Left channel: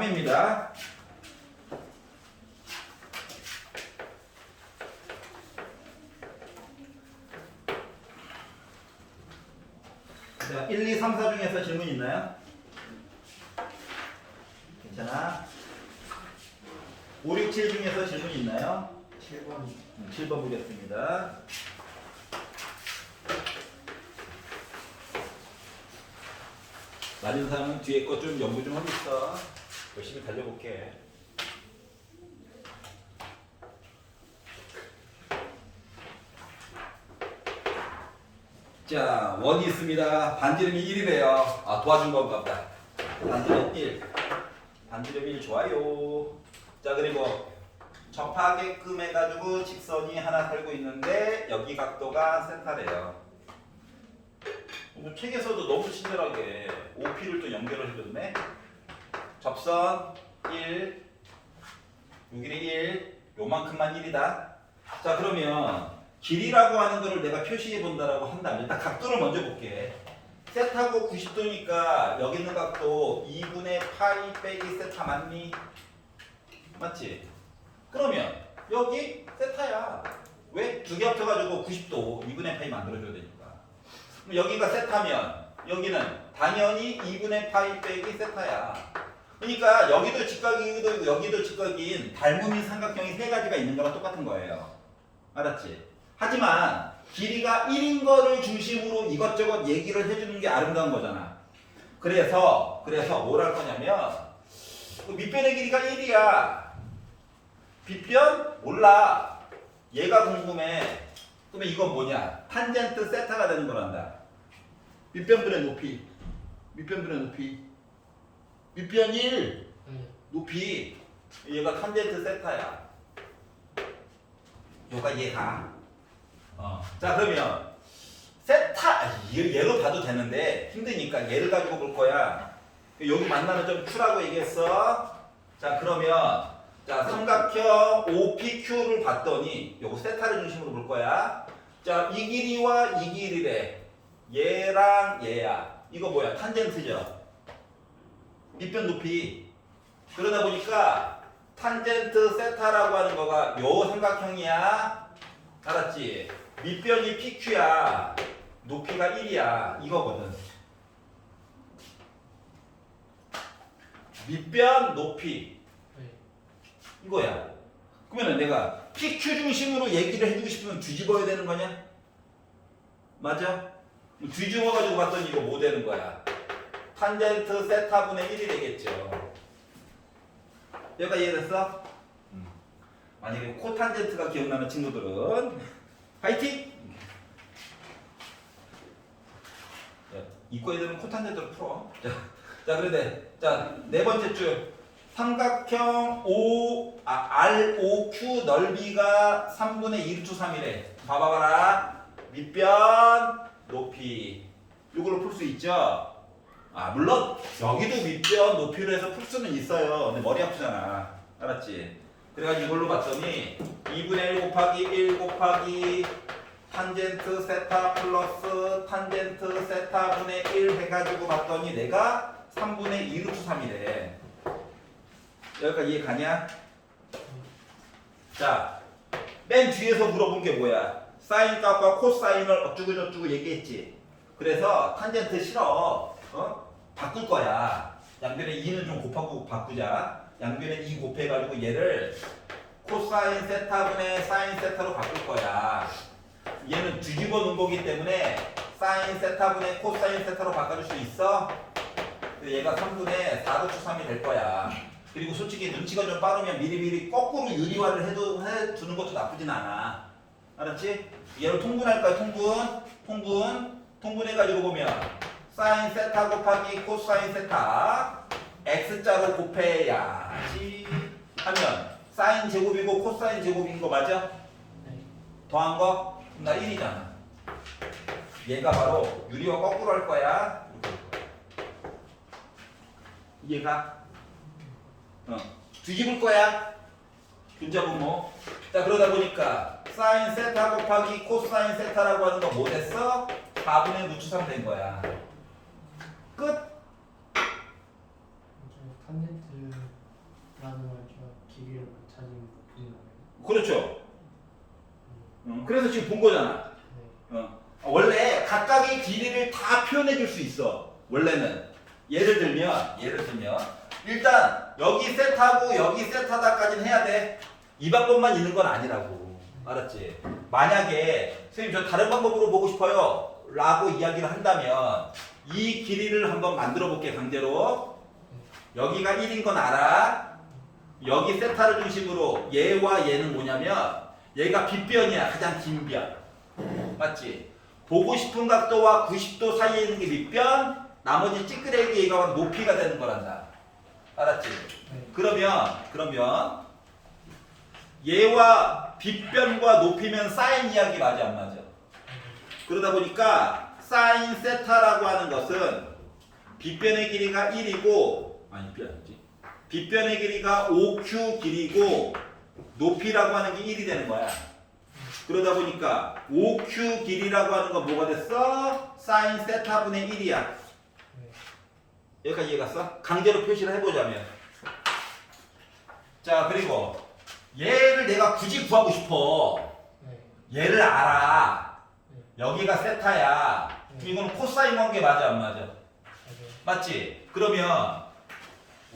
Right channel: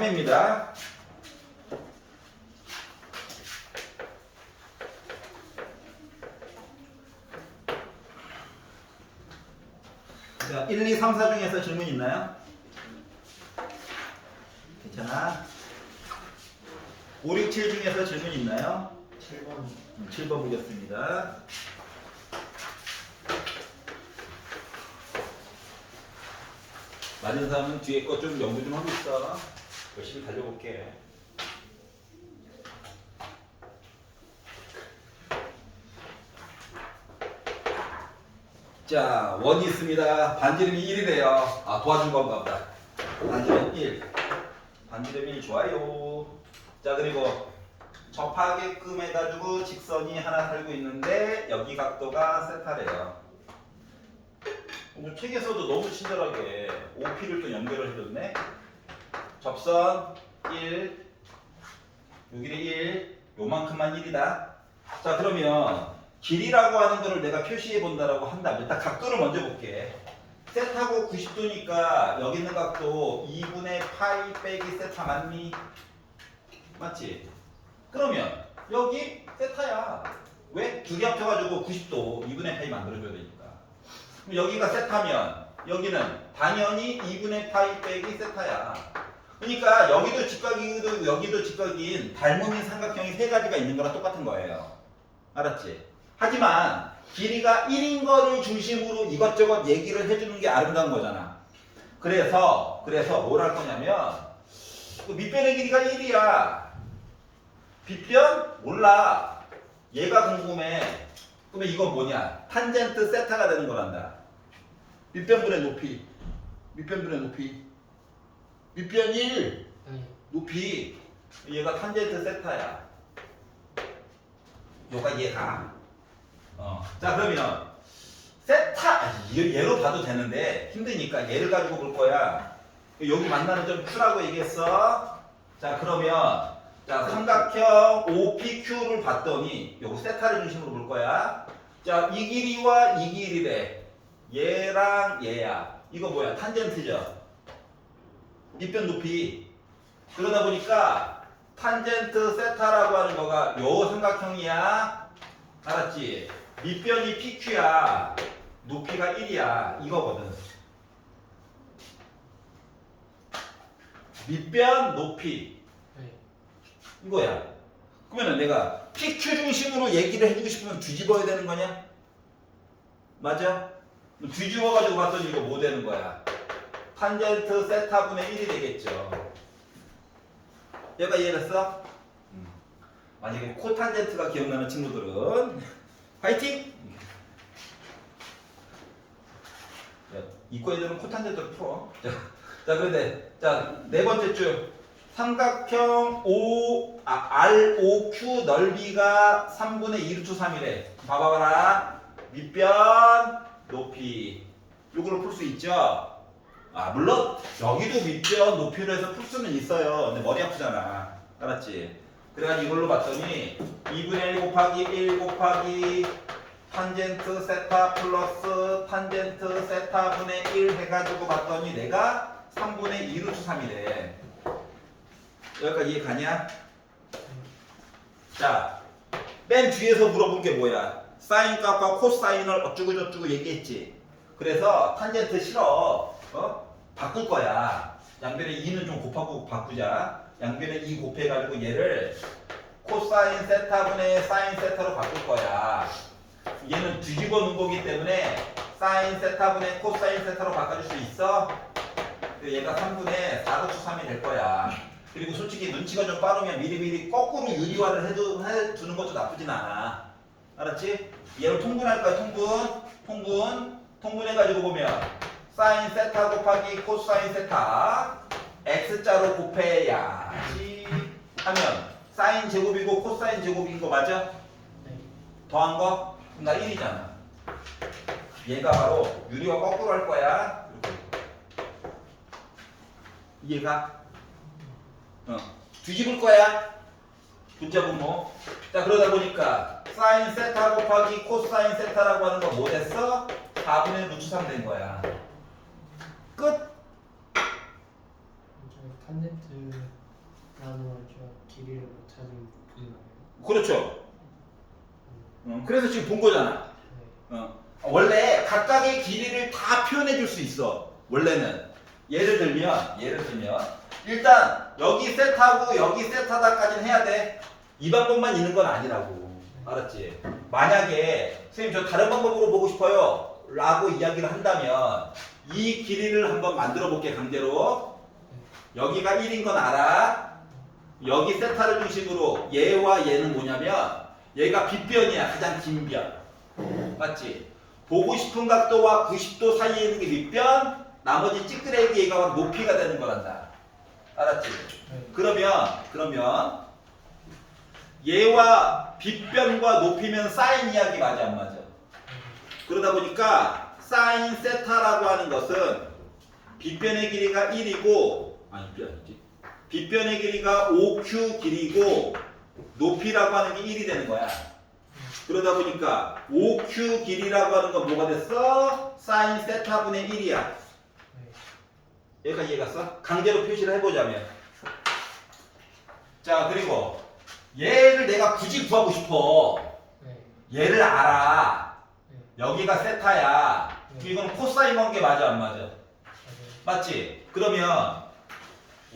3입니다. 자, 1, 2, 3, 4 중에서 질문 있나요? 괜찮아? 5, 6, 7 중에서 질문 있나요? 7번 7번 보겠습니다. 맞은 사람은 뒤에 거 좀 연구 좀 하고 있어. 열심히 달려볼게. 자, 원이 있습니다. 반지름이 1이래요. 아, 도와준 건가 보다. 반지름 1. 반지름 1 좋아요. 자, 그리고 접하게끔 해가지고 직선이 하나 살고 있는데 여기 각도가 세타래요. 뭐 책에서도 너무 친절하게 OP를 또 연결을 해줬네. 접선 1, 여기는 1, 요만큼만 1이다. 자, 그러면 길이라고 하는 거를 내가 표시해 본다라고 한다면 일단 각도를 먼저 볼게. 세타고 90도니까 여기 있는 각도 2분의 파이 빼기 세타 맞니? 맞지? 그러면 여기 세타야. 왜? 두 개 합쳐가지고 90도 2분의 파이 만들어줘야 되니까. 그럼 여기가 세타면 여기는 당연히 2분의 파이 빼기 세타야. 그러니까 여기도 직각이고 여기도 직각인 닮음인 삼각형이 세 가지가 있는 거랑 똑같은 거예요. 알았지? 하지만 길이가 1인 거를 중심으로 이것저것 얘기를 해주는 게 아름다운 거잖아. 그래서 뭘 할 거냐면 밑변의 길이가 1이야. 빗변? 몰라. 얘가 궁금해. 그러면 이건 뭐냐? 탄젠트 세타가 되는 거란다. 밑변분의 높이. 밑변분의 높이. 밑변 1. 높이. 얘가 탄젠트 세타야. 요가 얘가. 자, 그러면 세타 얘로 봐도 되는데 힘드니까 얘를 가지고 볼 거야. 여기 만나는 점 Q라고 얘기했어. 자, 그러면 자, 삼각형 OPQ를 봤더니 요거 세타를 중심으로 볼 거야. 자, 이 길이와 이 길이래. 얘랑 얘야. 이거 뭐야? 탄젠트죠. 밑변 높이. 그러다 보니까 탄젠트 세타라고 하는 거가 요 삼각형이야. 알았지? 밑변이 PQ야. 높이가 1이야. 이거거든. 밑변 높이. 이거야. 그러면 내가 PQ 중심으로 얘기를 해주고 싶으면 뒤집어야 되는 거냐? 맞아? 뒤집어 가지고 봤더니 이거 뭐 되는 거야? 탄젠트 세타분의 1이 되겠죠. 얘가 이해됐어? 만약에 코탄젠트가 기억나는 친구들은 파이팅! 이과 애들은 코탄젠트를 풀어. 자, 그런데 자, 네 번째 줄 삼각형 ROQ 넓이가 3분의 2 루트 3이래. 봐봐라. 밑변 높이. 이걸로 풀 수 있죠? 아, 물론 여기도 밑변 높이로 해서 풀 수는 있어요. 근데 머리 아프잖아. 알았지? 그래가지고 이걸로 봤더니 2분의 1 곱하기 1 곱하기 탄젠트 세타 플러스 탄젠트 세타분의 1 해가지고 봤더니 내가 3분의 2 루트 3이래. 여기까지 이해 가냐? 자, 맨 뒤에서 물어본 게 뭐야? 사인 값과 코사인을 어쩌고저쩌고 얘기했지. 그래서 탄젠트 싫어. 바꿀 거야. 양변에 2는 좀 곱하고 바꾸자. 양변에 2 곱해가지고 얘를 코사인 세타분의 사인 세타로 바꿀 거야. 얘는 뒤집어 놓은 거기 때문에 사인 세타분의 코사인 세타로 바꿔줄 수 있어? 얘가 3분의 4 루트 3이 될 거야. 그리고 솔직히 눈치가 좀 빠르면 미리미리 거꾸로 유리화를 해두는 것도 나쁘진 않아. 알았지? 얘를 통분할 거야. 통분해가지고 보면 사인 세타 곱하기 코사인 세타 x자로 곱해야지 하면 사인 제곱이고 코사인 제곱인 거 맞아? 더한 거? 그럼 나 1이잖아. 얘가 바로 유리화 거꾸로 할 거야. 이해가? 뒤집을 거야. 분자 분모. 자, 그러다 보니까 사인 세타 곱하기 코사인 세타라고 하는 거 뭐 됐어? 4분의 루트 3 된 거야. 끝. 탄젠트 길이를 못 찾은 부분인가요? 그렇죠. 그래서 지금 본 거잖아. 원래 각각의 길이를 다 표현해 줄 수 있어. 원래는 예를 들면 일단 여기 셋하고 여기 셋하다까지는 해야 돼. 이 방법만 있는 건 아니라고. 알았지? 만약에 선생님 저 다른 방법으로 보고 싶어요 라고 이야기를 한다면 이 길이를 한번 만들어 볼게. 강제로. 여기가 1인 건 알아. 여기 세타를 중심으로 얘와 얘는 뭐냐면 얘가 빗변이야. 가장 긴 변. 맞지? 보고 싶은 각도와 90도 사이에 있는 게 밑변, 나머지 찌끄레기 얘가 높이가 되는 거란다. 알았지? 그러면 얘와 빗변과 높이면 사인 이야기 맞아 안 맞아? 그러다 보니까 사인 세타라고 하는 것은 빗변의 길이가 1이고 빗변의 길이가 5q 길이고 높이라고 하는 게 1이 되는 거야. 그러다 보니까 5q 길이라고 하는 건 뭐가 됐어? 사인 세타분의 1이야. 여기까지 이해갔어? 강제로 표시를 해보자면. 자, 그리고 얘를 내가 굳이 구하고 싶어. 얘를 알아. 여기가 세타야. 이건 코사인 관계 맞아 안 맞아? 맞지? 그러면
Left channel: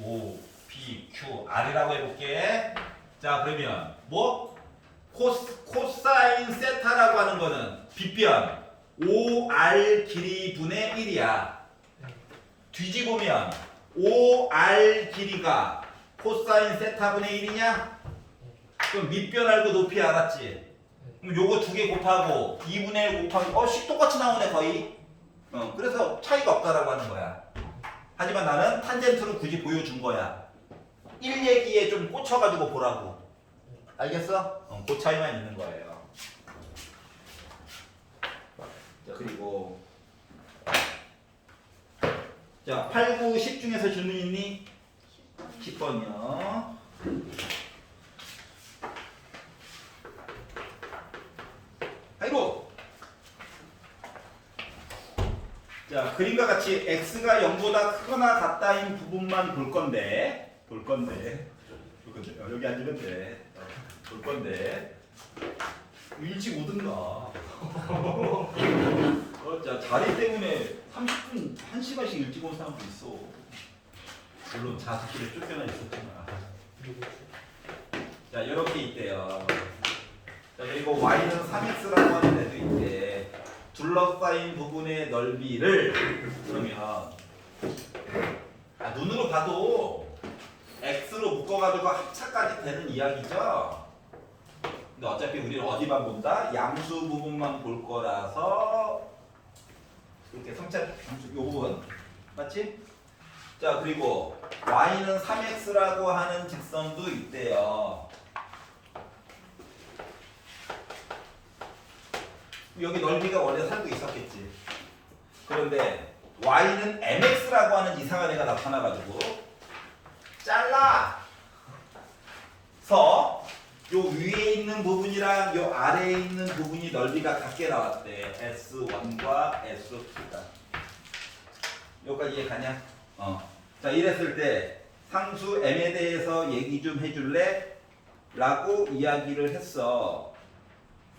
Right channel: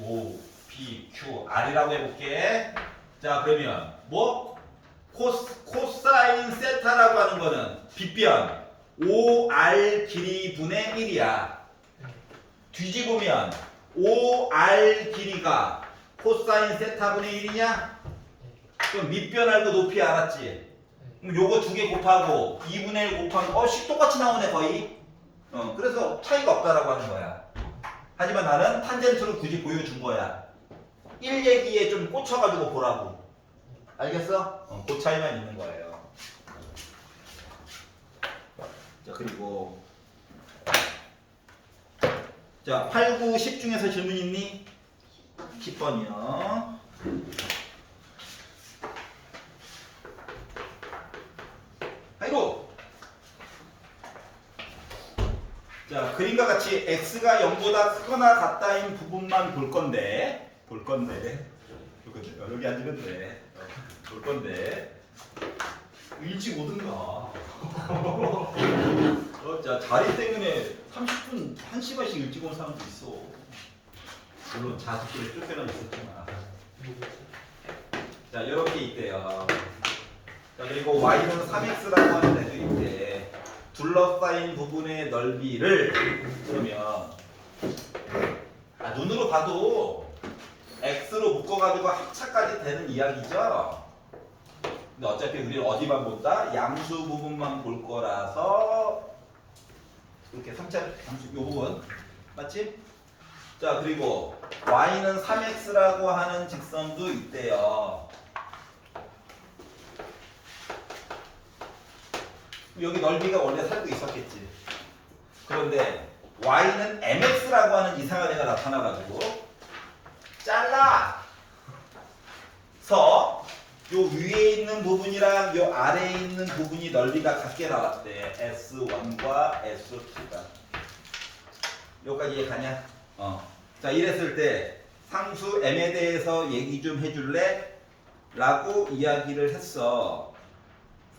O, B, Q, R이라고 해볼게. 자, 그러면 뭐? 코사인 세타라고 하는 거는 빗변 5R 길이 분의 1이야. 뒤집으면 5R 길이가 코사인 세타분의 1이냐? 그럼 밑변 알고 높이 알았지? 그럼 요거 두 개 곱하고 2분의 1 곱하기 식 똑같이 나오네 거의. 그래서 차이가 없다라고 하는 거야. 하지만 나는 탄젠트를 굳이 보여준 거야. 1 얘기에 좀 꽂혀가지고 보라고. 알겠어? 그 차이만 있는 거예요. 자, 그리고 자, 8, 9, 10 중에서 질문 있니? 10번이요. 하이로. 자, 그림과 같이 x가 0보다 크거나 같다인 부분만 볼 건데 여기 앉으면 돼. 볼 건데 일찍 오든가. 자, 자리 때문에 30분, 1시간씩 일찍 온 사람도 있어. 물론 자습실에 쫓겨나 있었구나. 자, 이렇게 있대요. 자, 그리고 y는 3x라고 하는 애도 있대. 둘러싸인 부분의 넓이를 그러면 눈으로 봐도 x로 묶어가지고 합차까지 되는 이야기죠. 근데 어차피 우리는 어디만 본다? 양수 부분만 볼 거라서 이렇게 3차 양수 요 부분 맞지? 자, 그리고 y는 3x라고 하는 직선도 있대요. 여기 넓이가 원래 살고 있었겠지. 그런데 y는 mx라고 하는 이상한 애가 나타나가지고 잘라서 요 위에 있는 부분이랑 요 아래에 있는 부분이 넓이가 같게 나왔대. S1과 S2가. 여기까지 이해가냐? 자, 이랬을 때 상수 m에 대해서 얘기 좀 해줄래? 라고 이야기를 했어.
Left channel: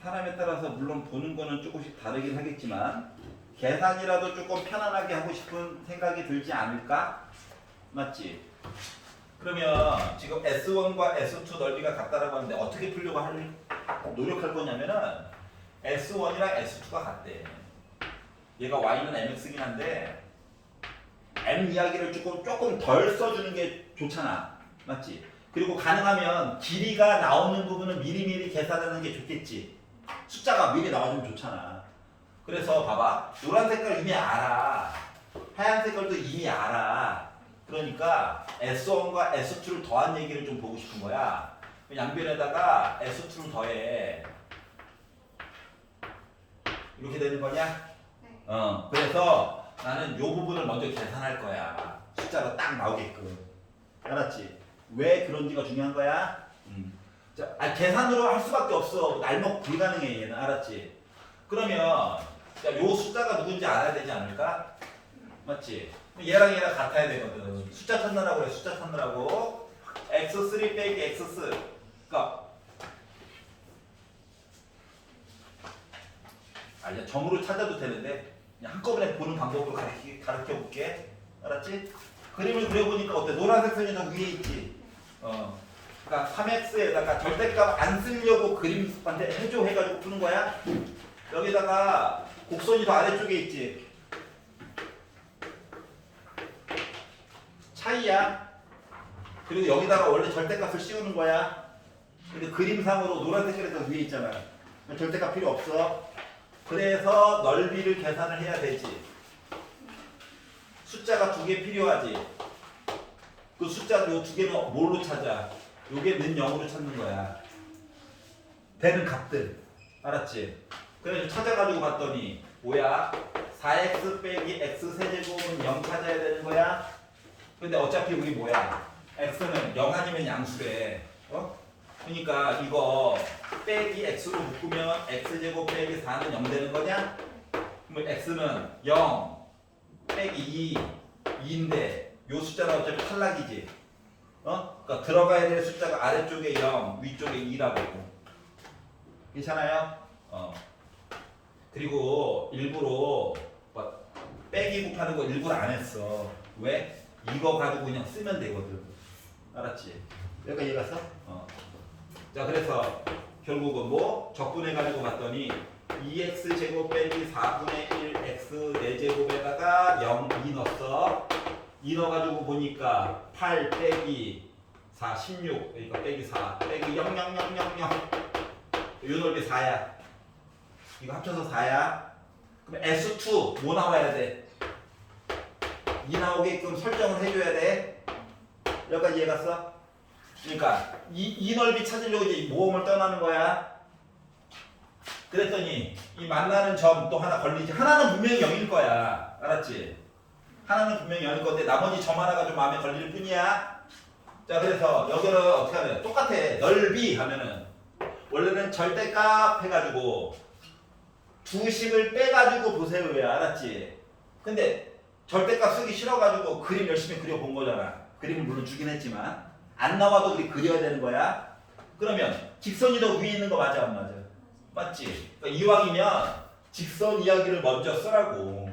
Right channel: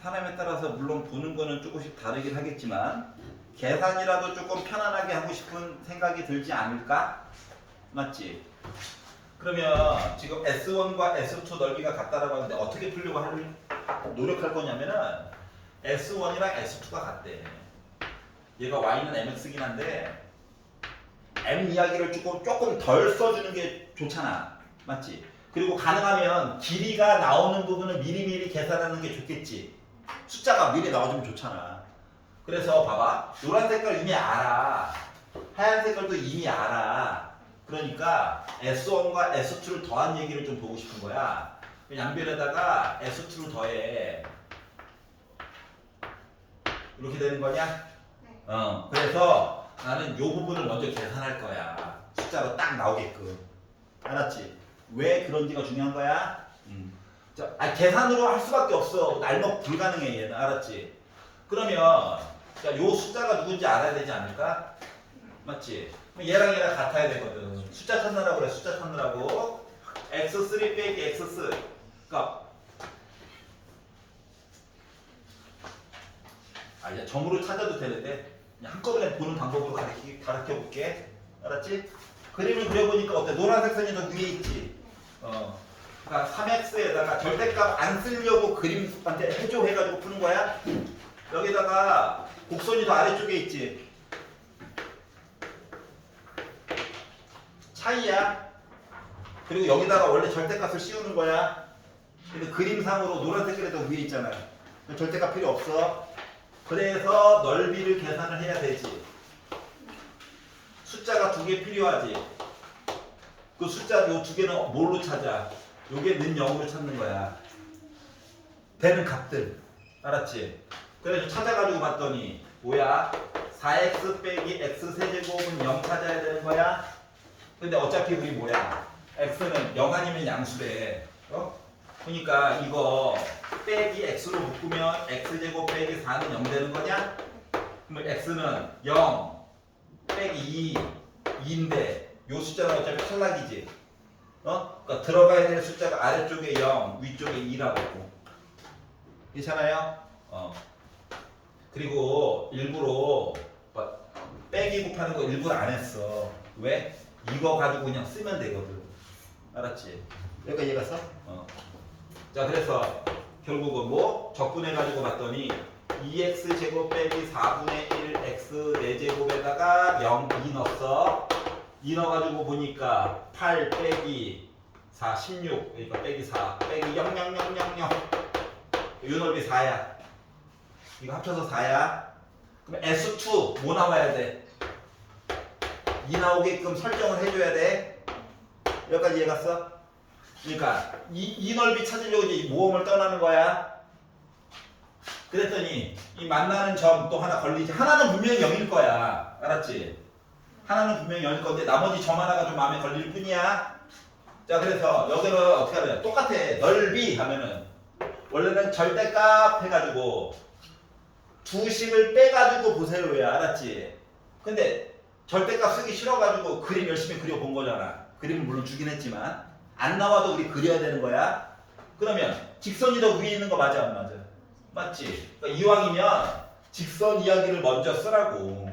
사람에 따라서 물론 보는 거는 조금씩 다르긴 하겠지만 계산이라도 조금 편안하게 하고 싶은 생각이 들지 않을까? 맞지? 그러면 지금 S1과 S2 넓이가 같다라고 하는데 어떻게 풀려고 노력할 거냐면은 S1이랑 S2가 같대. 얘가 Y는 MX긴 한데 M 이야기를 조금 덜 써주는 게 좋잖아. 맞지? 그리고 가능하면 길이가 나오는 부분을 미리미리 계산하는 게 좋겠지. 숫자가 미리 나와주면 좋잖아. 그래서 봐봐. 노란 색깔 이미 알아. 하얀 색깔도 이미 알아. 그러니까 S1과 S2를 더한 얘기를 좀 보고 싶은 거야. 양변에다가 S2를 더해. 이렇게 되는 거냐? 그래서 나는 요 부분을 먼저 계산할 거야. 숫자로 딱 나오게끔. 알았지? 왜 그런지가 중요한 거야? 자, 계산으로 할 수밖에 없어. 날먹 불가능해 얘는. 알았지? 그러면 자, 요 숫자가 누군지 알아야 되지 않을까? 맞지? 얘랑 같아야 되거든. 숫자 찾느라고 그래. 숫자 찾느라고. x3 빼기 x4. 그러니까 이제 점으로 찾아도 되는데 그냥 한꺼번에 보는 방법으로 가르쳐 볼게. 알았지? 그림을 그려보니까 어때? 노란색 선이 더 위에 있지. 그러니까 3x에다가 절대값 안 쓰려고 그림한테 해줘 해가지고 푸는 거야. 여기다가 곡선이 더 아래쪽에 있지. 차이야. 그리고 여기다가 원래 절대값을 씌우는 거야. 근데 그림상으로 노란색이 더 위에 있잖아. 절대값 필요 없어. 그래서 넓이를 계산을 해야 되지. 숫자가 2개 필요하지. 그 숫자 요 2개는 뭘로 찾아? 요게 는 0으로 찾는 거야. 되는 값들. 알았지? 그래서 찾아가지고 봤더니 뭐야? 4x 빼기 x 세제곱은 0 찾아야 되는 거야. 근데 어차피 우리 뭐야? x는 0 아니면 양수래. 그러니까 이거 빼기 x로 묶으면 x제곱 빼기 4는 0 되는 거냐? 그럼 x는 0 빼기 2인데 요 숫자는 어차피 탈락이지. 그러니까 들어가야 될 숫자가 아래쪽에 0, 위쪽에 2라고. 괜찮아요? 그리고 일부러 빼기 곱하는 거 일부러 안 했어. 왜? 이거 가지고 그냥 쓰면 되거든. 알았지? 여기까지 이해갔어? 자, 그래서 결국은 뭐? 적분해가지고 봤더니 2x 제곱 빼기 4분의 1 x 4제곱에다가 0, 2 넣었어. 2 넣어가지고 보니까 8 빼기 4, 16. 그러니까 빼기 4 빼기 0, 0, 0, 0, 0. 요 넓이 4야. 이거 합쳐서 4야. 그럼 S2 뭐 나와야 돼? 2 나오게끔 설정을 해줘야 돼. 여기까지 이해갔어? 그러니까 이 넓이 찾으려고 이제 모험을 떠나는 거야. 그랬더니 이 만나는 점 또 하나 걸리지. 하나는 분명히 0일 거야. 알았지? 하나는 분명히 0일 건데 나머지 점 하나가 좀 마음에 걸릴 뿐이야. 자, 그래서 여기를 어떻게 하면 똑같아. 넓이 하면은 원래는 절대값 해가지고 두식을 빼가지고 보세요. 왜? 알았지? 근데 절대값 쓰기 싫어가지고 그림 열심히 그려본 거잖아. 그림은 물론 주긴 했지만 안 나와도 우리 그려야 되는 거야. 그러면 직선이 더 위에 있는 거 맞아 안 맞아? 맞지? 그러니까 이왕이면 직선 이야기를 먼저 쓰라고.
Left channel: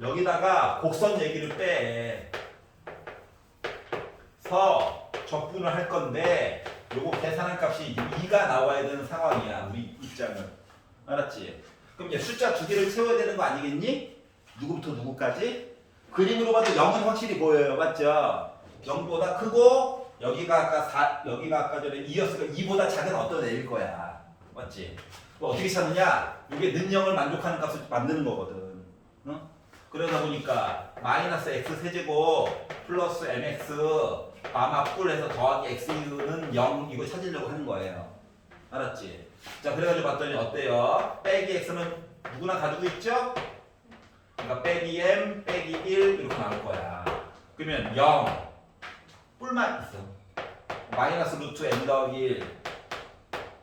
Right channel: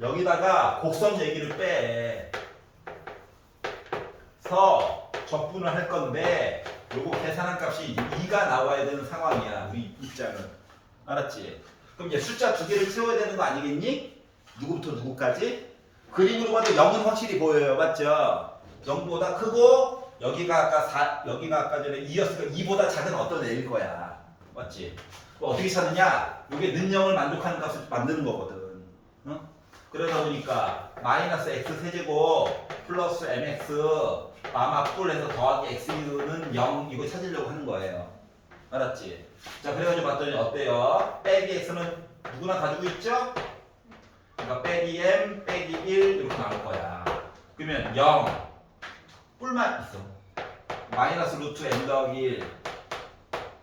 여기다가 곡선 얘기를 빼서 적분을 할 건데 요거 계산한 값이 2가 나와야 되는 상황이야. 우리 입장은. 알았지? 그럼 이제 숫자 2개를 채워야 되는 거 아니겠니? 누구부터 누구까지? 그림으로 봐도 0은 확실히 보여요. 맞죠? 0보다 크고 여기가 아까 전에 2였으니까 2보다 작은 어떤 애일 거야. 맞지? 뭐 어떻게 찾느냐? 이게 는 0을 만족하는 값을 만드는 거거든. 응? 그러다 보니까 마이너스 x 세제곱 플러스 mx 마마뿔해서 더하기 x는 0 이거 찾으려고 하는 거예요. 알았지? 자, 그래가지고 봤더니 어때요? 빼기 x는 누구나 가지고 있죠? 그러니까 빼기 m 빼기 1 이렇게 나올 거야. 그러면 0 뿔만 있어. 마이너스 루트 m 더하기 1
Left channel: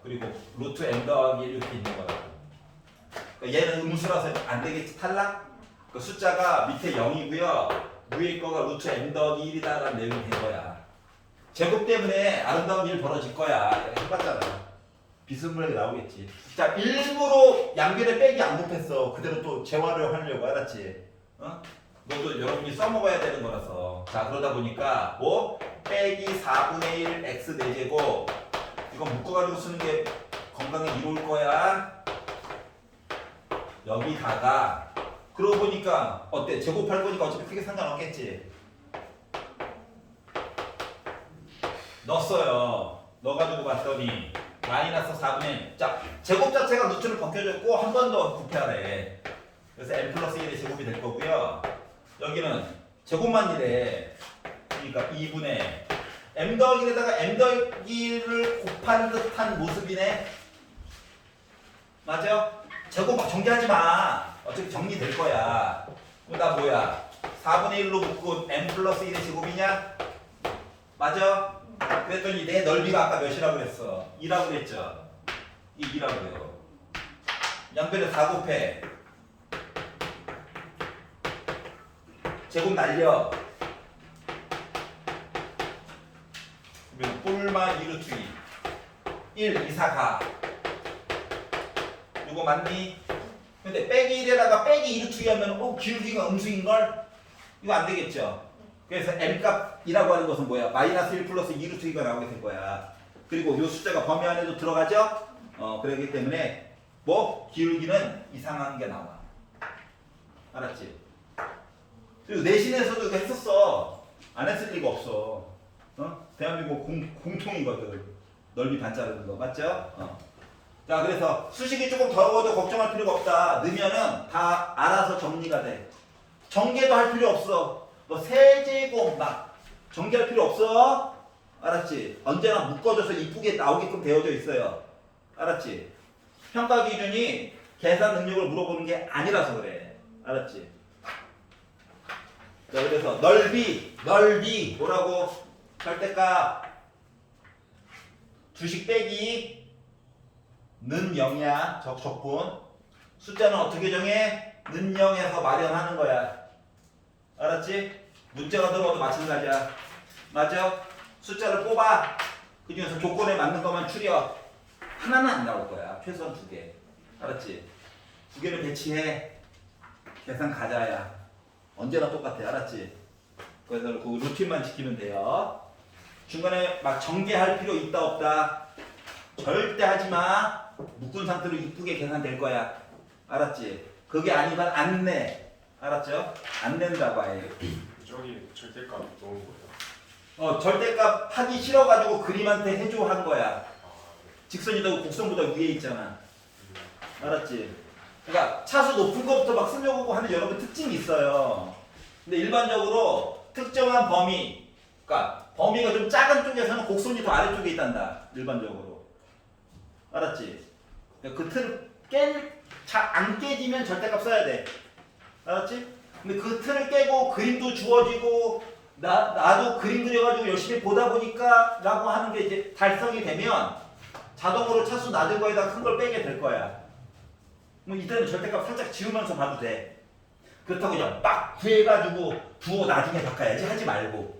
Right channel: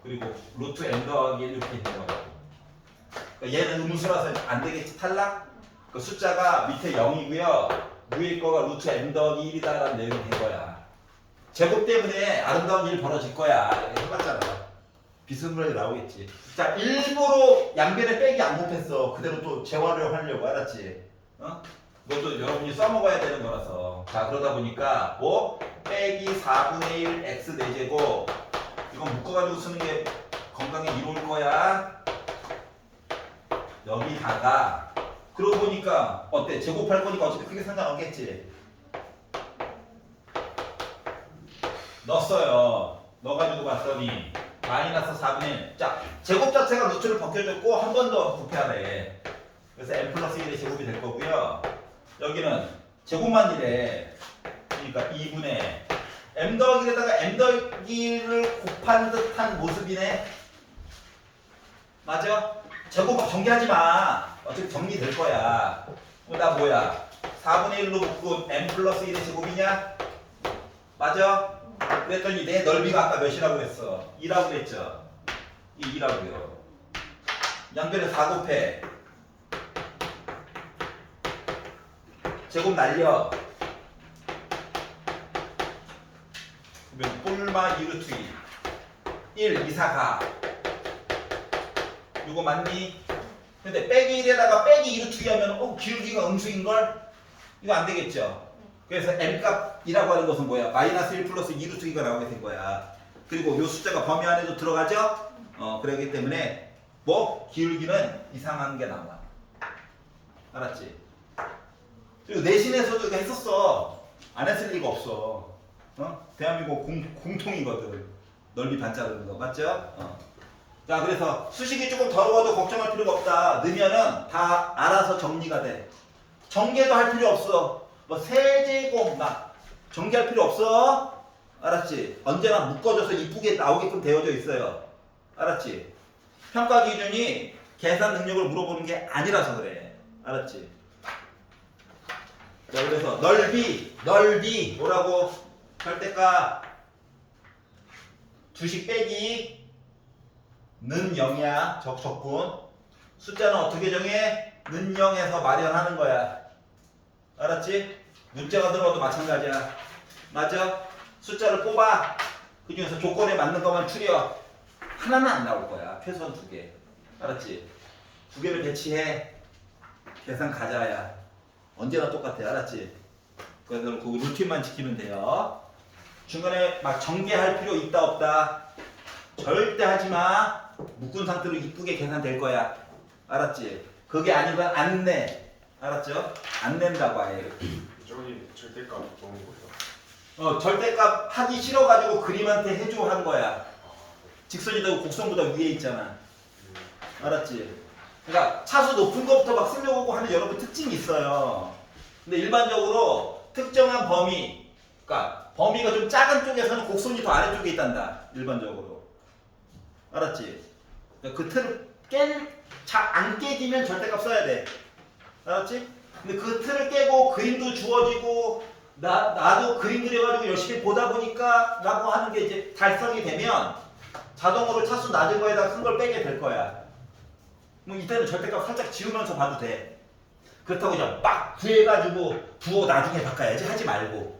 그리고 루트 m 더하기 1 이렇게 있는 거야. 그러니까 얘는 음수라서 안 되겠지. 탈락? 그 숫자가 밑에 0이고요. 위에 거가 루트 m 더하기 1이다라는 내용이 된 거야. 제곱 때문에 아름다운 일 벌어질 거야. 해봤잖아. 비스무리하게 나오겠지. 자, 일부러 양변에 빼기 안 곱했어. 그대로 또 재활용 하려고. 알았지? 그것도 여러분이 써먹어야 되는 거라서. 자, 그러다 보니까 뭐? 빼기 4분의 1 x 4제곱 이건 묶어가지고 쓰는 게 건강에 이로울 거야. 여기다가 그러고 보니까 어때? 제곱할 거니까 어차피 크게 상관없겠지? 넣었어요. 넣어가지고 봤더니 마이너스 4분의 1. 자, 제곱 자체가 루트를 벗겨줬고 한 번 더 곱해야돼. 그래서 m 플러스 1의 제곱이 될 거고요. 여기는 제곱만 이래. 그러니까 2분의 m 더하기에다가 m 더하기를 곱한 듯한 모습이네. 맞아? 제곱 정리하지 마. 어차피 정리될 거야. 그럼 나 뭐야? 4분의 1로 묶은 m 플러스 1의 제곱이냐? 맞아? 그랬더니 내 넓이가 아까 몇이라고 그랬어? 2라고 그랬죠? 이 2라고요. 양변에 4 곱해. 제곱 날려. 그러면 꼴마 2루트 2 1, 2, 4 가. 이거 맞니? 근데 빼기 1에다가 빼기 2루트 2 하면 기울기가 음수인걸? 이거 안 되겠죠? 그래서 m값이라고 하는 것은 뭐야? 마이너스 1 플러스 2루트 2가 나오게 된 거야. 그리고 이 숫자가 범위 안에도 들어가죠? 그러기 때문에 뭐? 기울기는 이상한 게 나와. 알았지? 그리고 내신에서도 이거 했었어. 안 했을 리가 없어. 대한민국 공통이거든. 넓이 반짜르는 거. 맞죠? 자, 그래서 수식이 조금 더러워도 걱정할 필요가 없다. 넣으면은 다 알아서 정리가 돼. 정계도 할 필요 없어. 뭐 세제곱 막 정리할 필요 없어. 알았지? 언제나 묶어줘서 이쁘게 나오게끔 되어져 있어요. 알았지? 평가 기준이 계산 능력을 물어보는 게 아니라서 그래. 알았지? 자, 그래서 넓이 뭐라고? 절대값 두식 빼기 는 0이야. 적분. 숫자는 어떻게 정해? 는 0에서 마련하는 거야. 알았지? 문자가 들어와도 마찬가지야. 맞아? 숫자를 뽑아. 그 중에서 조건에 맞는 것만 추려. 하나는 안 나올 거야. 최소한 2개. 알았지? 2개를 배치해. 계산 가자야. 언제나 똑같아. 알았지? 그래서 그 루틴만 지키면 돼요. 중간에 막 전개할 필요 있다 없다. 절대 하지 마. 묶은 상태로 이쁘게 계산될 거야. 알았지? 그게 아니면 안 내. 알았죠? 안 낸다고 아예. 저기 절대값 넣은 거예요. 절대값 하기 싫어가지고 그림한테 해줘 한 거야. 직선이다 곡선보다 위에 있잖아. 알았지? 그러니까 차수 높은 것부터 막 쓰려고 하는 여러분 특징이 있어요. 근데 일반적으로 특정한 범위, 그러니까 범위가 좀 작은 쪽에서는 곡선이 더 아래쪽에 있단다. 일반적으로. 알았지? 그러니까 그 틀을 안 깨지면 절대값 써야 돼. 알았지? 근데 그 틀을 깨고 그림도 주어지고 나도 그림 그려가지고 열심히 보다 보니까 라고 하는 게 이제 달성이 되면 자동으로 차수 낮은 거에다가 큰 걸 빼게 될 거야. 그럼 이때는 절대값 살짝 지우면서 봐도 돼. 그렇다고 그냥 막 구해가지고 부호 나중에 바꿔야지 하지 말고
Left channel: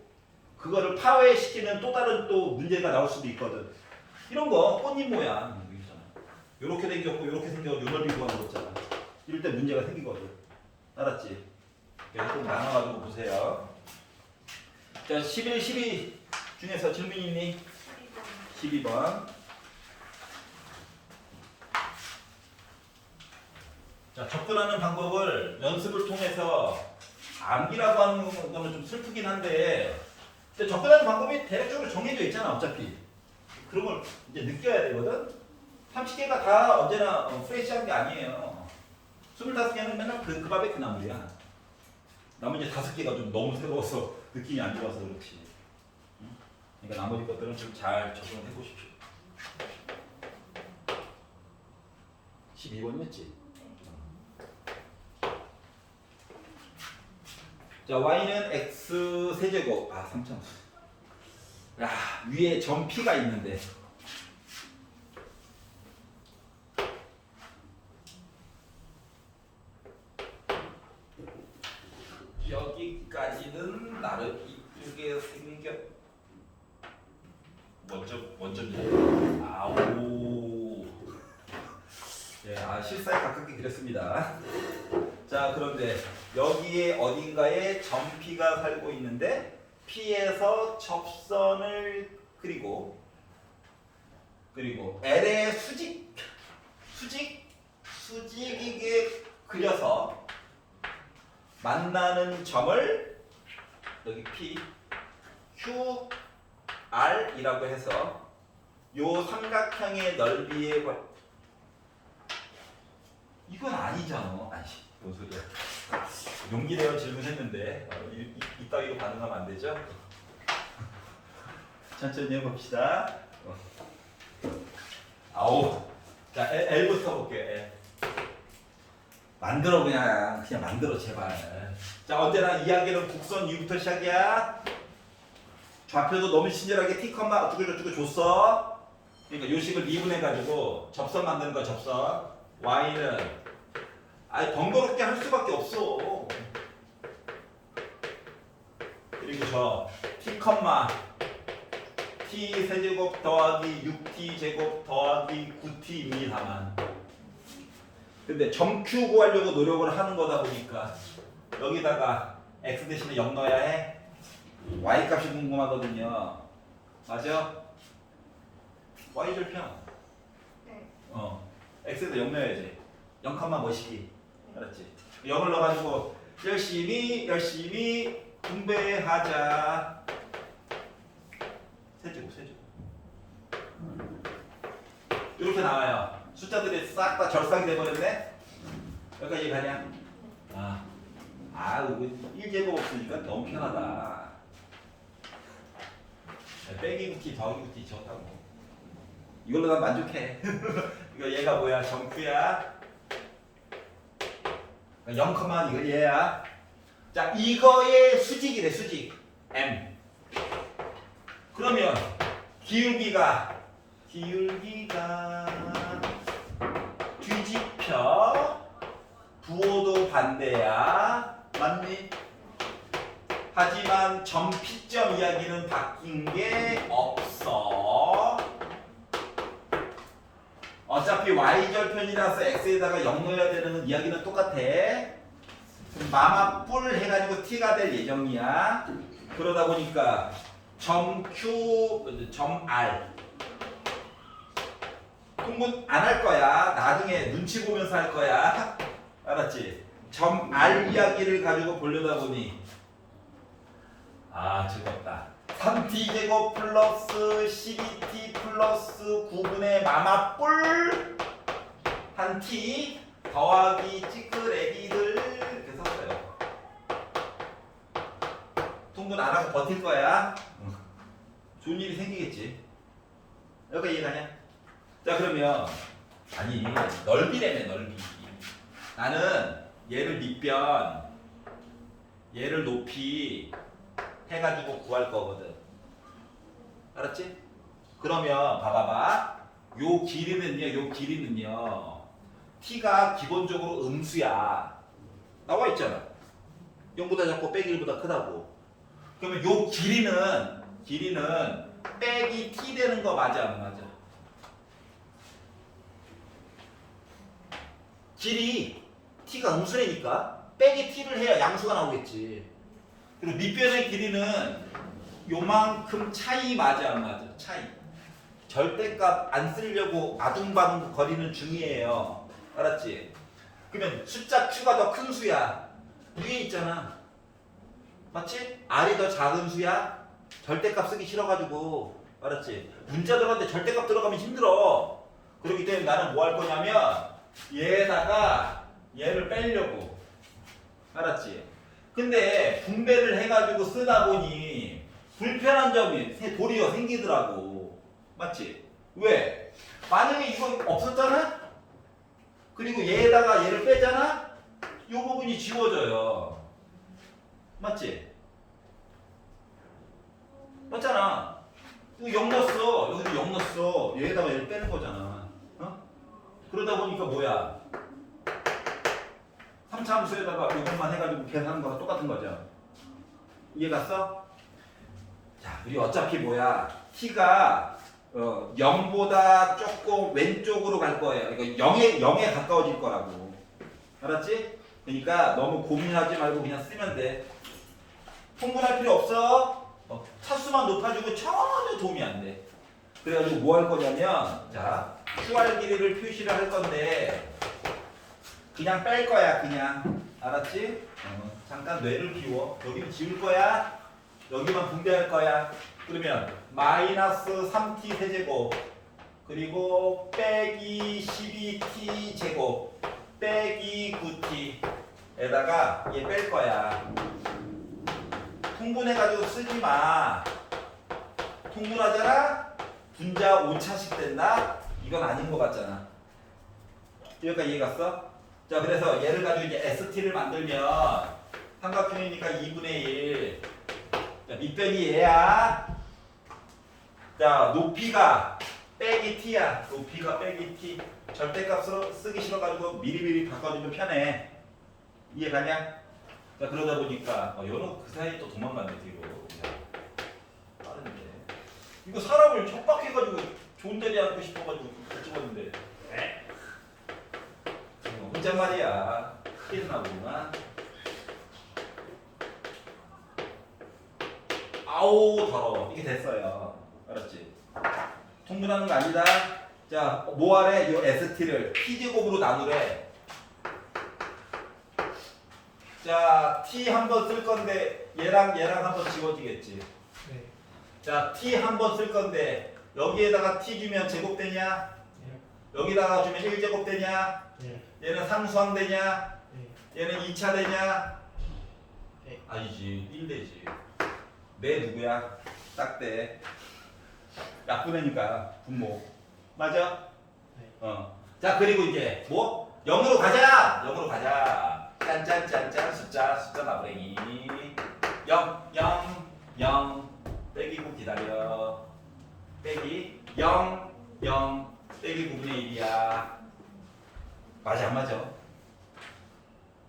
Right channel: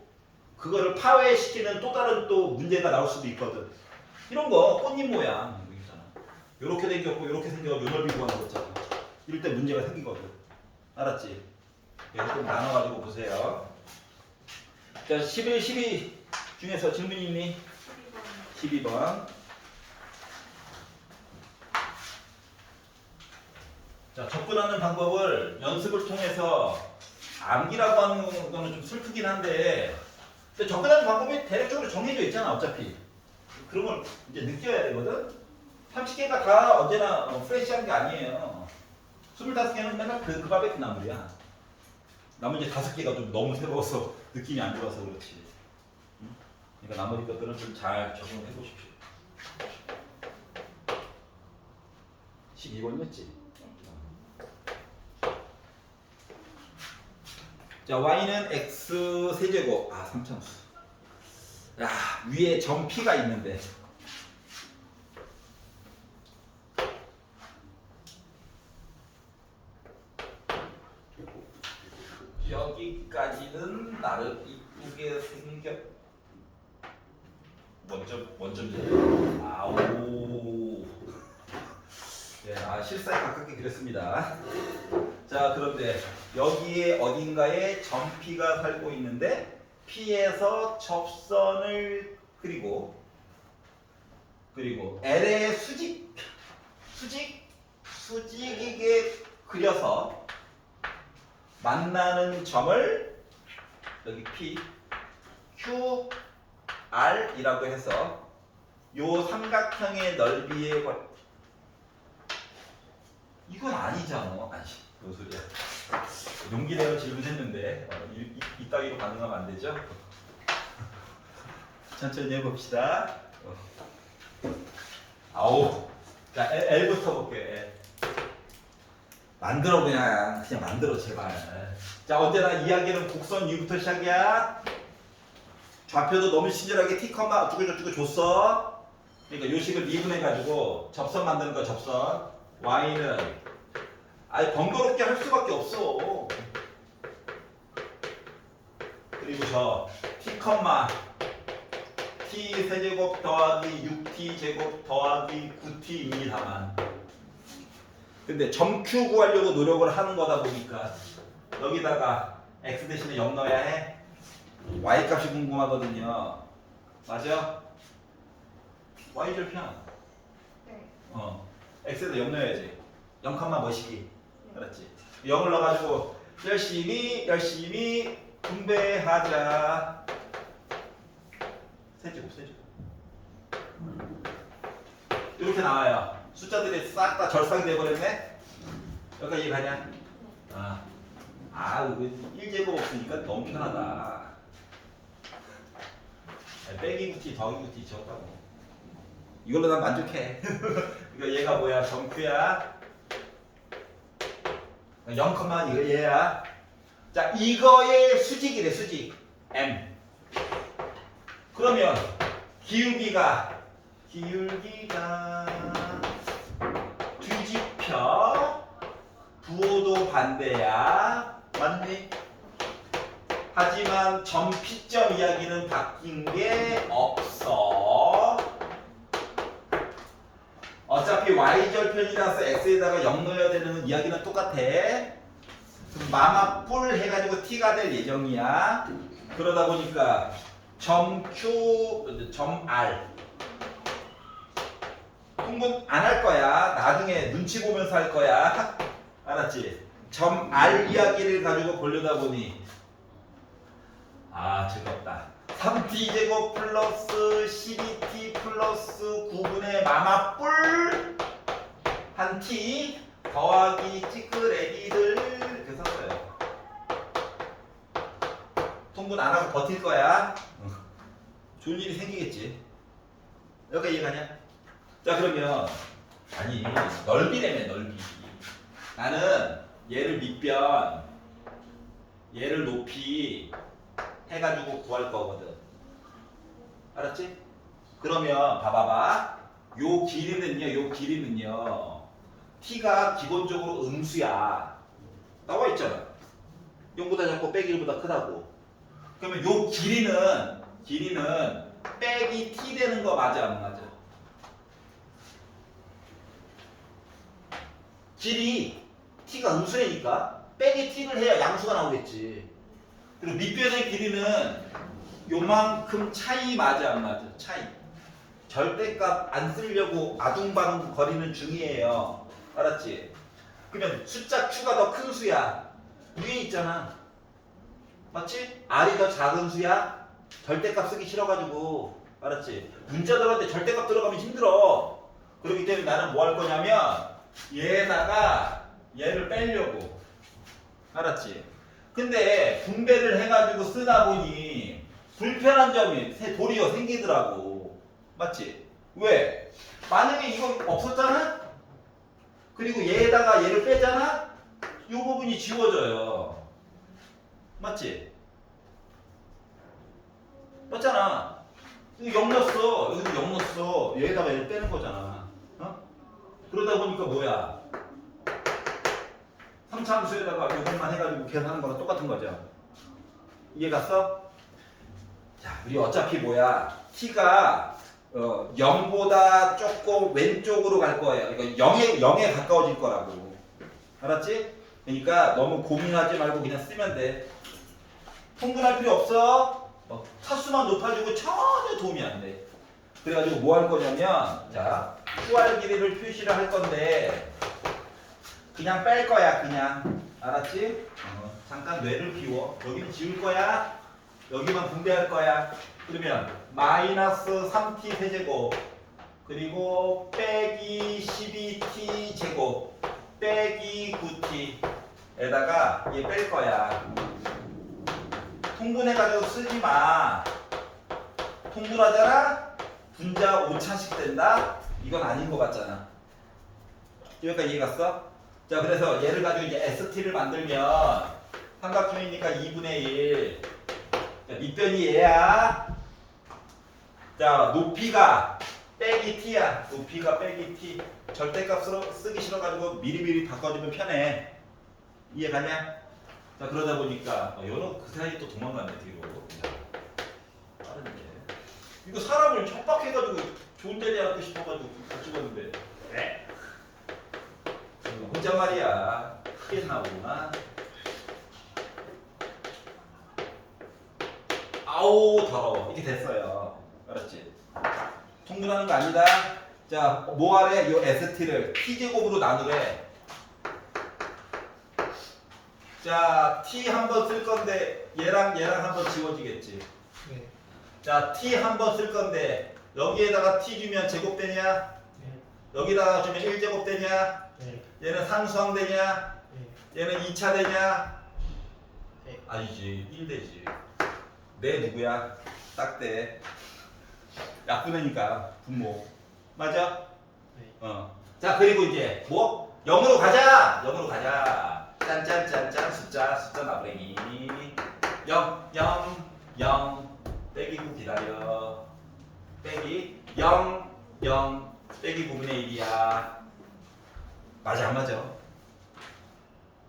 그거를 파괴시키면 또 다른 또 문제가 나올 수도 있거든. 이런 거 꽃잎 모양 이렇게 생겼고 이렇게 생겨서 넓이 구하는 거 있잖아. 이럴 때 문제가 생기거든. 알았지? 그래서 좀 나눠가지고 보세요. 자, 11, 12 중에서 질문이 있니? 12번. 자, 접근하는 방법을 연습을 통해서 암기라고 하는 거는 좀 슬프긴 한데 근데 접근하는 방법이 대략적으로 정해져 있잖아 어차피. 그런 걸 이제 느껴야 되거든. 30개가 다 언제나 프레시한 게 아니에요. 25개는 맨날 그 밥에 그 나물이야. 나머지 5개가 좀 너무 새로워서 느낌이 안 좋아서 그렇지. 그러니까 나머지 것들은 좀 잘 적용해 보십시오. 12번이었지? 자, y는 x 세제곱. 아, 3차수. 야, 위에 점 p가 있는데. 여기까지는 나름 이쁘게 생겨. 원점이야. 아오. 네, 실사에 가깝게 그렸습니다. 자, 그런데 여기에 어딘가에 점 P가 살고 있는데 P에서 접선을 그리고 L의 수직이게 그려서 만나는 점을 여기 P, Q, R이라고 해서 요 삼각형의 넓이에 이건 아니잖아. 아이씨, 뭔 소리야. 용기 내어 질문했는데 이따위로 반응하면 안 되죠? 천천히 해봅시다. 아우. 자, L부터 볼게요. 만들어 그냥 만들어 제발. 자, 언제나 이야기는 곡선 위부터 시작이야. 좌표도 너무 친절하게 T, 어쩌고 줬어. 그러니까 요식을 미분해가지고 접선 만드는 거 접선. Y는 아예 번거롭게 할 수밖에 없어. 그리고 저 T, 5t 세제곱 더하기 6t 제곱 더하기 9t입니다만 근데 점Q 구하려고 노력을 하는 거다 보니까 여기다가 x 대신에 0 넣어야 해. y 값이 궁금하거든요. 맞아? y 절편. 네. x에다 0 넣어야지. 0, 뭐시기. 알았지? 0을 넣어가지고 열심히 분배하자. 세제곱. 이렇게 나와요. 숫자들이 싹 다 절상이 돼버렸네. 여기까지 이해가냐? 이거 1제곱 없으니까 너무 편하다. 빼기 9t 더하기 9t 적다고. 이걸로 난 만족해. 그러니까 얘가 뭐야? 정규야. 0, 이거 얘야. 자, 이거의 수직이래, 수직. m. 그러면 기울기가 뒤집혀. 부호도 반대야. 맞니? 하지만 점 P점 이야기는 바뀐 게 없어. 어차피 y절편이라서 x에다가 0 넣어야 되는 이야기는 똑같아. 그럼 마마뿔 해가지고 t가 될 예정이야. 그러다 보니까 점 Q, 점 R 통분 안 할 거야. 나중에 눈치 보면서 할 거야. 알았지? 점 R 이야기를 가지고 보려다 보니 즐겁다. 3t 제곱 플러스 12t 플러스 9분의 마마뿔 한 t 더하기 찌끄레기들 이렇게 썼어요. 통분 안 하고 버틸 거야. 좋은 일이 생기겠지. 여기가 이해가냐? 자, 그러면 넓이라며, 넓이. 나는 얘를 밑변, 얘를 높이 해가지고 구할 거거든. 알았지? 그러면 봐봐봐. 요 길이는요. t가 기본적으로 음수야. 나와 있잖아. 0보다 작고 빼기 1보다 크다고. 그러면 요 길이는 빼기 t 되는 거 맞아, 안 맞아? 길이 t가 음수라니까 빼기 t를 해야 양수가 나오겠지. 그리고 밑변의 길이는 요만큼 차이 맞아, 안 맞아? 차이. 절대값 안 쓰려고 아둥바둥 거리는 중이에요. 알았지? 그러면 숫자 q가 더 큰 수야. 위에 있잖아. 맞지? r이 더 작은 수야. 절대값 쓰기 싫어가지고. 알았지? 문자들한테 절대값 들어가면 힘들어. 그렇기 때문에 나는 뭐 할 거냐면 얘에다가 얘를 빼려고. 알았지? 근데 분배를 해가지고 쓰다 보니 불편한 점이 도리어 생기더라고. 맞지? 왜? 만약에 이거 없었잖아? 그리고 얘에다가 얘를 빼잖아? 이 부분이 지워져요. 맞지? 맞잖아. 이거 0 넣었어. 여기도 0 넣었어. 얘에다가 얘를 빼는 거잖아. 그러다 보니까 뭐야? 3차함수에다가 이것만 해가지고 계산하는 거랑 똑같은 거죠. 이해 갔어? 자, 우리 어차피 뭐야? t가 0보다 조금 왼쪽으로 갈 거예요. 이거 0에 가까워질 거라고. 알았지? 그러니까 너무 고민하지 말고 그냥 쓰면 돼. 통분할 필요 없어. 차수만 높아지고 전혀 도움이 안 돼. 그래가지고 뭐 할 거냐면, 자, QR 길이를 표시를 할 건데, 그냥 뺄 거야, 그냥. 알았지? 잠깐 뇌를 비워. 여기는 지울 거야. 여기만 분배할 거야. 그러면 마이너스 3t 세제곱 그리고 빼기 12t 제곱 빼기 9t에다가 얘 뺄 거야. 통분해가지고 쓰지 마. 통분하잖아? 분자 5차씩 된다? 이건 아닌 거 같잖아. 여기까지 이해 갔어? 자, 그래서 얘를 가지고 이제 ST를 만들면 삼각형이니까 2분의 1. 자, 밑변이 얘야. 자, 높이가 빼기 t야. 높이가 빼기 t. 절대값으로 쓰기 싫어가지고 미리미리 바꿔주면 편해. 이해 가냐? 자, 그러다 보니까 연호 그 사이에 또 도망갔네 뒤로. 빠른데. 이거 사람을 척박해가지고 좋은 데 대학고 싶어가지고 못 찍었는데. 네? 혼잣말이야. 피했나 보구나. 아우 더러워. 이게 됐어요. 알았지? 통분하는 거 아니다. 자, 뭐 하래? 요 ST를 T제곱으로 나누래. 자, T 한 번 쓸 건데 얘랑 한 번 지워지겠지. 네. 자, T 한 번 쓸 건데 여기에다가 T 주면 제곱되냐? 네. 여기다가 주면 1제곱 되냐? 네. 얘는 상수항 되냐? 네. 얘는 2차 되냐? 네. 아니지, 1 되지. 내 누구야? 딱대. 약분하니까 분모. 맞아? 네. 자, 그리고 이제 뭐? 0으로 가자. 0으로 가자. 짠짠짠짠 숫자 나부랭이. 0 0 0 빼기 9 기다려. 빼기 0 0 빼기 9분의 1이야. 맞아 안 맞아?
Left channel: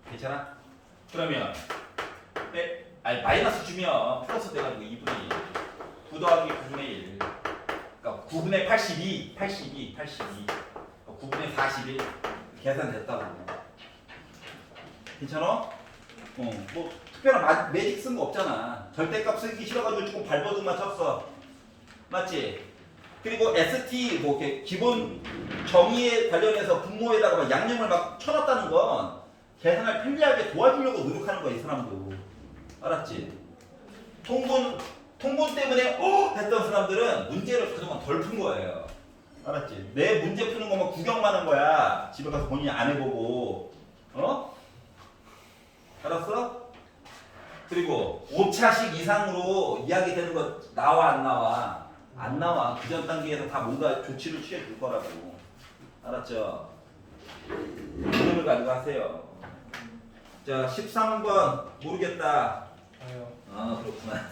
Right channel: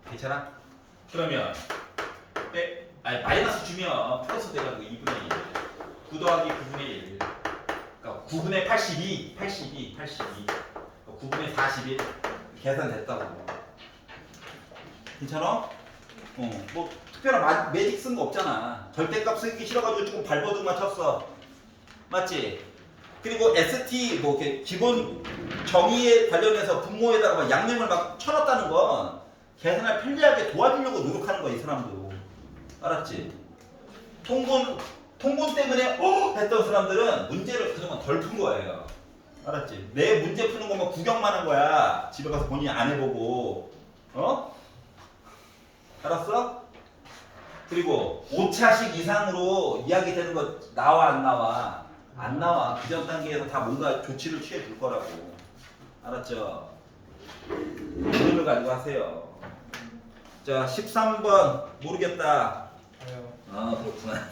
괜찮아? 그러면 아니 마이너스 주면 플러스 돼가지고 2분의 1. 9 더하기 9분의 1. 그러니까 9분의 82. 9분의 41. 계산됐다고. 괜찮아? 뭐 특별한 매직 쓴 거 없잖아. 절대값 쓰기 싫어가지고 조금 발버둥만 쳤어. 맞지? 그리고 ST 뭐 이렇게 기본 정의에 관련해서 분모에다가 막 양념을 막 쳐놨다는 건 계산을 편리하게 도와주려고 노력하는 거야 이 사람도. 알았지? 통분 때문에 했던 사람들은 문제를 그동안 덜 푼 거예요. 알았지? 내 문제 푸는 거만 구경만 한 거야. 집에 가서 본인이 안 해보고. 알았어? 그리고 5차식 이상으로 이야기 되는 거 나와 안 나와? 안 나와. 그 전 단계에서 다 뭔가 조치를 취해 줄 거라고. 알았죠? 이름을 가지고 하세요. 자, 13번 모르겠다. 저요. 그렇구나.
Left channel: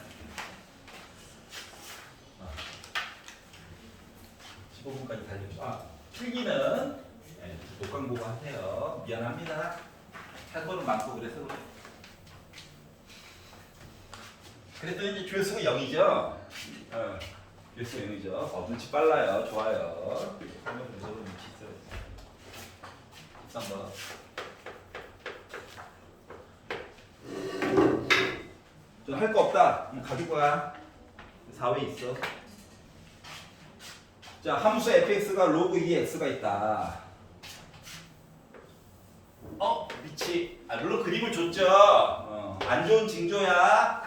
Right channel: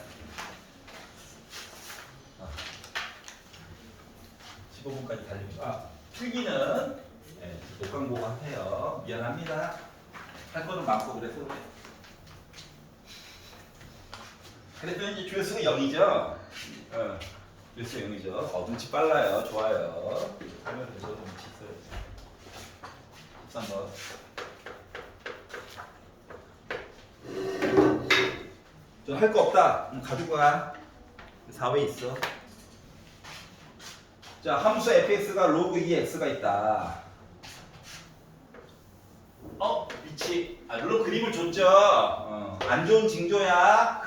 15분까지 달려줘. 필기는 독강보고 하세요. 미안합니다. 할 거는 많고 그래서 그래. 그래도 이제 조회수가 0이죠? 조회수가 0이죠. 눈치 빨라요. 좋아요. 화면 조절로 눈치 있어요. 13번. 할 거 없다. 가지고 가. 4회 있어. 자, 함수 fx가 로그 2x가 있다. 미치. 물론 그림을 줬죠. 안 좋은 징조야.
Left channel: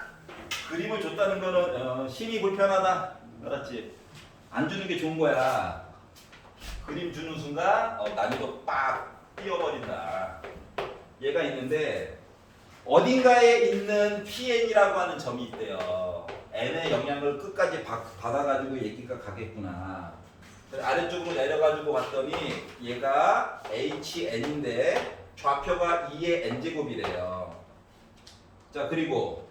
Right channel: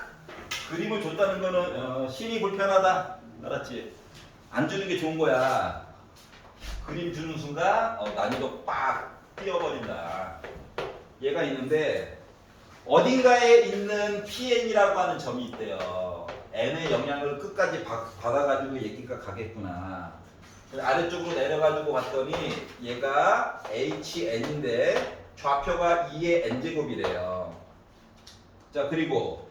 그림을 줬다는 거는 심히 불편하다. 알았지? 안 주는 게 좋은 거야. 그림 주는 순간 난이도 빡 뛰어버린다. 얘가 있는데 어딘가에 있는 PN이라고 하는 점이 있대요. N의 영향을 끝까지 받아가지고 얘기가 가겠구나. 아래쪽으로 내려가지고 봤더니 얘가 HN인데 좌표가 2의 N제곱이래요. 자, 그리고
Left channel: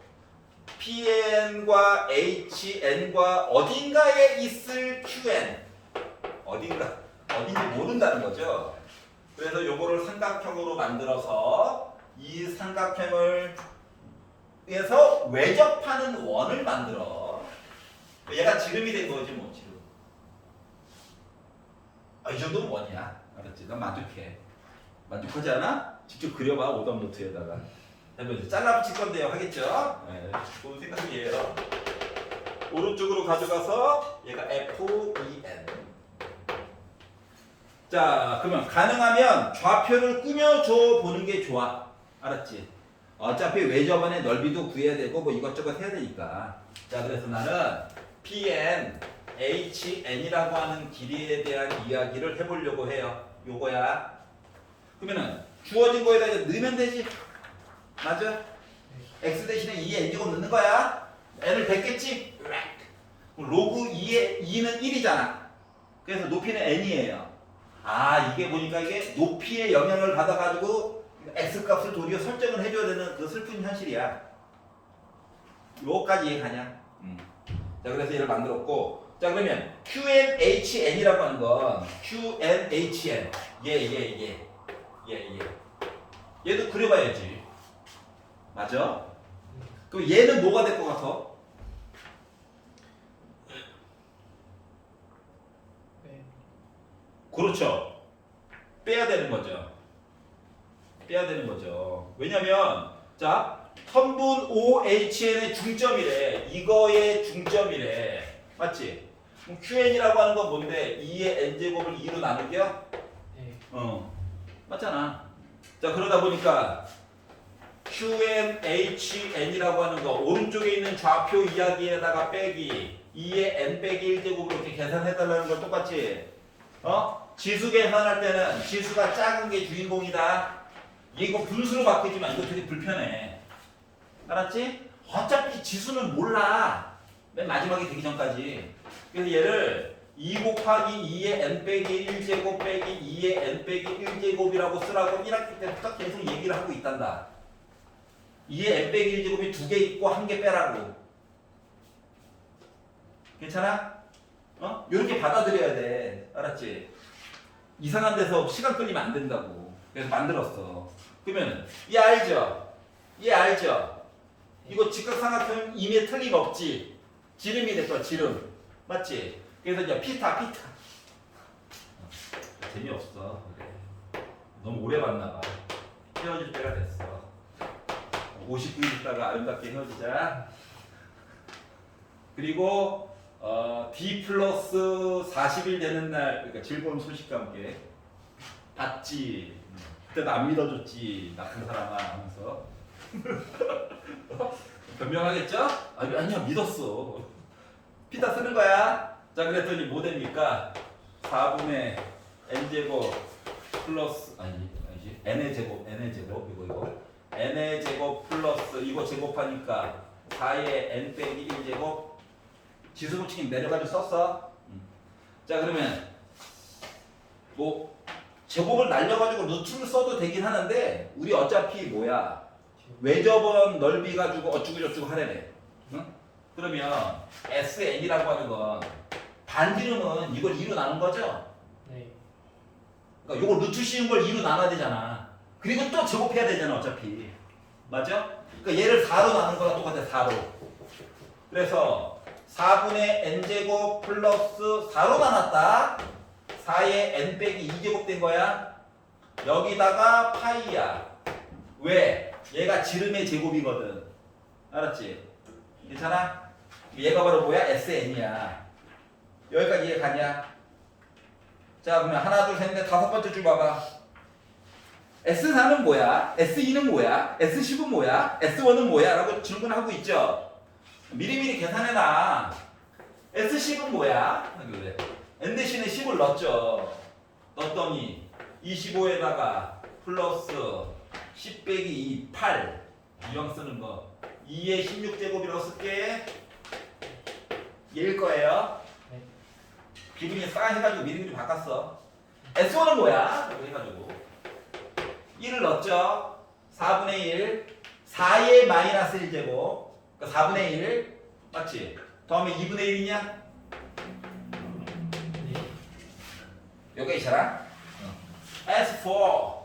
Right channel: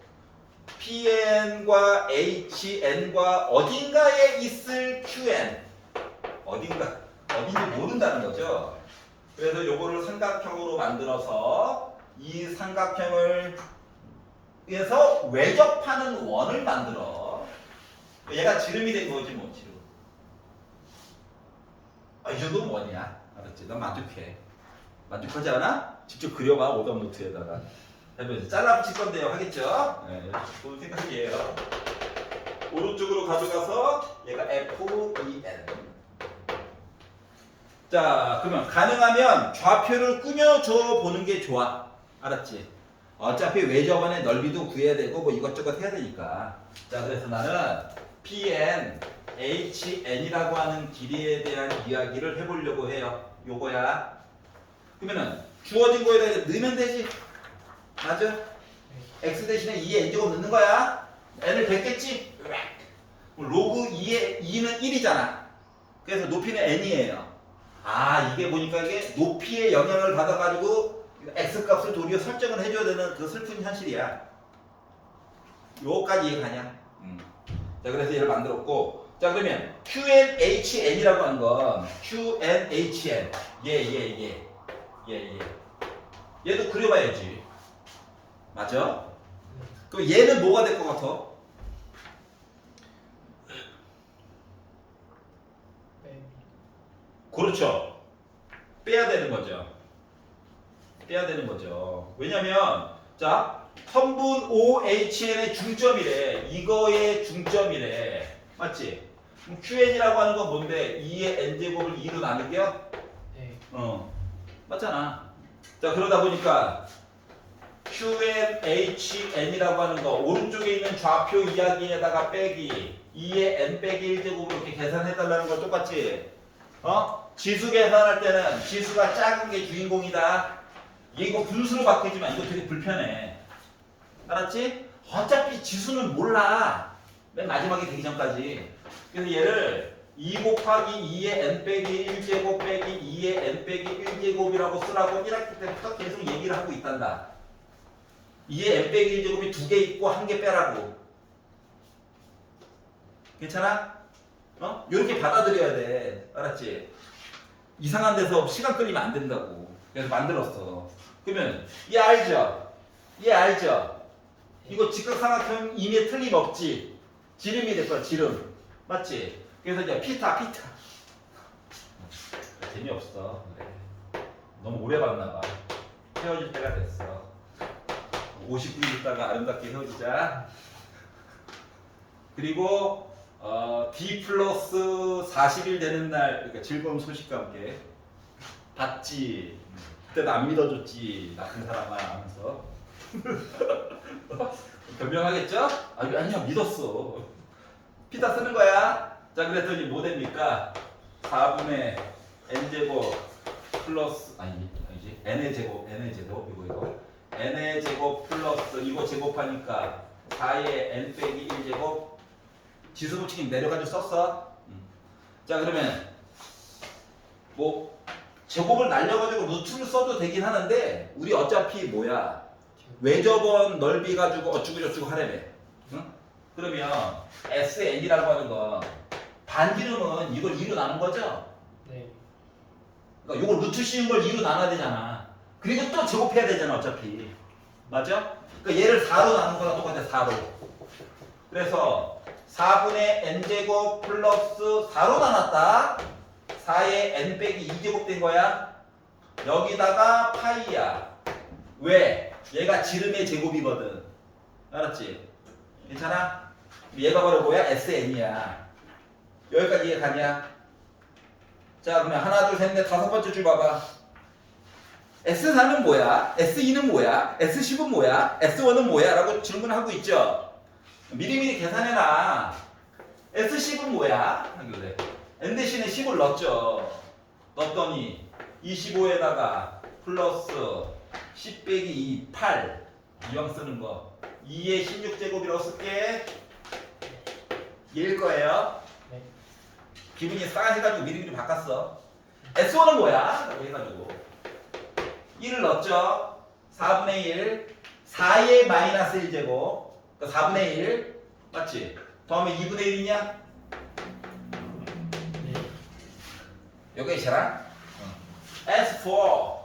PN과 HN과 어딘가에 있을 QN. 어딘지 모른다는 거죠. 그래서 요거를 삼각형으로 만들어서 이 삼각형을 위해서 외접하는 원을 만들어. 얘가 지름이 된 거지 뭐 지름. 이 정도는 원이야. 알았지? 넌 만족해. 만족하지 않아? 직접 그려봐 오답 노트에다가. 해보자. 잘라 붙일 건데요. 하겠죠? 네, 좋은 생각이에요. 오른쪽으로 가져가서 얘가 FEN. 자, 그러면 가능하면 좌표를 꾸며줘 보는 게 좋아. 알았지? 어차피 외접안의 넓이도 구해야 되고 뭐 이것저것 해야 되니까. 자, 그래서 나는 PN, HN이라고 하는 길이에 대한 이야기를 해보려고 해요. 요거야. 그러면은 주어진 거에다 넣으면 되지. 맞아? X 대신에 2의 N제곱 넣는 거야. N을 뱉겠지? 로그 2는 1이잖아. 그래서 높이는 N이에요. 이게 보니까 이게 높이의 영향을 받아가지고 X값을 도리어 설정을 해줘야 되는 그 슬픈 현실이야. 요거까지 이해가냐? 자, 그래서 얘를 만들었고, 자, 그러면 QNHN이라고 하는 건 QNHN. 얘도 그려봐야지. 맞아? 그럼 얘는 뭐가 될 것 같아? 그렇죠. 빼야 되는 거죠. 빼야 되는 거죠. 왜냐면 자 턴분 OHN의 중점이래. 이거의 중점이래. 맞지? 그럼 QN이라고 하는 건 뭔데? 2의 n제곱을 2로 나누기야? 네. 맞잖아. 자 그러다 보니까 QNHN이라고 하는 거 오른쪽에 있는 좌표 이야기에다가 빼기 2의 n 빼기 1제곱으로 이렇게 계산해달라는 거 똑같지? 지수 계산할 때는 지수가 작은 게 주인공이다. 이거 분수로 바뀌지만 이거 되게 불편해. 알았지? 어차피 지수는 몰라. 맨 마지막에 되기 전까지. 그래서 얘를 2 곱하기 2의 n 빼기 1제곱 빼기 2의 n 빼기 1제곱이라고 쓰라고 1학기 때부터 계속 얘기를 하고 있단다. 2의 n 빼기 1제곱이 2개 있고 1개 빼라고. 괜찮아? 이렇게 받아들여야 돼. 알았지? 이상한 데서 시간 끌리면 안 된다고. 그래서 만들었어. 그러면 얘 알죠? 얘 알죠? 이거 직각삼각형 임의에 틀림없지. 지름이 될 거야. 지름. 맞지? 그래서 이제 피타. 재미없어. 그래. 너무 오래 봤나 봐. 헤어질 때가 됐어. 59일 있다가 아름답게 헤어지자. 그리고 D 플러스 40일 되는 날, 그러니까 즐거운 소식과 함께 봤지. 그때도 안 믿어줬지. 나쁜 사람아 하면서. 변명하겠죠? 아니야 믿었어. 피타 쓰는 거야. 자 그랬더니 뭐 됩니까? 4분의 n제곱 플러스 아니지 n의 제곱 이거 n의 제곱 플러스 이거 제곱하니까 4의 n 빼기 1제곱 지수 붙이기 내려가지고 썼어. 자 그러면 뭐 제곱을 날려가지고 루트를 써도 되긴 하는데 우리 어차피 뭐야 외접원 넓이 가지고 어쩌고저쩌고 하려면 응? 그러면 SN이라고 하는 건 반지름은 이걸 2로 나눈 거죠? 네. 그러니까 이거 루트 씌운 걸 2로 나눠야 되잖아. 그리고 또 제곱해야 되잖아 어차피. 맞죠? 그러니까 얘를 4로 나눈 거랑 똑같아 4로. 그래서 4분의 n제곱 플러스 4로 나눴다. 4의 n 빼기 2제곱 된 거야. 여기다가 파이야. 왜? 얘가 지름의 제곱이거든. 알았지? 괜찮아? 얘가 바로 뭐야? SN이야. 여기까지 이해 가냐? 자 그러면 하나 둘 셋 넷 다섯 번째 줄 봐봐. S4는 뭐야? S2는 뭐야? S10은 뭐야? S1은 뭐야? 라고 질문하고 있죠. 미리미리 계산해놔. S10은 뭐야? 하길래 N 대신에 10을 넣었죠. 넣었더니 25에다가 플러스 10 빼기 2, 8 이왕 쓰는 거 2의 16제곱이라고 쓸게. 얘일 거예요. 네. 기분이 싸해가지고 미리미리 바꿨어. S1은 뭐야? 라고 해가지고 1을 넣었죠. 4분의 1 4의 마이너스 1제곱 그러니까 4분의 1 맞지? 다음에 2분의 1이냐? 네. 여기가 있잖아. S4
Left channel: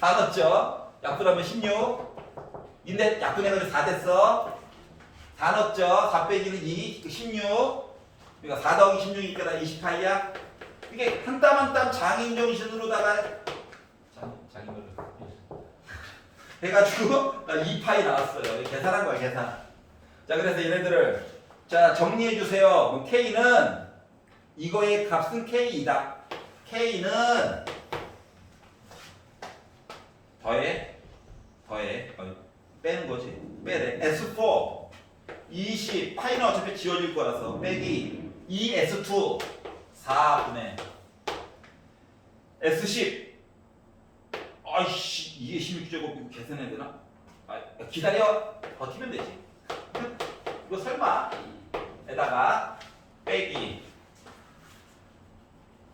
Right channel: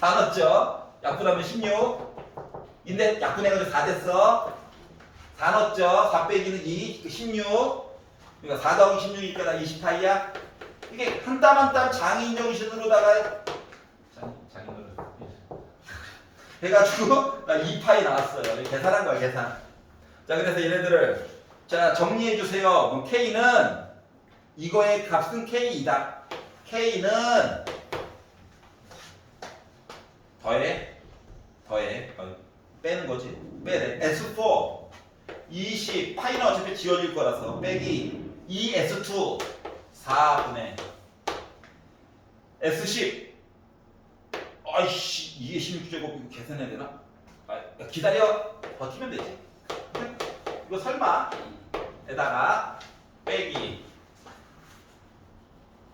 4 넣었죠. 약분하면 16 인데 약분해가지고 4 됐어. 4 넣었죠. 4 빼기는 2 16 그러니까 4 더하기 16이니까 나 28이야. 이게 한 땀 한 땀 장인정신으로다가 장인으로 해가지고 나 2파이 나왔어요. 계산한 거야 계산. 자 그래서 얘네들을 자 정리해 주세요. 그럼 K는 이거의 값은 K이다. K는 더해 빼는 거지. 빼래. S4 20 파이는 어차피 지워질 거라서 빼기 2S2 4분의 S10 아이씨 이게 16제곱 이거 계산해야 되나? 기다려. 버티면 되지. 이거 설마 에다가 빼기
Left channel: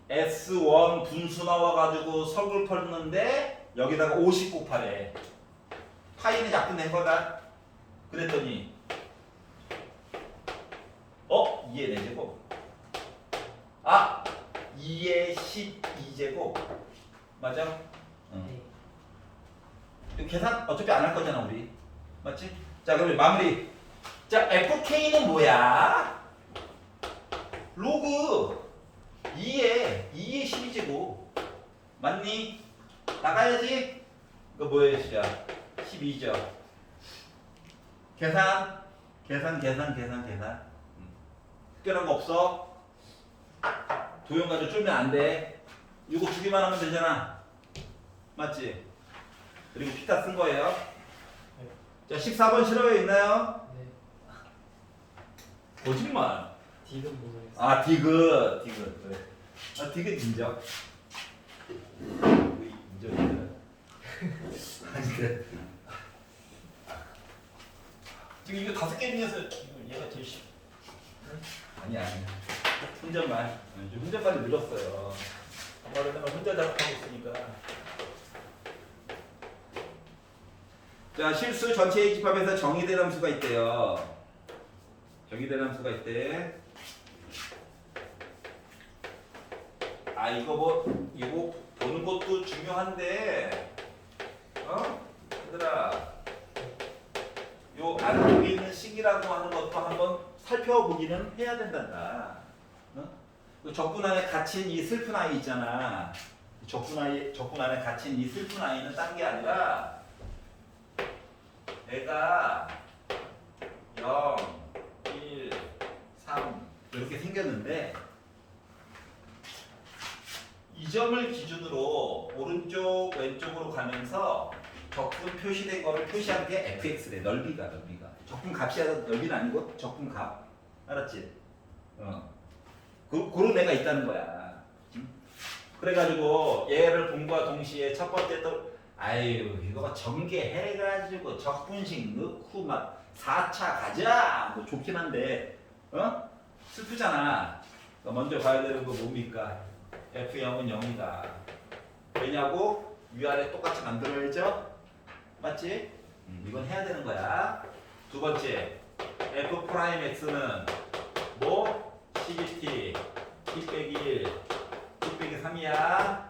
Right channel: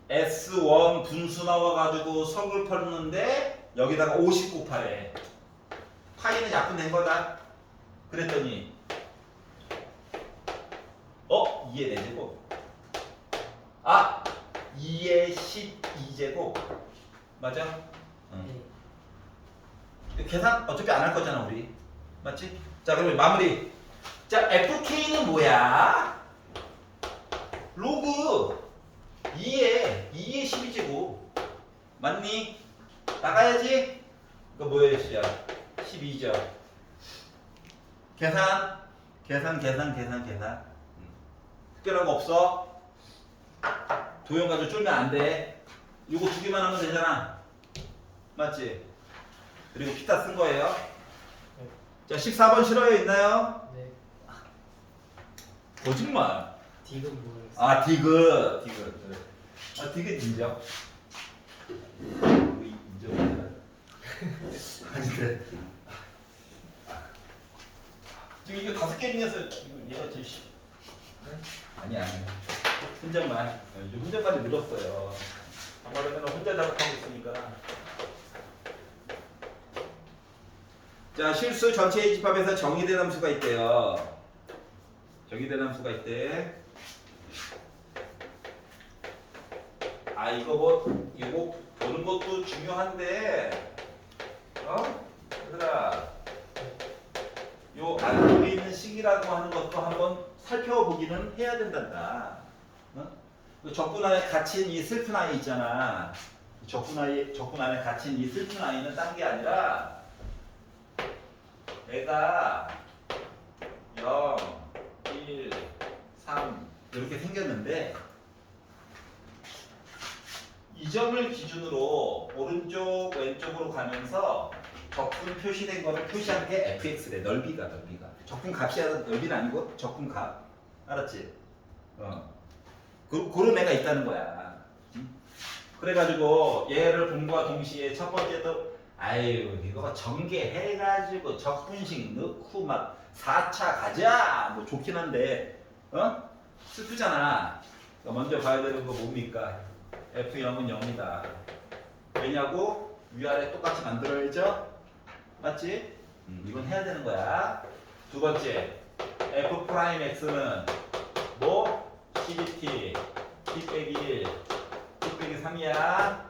S1 분수 나와가지고 석을 털는데 여기다가 50 곱하래. 파이는 약분된 거다. 그랬더니 2의 4제곱 2의 12제곱 맞아? 응. 계산 어차피 안 할 거잖아 우리. 맞지? 자 그러면 마무리. 자 FK는 뭐야? 로그 2에 12제곱 맞니? 나가야지. 이거 뭐예요 시작? 12죠. 계산. 특별한 거 없어. 도형 가지고 줄면 안 돼. 이거 주기만 하면 되잖아. 맞지? 그리고 피타 쓴 거예요. 자 14번 실어요 있나요? 네. 거짓말. 디귿 모르겠어요. 아 디귿. 그래. 아 디귿 인정. 인정이야. 아닌데. 지금 이거 5개 중에서 얘가 제일 쉽. 아니야. 혼잣말. 요즘 혼잣말이 늘었어요. 아무래도 혼자 작업하고 있으니까. 자 실수 전체의 집합에서 정의된 함수가 있대요. 정의된 함수가 있대. 아 이거 보는 것도 중요한데, 얘들아, 요 안쪽에 있는 식이라고 하는 것도 한번 살펴보기는 해야 된단다. 그 적분 안에 갇힌 이 슬픈 아이 있잖아. 적분 안에 갇힌 이 슬픈 아이는 딴 게 아니라 애가 0, 1, 3 이렇게 생겼는데, 이 점을 기준으로 오른쪽 왼쪽으로 가면서 적분 표시된 거를 표시한 게 fx래. 넓이가 적분 값이 넓이는 아니고 적분 값. 알았지? 그런 애가 있다는 거야. 그래가지고 얘를 봄과 동시에 첫 번째 또 아유 이거가 전개해가지고 적분식 넣고 막 4차 가자 뭐 좋긴 한데 슬프잖아. 그러니까 먼저 봐야 되는 거 뭡니까? F0은 0이다. 왜냐고? 위아래 똑같이 만들어야죠? 맞지? 이건 해야 되는 거야. 두 번째, F'X는 뭐? CGT, T 빼기 1, T 빼기 3이야.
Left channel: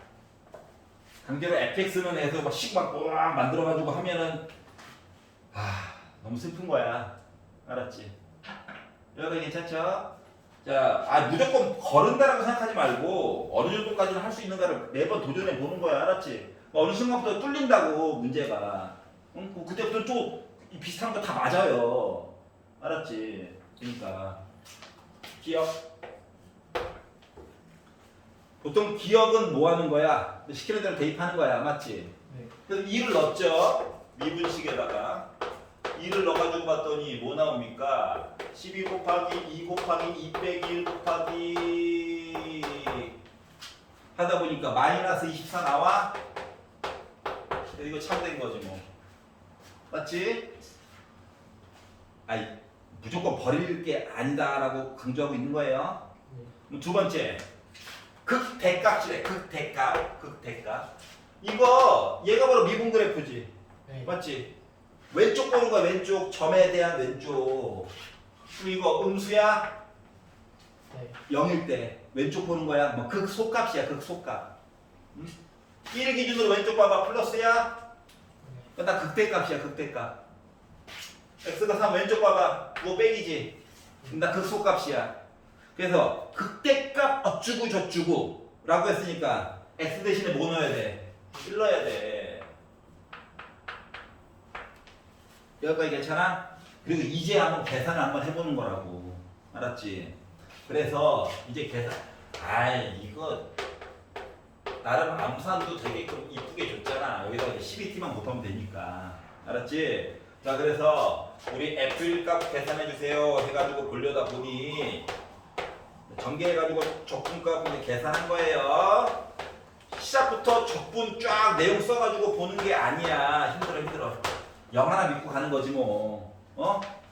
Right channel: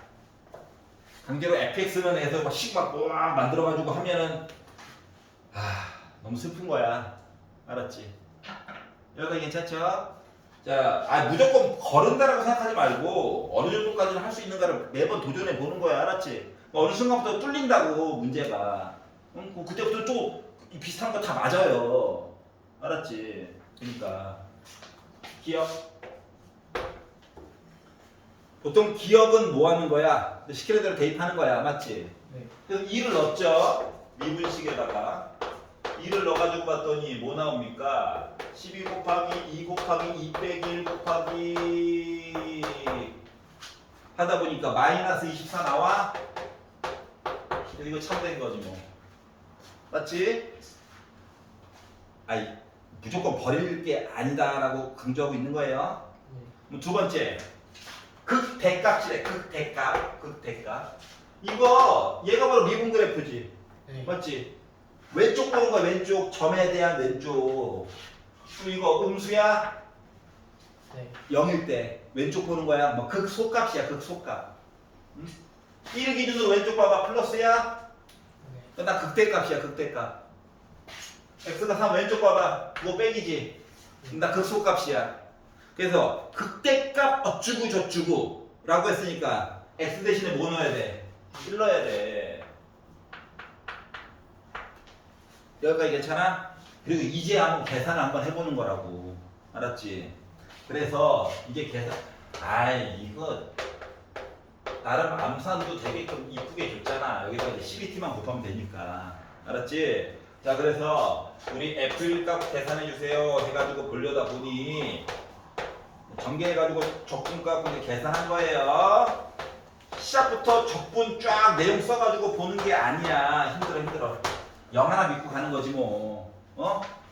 강제로 FX는 해서 막 만들어가지고 하면은 너무 슬픈 거야. 알았지? 여기까지 괜찮죠? 자, 무조건 거른다라고 생각하지 말고 어느 정도까지는 할 수 있는가를 매번 도전해 보는 거야. 알았지? 어느 순간부터 뚫린다고 문제가. 그때부터 좀 비슷한 거 다 맞아요. 알았지? 그러니까 기억. 보통 기억은 뭐 하는 거야? 시키는 대로 대입하는 거야. 맞지? 네. 그래서 2를 넣었죠. 미분식에다가 2를 넣어가지고 봤더니 뭐 나옵니까? 12 곱하기 2 곱하기 2 빼기 1 곱하기 하다 보니까 마이너스 24 나와? 이거 참된 거지 뭐. 맞지? 아이 무조건 버릴 게 아니다라고 강조하고 있는 거예요. 두 번째, 극대값이래. 극대값. 이거 얘가 바로 미분 그래프지. 네. 맞지? 왼쪽 보는 거야. 왼쪽 점에 대한 왼쪽. 그럼 이거 음수야? 네. 0일 때 왼쪽 보는 거야. 뭐 극소값이야. 극소값. 1 기준으로 왼쪽 봐봐. 플러스야? 네. 나 극대값이야. 극대값. x가 3 왼쪽 봐봐. 그거 빼기지. 나 극소값이야. 그래서 극대값 어쩌고 저쩌고 라고 했으니까 x 대신에 뭐 넣어야 돼? 1 넣어야 돼. 여기까지 괜찮아? 그리고 이제 한번 계산을 한번 해보는 거라고. 알았지? 그래서 이제 계산. 이거 나름 암산도 되게 좀 이쁘게 줬잖아. 여기다 이제 12t만 곱하면 되니까. 알았지? 자, 그래서 우리 F1 값 계산해 주세요 해가지고 보려다 보니 전개해가지고 적분값 이제 계산한 거예요. 시작부터 적분 쫙 내용 써가지고 보는 게 아니야. 힘들어. 0 하나 믿고 가는 거지 뭐.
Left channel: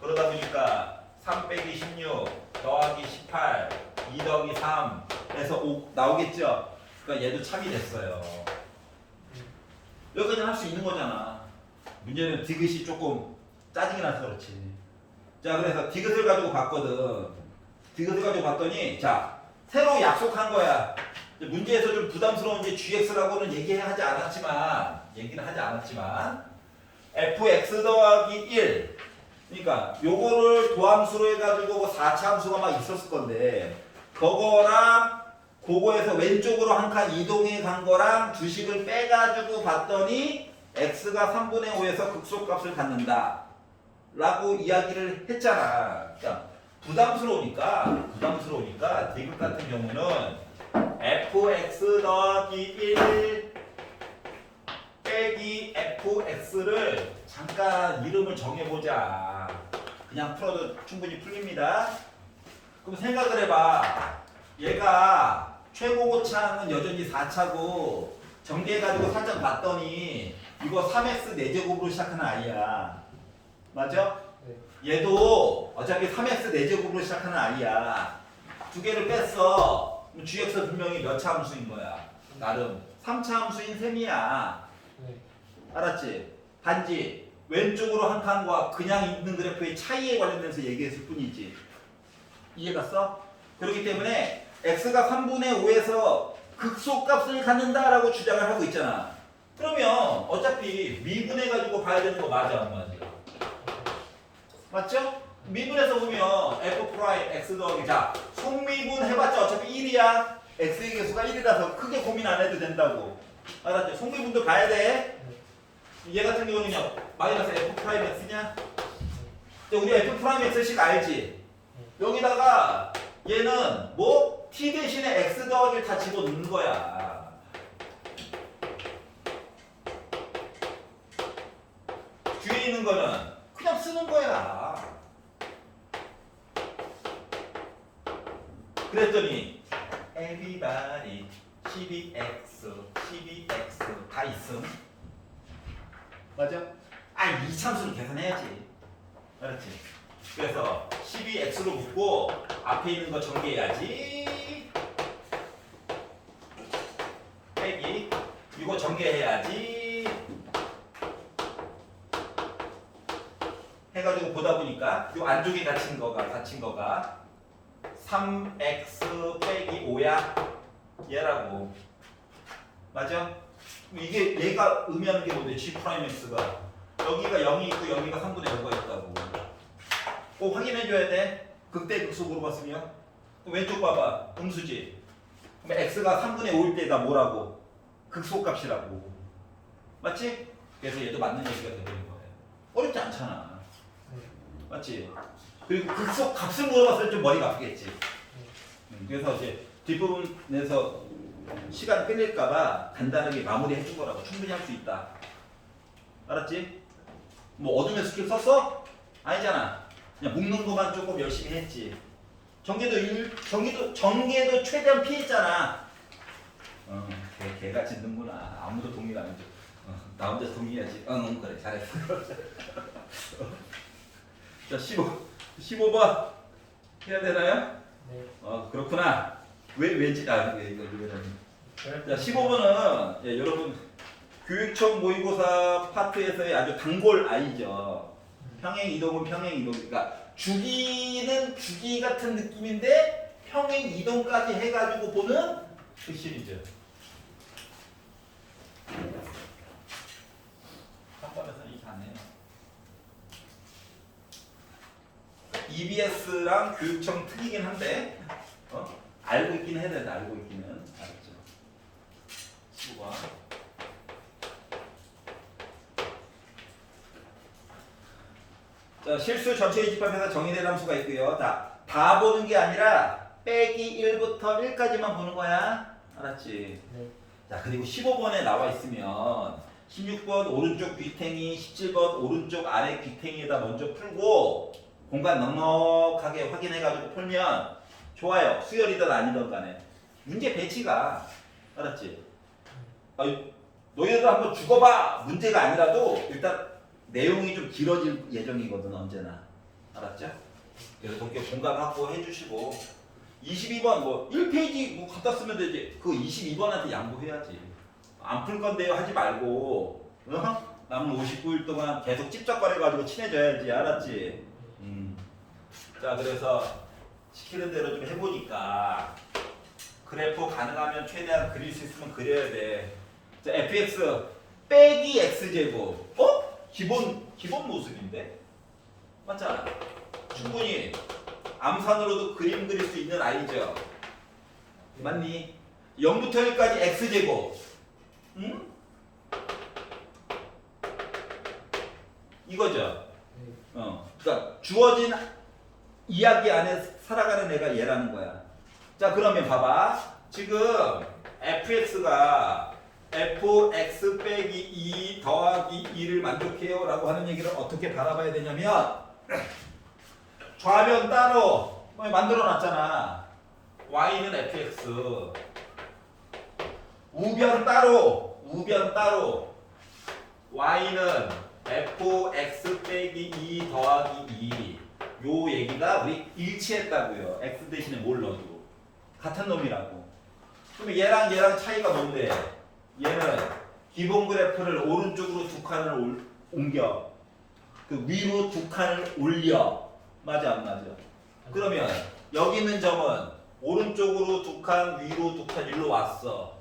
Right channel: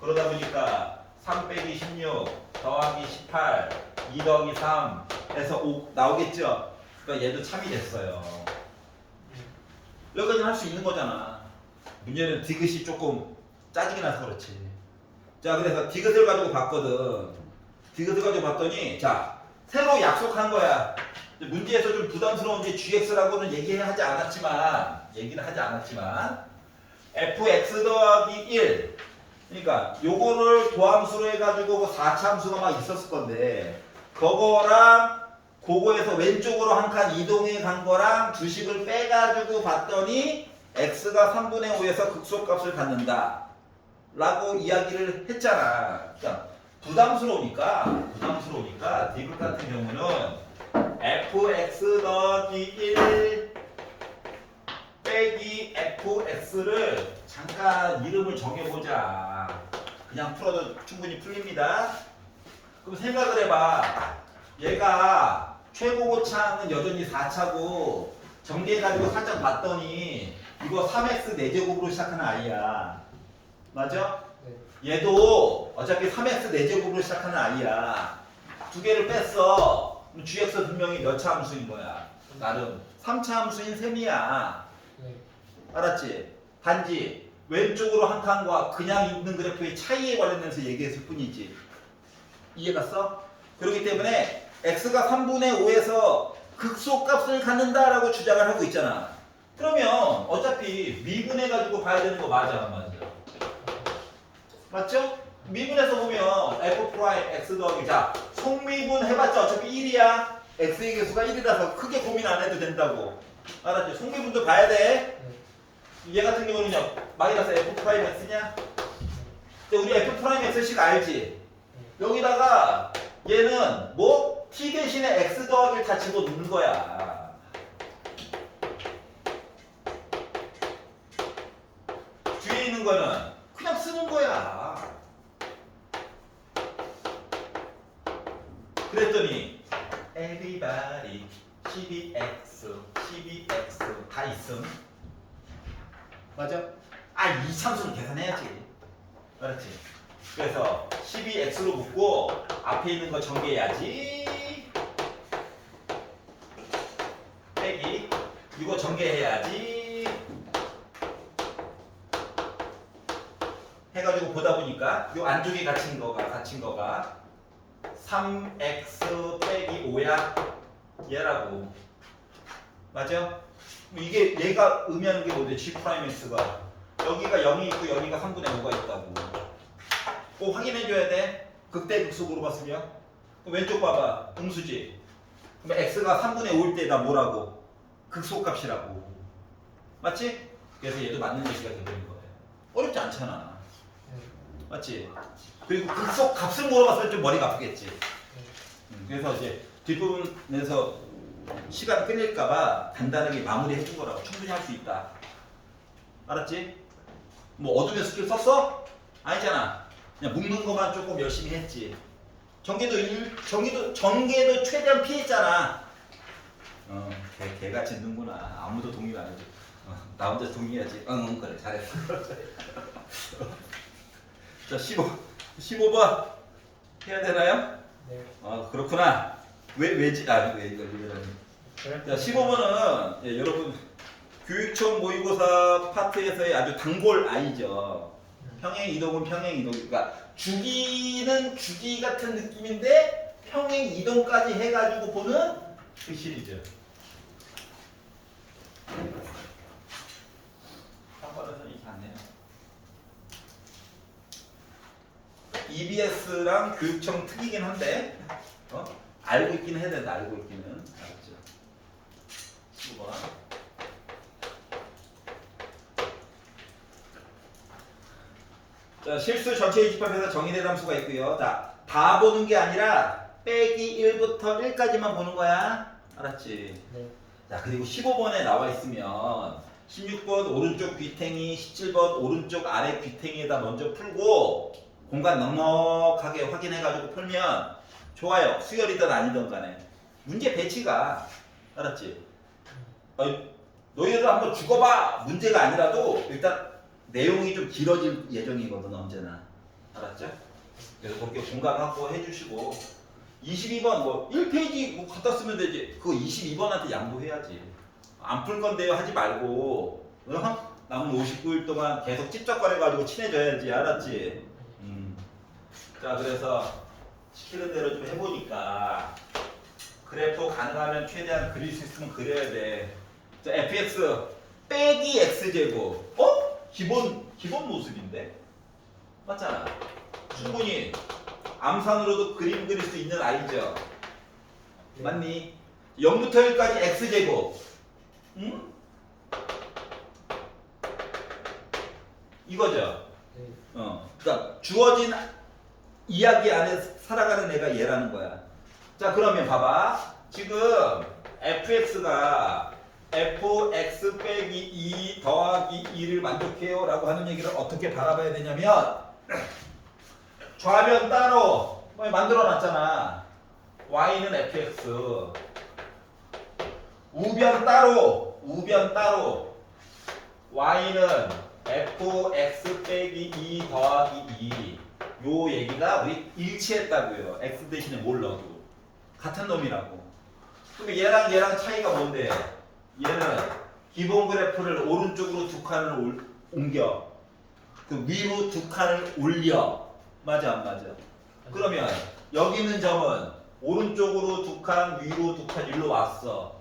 그러다 보니까 3 빼기 16 더하기 18 2 더하기 3 해서 5 나오겠죠. 그러니까 얘도 참이 됐어요. 여기까지는 할 수 있는 거잖아. 문제는 디귿이 조금 짜증이 나서 그렇지. 자, 그래서 디귿을 가지고 봤거든. 디귿을 가지고 봤더니 자, 새로 약속한 거야. 문제에서 좀 부담스러운 게 gx라고는 얘기는 하지 않았지만 fx 더하기 1. 그러니까 요거를 도함수로 해가지고 뭐 4차 함수가 막 있었을 건데 그거랑 그거에서 왼쪽으로 한 칸 이동해 간 거랑 주식을 빼가지고 봤더니 x가 3분의 5에서 극소값을 갖는다 라고 이야기를 했잖아. 그러니까 부담스러우니까 대입 같은 경우는 fx 더하기 1 빼기 fx를 잠깐 이름을 정해보자. 그냥 풀어도 충분히 풀립니다. 그럼 생각을 해봐. 얘가 최고 고차는 여전히 4차고 정리해가지고 살짝 봤더니 이거 3x 4제곱으로 시작하는 아이야. 맞아? 네. 얘도 어차피 3x 4제곱으로 시작하는 아이야. 두 개를 뺐어. 그럼 gx 분명히 몇 차 함수인 거야? 나름 3차 함수인 셈이야. 네. 알았지? 단지 왼쪽으로 한 칸과 그냥 있는 그래프의 차이에 관련돼서 얘기했을 뿐이지. 이해갔어? 그렇기 때문에 x가 3분의 5에서 극소값을 갖는다라고 주장을 하고 있잖아. 그러면 어차피 미분해가지고 봐야 되는 거 맞아 안 맞아? 맞죠? 미분해서 보면 f 프라임 x 더하기 자 속미분 해봤자 어차피 1이야. x의 개수가 1이라서 크게 고민 안 해도 된다고. 알았지? 속미분도 봐야 돼. 얘 같은 경우는요 마이너스 f 프라임 x냐? 우리 f 프라임 x씩 알지? 여기다가 얘는 뭐 t 대신에 x 더하기를 다 집어넣는 거야. 뒤에 있는 거는 그냥 쓰는 거야. 그랬더니 everybody 12x 다 있음. 맞아? 아, 이 참수를 계산해야지. 알았지? 그래서 12x로 묶고 앞에 있는 거 전개해야지. 빼기 이거 전개해야지. 해가지고 보다 보니까 이 안쪽에 갇힌 거가 3x 빼기 5야. 얘라고. 맞아? 이게 얘가 의미하는 게 뭔데? g 프라임 x가 여기가 0이 있고 여기가 3분의 5가 있다고. 꼭 확인해줘야 돼. 극대 극소으로 봤으면. 왼쪽 봐봐. 음수지. 그럼 x가 3분의 5일 때다 뭐라고? 극소값이라고. 맞지? 그래서 얘도 맞는 얘기가 되는 거예요. 어렵지 않잖아. 맞지? 그리고 극소값을 물어봤을 때 좀 머리가 아프겠지. 그래서 이제 뒷부분에서 시간 끌릴까봐 간단하게 마무리해 준 거라고. 충분히 할 수 있다. 알았지? 뭐 어둠의 스킬 썼어? 아니잖아. 그냥 묶는 것만 조금 열심히 했지. 전개도 최대한 피했잖아. 개같이 는구나. 아무도 동의 안 해줘. 나 혼자 동의해야지. 그래 잘했어. 자 15번 해야 되나요? 네. 그렇구나. 왜지? 자 15번은 여러분 교육청 모의고사 파트에서의 아주 단골 아이죠. 평행 이동은 평행 이동. 그러니까 주기는 주기 같은 느낌인데 평행 이동까지 해가지고 보는 그 시리즈. 한번에서는 이렇게 안 해요. EBS랑 교육청 특이긴 한데 알고 있기는 해야 된다. 알고 있기는. 알았죠? 15번. 자, 실수 전체의 집합에서 정의된 함수가 있고요. 자, 다 보는 게 아니라 빼기 1부터 1까지만 보는 거야. 알았지? 네. 자, 그리고 15번에 나와 있으면 16번 오른쪽 귀탱이, 17번 오른쪽 아래 귀탱이에다 먼저 풀고 공간 넉넉하게 확인해가지고 풀면 좋아요. 수열이든 아니든 간에. 문제 배치가. 알았지? 너희들 한번 죽어봐! 문제가 아니라도 일단 내용이 좀 길어질 예정이거든 언제나. 알았죠? 그래서 그렇게 공간 확보해 주시고 22번 뭐 1페이지 뭐 갖다 쓰면 되지. 그거 22번한테 양보해야지. 안 풀 건데요 하지 말고 남은 59일 동안 계속 찝쩍거려가지고 친해져야지. 알았지? 자 그래서 시키는 대로 좀 해보니까 그래프 가능하면 최대한 그릴 수 있으면 그려야 돼. 자 fx 빼기 x제곱 기본 모습인데? 맞잖아. 충분히 암산으로도 그림 그릴 수 있는 아이죠. 맞니? 0부터 1까지 x제곱. 응? 이거죠. 네. 그러니까 주어진 이야기 안에 살아가는 애가 얘라는 거야. 자, 그러면 봐봐. 지금 fx가 fx 빼기 2 더하기 2를 만족해요 라고 하는 얘기를 어떻게 바라봐야 되냐면 좌변 따로 만들어 놨잖아. y는 fx, 우변 따로 y는 fx 빼기 2 더하기 2. 요 얘기가 우리 일치했다고요. x 대신에 뭘 넣어도 같은 놈이라고. 그럼 얘랑 차이가 뭔데? 얘는 기본 그래프를 오른쪽으로 두 칸을 옮겨, 그 위로 두 칸을 올려. 맞아 안 맞아? 그러면 여기 있는 점은 오른쪽으로 두 칸, 위로 두 칸 일로 왔어.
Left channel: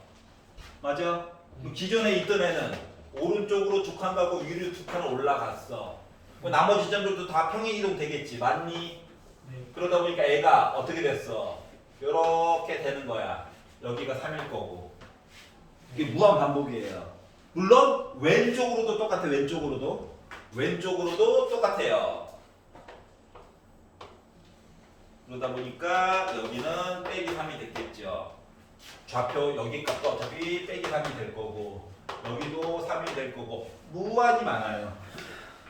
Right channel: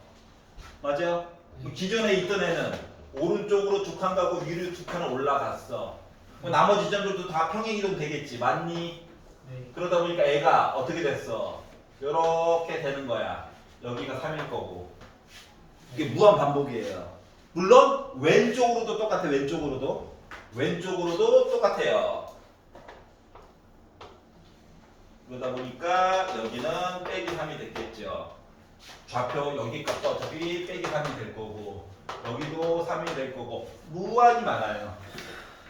맞아? 기존에 있던 애는 오른쪽으로 두 칸 가고 위로 두 칸 올라갔어. 나머지 점들도 다 평행 이동 되겠지. 맞니? 네. 그러다 보니까 애가 어떻게 됐어? 요렇게 되는 거야. 여기가 3일 거고. 이게 무한 반복이에요. 물론 왼쪽으로도 똑같아. 왼쪽으로도 똑같아요. 그러다 보니까 여기는 빼기 3이 됐겠죠. 좌표 여기 값도 어차피 빼기 3이 될 거고, 여기도 3이 될 거고, 무한히 많아요.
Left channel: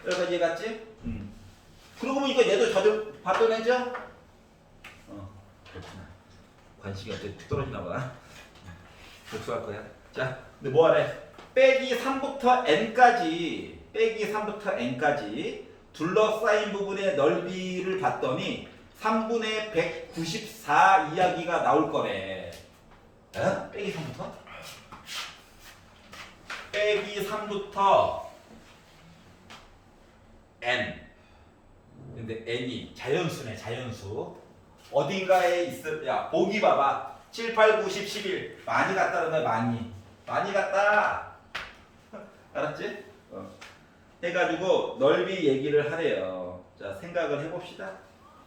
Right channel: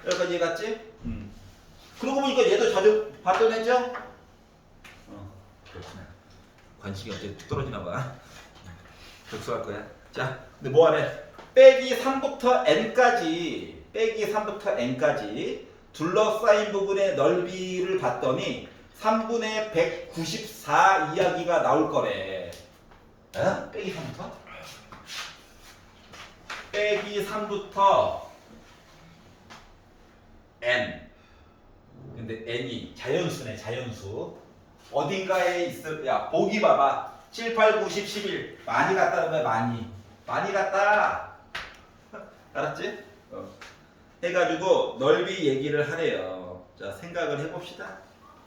여기까지 이해갔지? 그러고 보니까 얘도 자주 봤던 애죠? 그렇구나. 관심이 어째 툭 떨어지나 봐. 복수할 거야. 자, 근데 뭐 하래? 빼기 3부터 n까지 둘러싸인 부분의 넓이를 봤더니 3분의 194 이야기가 나올 거래. 에? 빼기 3부터? 빼기 3부터 n. 근데 n이 자연수네, 자연수. 어딘가에 있을, 야, 보기 봐봐. 7, 8, 9, 10, 11. 많이 갔다는 거야, 많이 갔다. 알았지? 해가지고 넓이 얘기를 하래요. 자, 생각을 해봅시다.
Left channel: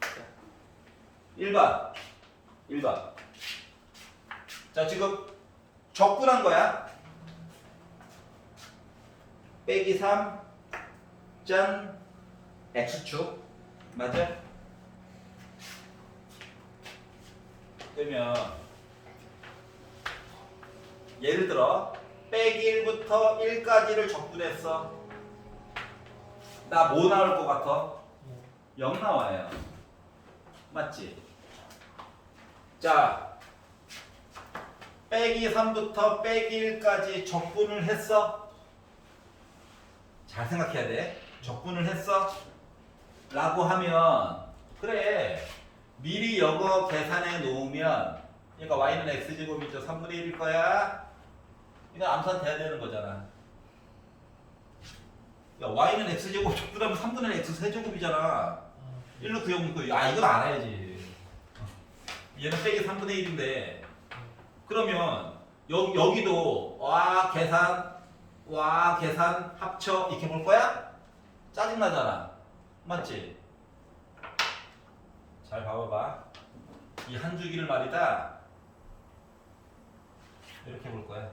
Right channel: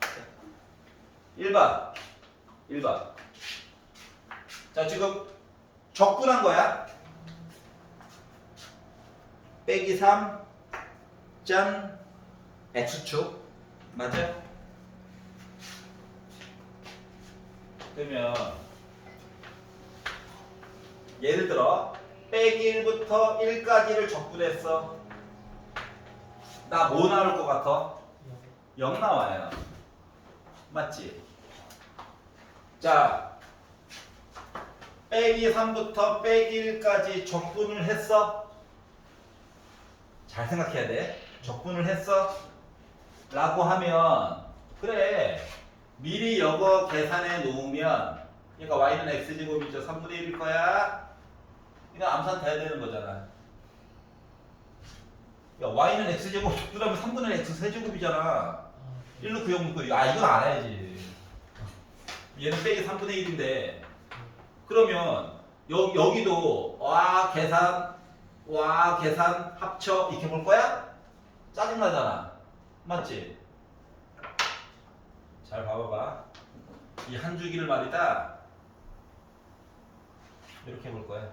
자, 1번. 자, 지금 적분한 거야. 빼기 3, 짠, x축. 맞아? 그러면 예를 들어 빼기 1부터 1까지를 적분했어. 나 뭐 나올 것 같아? 0 나와요. 맞지? 자, 빼기 3부터 빼기 1까지 적분을 했어. 잘 생각해야 돼. 적분을 했어. 라고 하면 그래, 미리 이거 계산해 놓으면, 그러니까 y는 x제곱이죠. 3분의 1일 거야. 이거 암산 돼야 되는 거잖아. 야, y는 x제곱 적분하면 3분의 x 세제곱이잖아. 1로 구형묶고, 이건 알아야지. 얘는 빼기 3분의 1인데, 그러면 여기도 와 계산 합쳐 이렇게 볼 거야? 짜증나잖아. 맞지? 잘 봐봐봐. 이 한 주기를 말이다, 이렇게 볼 거야.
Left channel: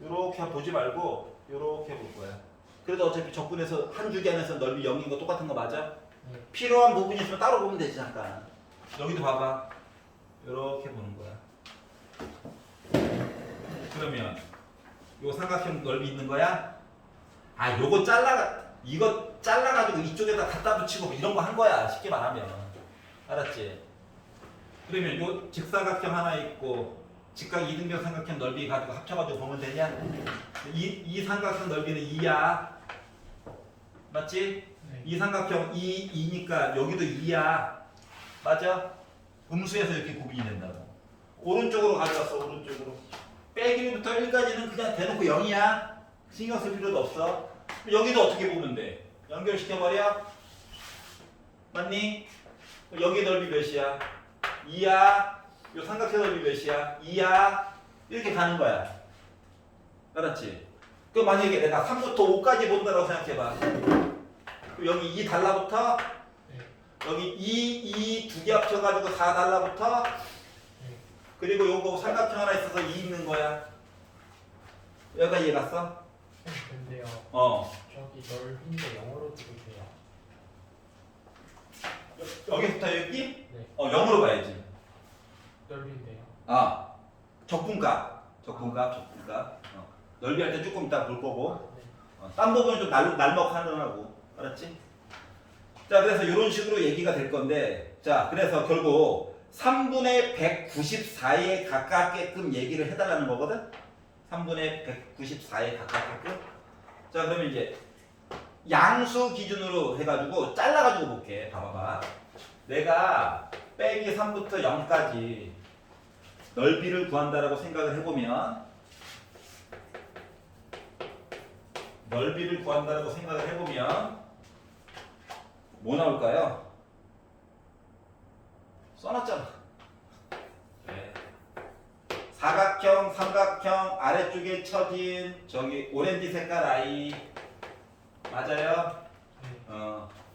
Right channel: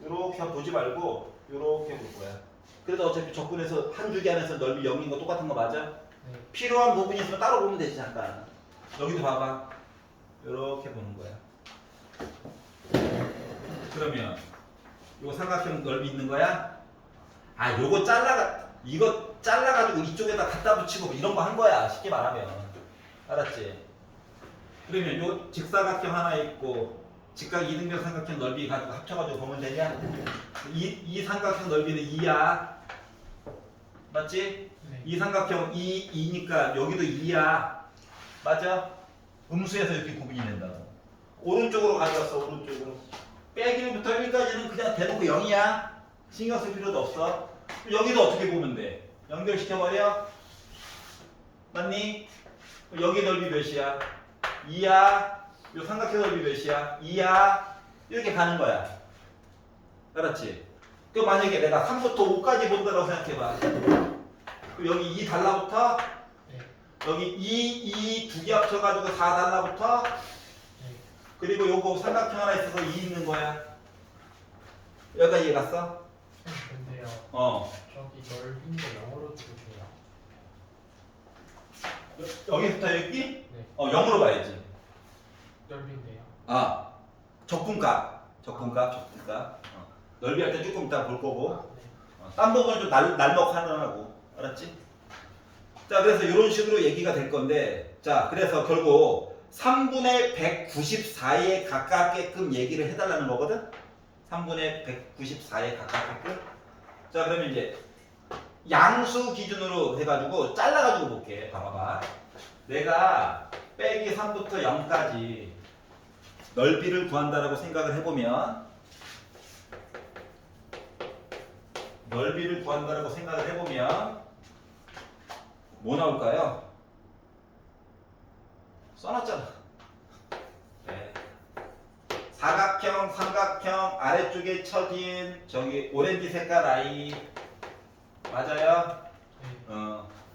이렇게 보지 말고 이렇게 볼 거야. 그래도 어차피 적분해서 한 주기 안에서 넓이 0인 거 똑같은 거 맞아? 네. 필요한 부분이 있으면 따로 보면 되지. 잠깐 여기도 봐봐. 이렇게 보는 거야. 그러면 요 삼각형 넓이 있는 거야? 아, 요거 이거 잘라가지고 이쪽에다 갖다 붙이고 이런 거 한 거야. 쉽게 말하면. 알았지? 그러면 요 직사각형 하나 있고 직각 이등변 삼각형 넓이 가지고 합쳐가지고 보면 되냐? 이 삼각형 넓이는 2야. 맞지? 네. 이 삼각형 2니까 여기도 2야. 맞아? 음수에서 이렇게 구분이 된다고. 오른쪽으로 가져왔어. 오른쪽으로. 빼기 1부터 1까지는 그냥 대놓고 0이야. 신경 쓸 필요도 없어. 여기도 어떻게 보면 돼? 연결시켜버려. 맞니? 여기 넓이 몇이야? 2야. 요 삼각형 넓이 몇이야? 2야. 이렇게 가는 거야. 알았지? 그 만약에 내가 3부터 5까지 본다고 생각해봐. 여기 2 달라붙어? 네. 여기 2 두 개 합쳐가지고 4 달라붙어. 네. 그리고 요거 삼각형 하나 있어서 2 있는 거야. 여기까지 이해 갔어? 근데요. 저기 넓인데 영어로 들으세요. 여기부터 여기? 네. 0으로 가야지. 넓인데요. 아, 적분값. 넓이 할 때 조금 이따 볼 거고. 네. 딴 부분은 좀 날먹하느라고. 알았지? 자, 그래서 이런 식으로 얘기가 될 건데, 자, 그래서 결국 3분의 194에 가깝게끔 얘기를 해달라는 거거든? 3분의 194에 가깝게끔. 자, 그러면 이제 양수 기준으로 해가지고 잘라가지고 볼게. 봐봐봐. 내가 빼기 3부터 0까지 넓이를 구한다라고 생각을 해보면, 뭐 나올까요? 써놨잖아. 네. 사각형, 삼각형 아래쪽에 쳐진 저기 오렌지 색깔 아이 맞아요?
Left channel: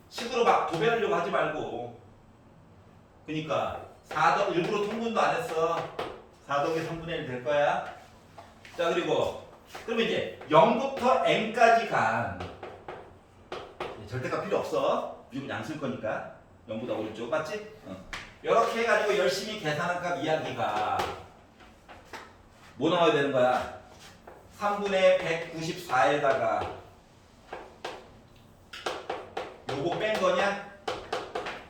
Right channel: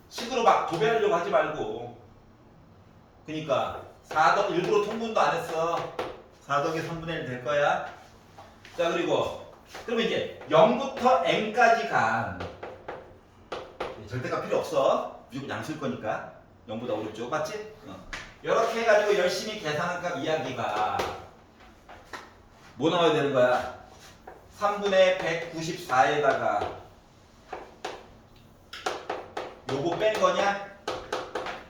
식으로 막 도배하려고 하지 말고. 그니까 4더 일부러 통분도 안 했어. 4더하기 3분의 1 될 거야. 자, 그리고 그러면 이제 0부터 n까지 간 절대값 필요 없어. 무조건 양 쓸 거니까. 0보다 오른쪽 맞지? 이렇게 해가지고 열심히 계산한 값 이야기가 뭐 나와야 되는 거야? 3분의 194에다가 요거 뺀 거냐?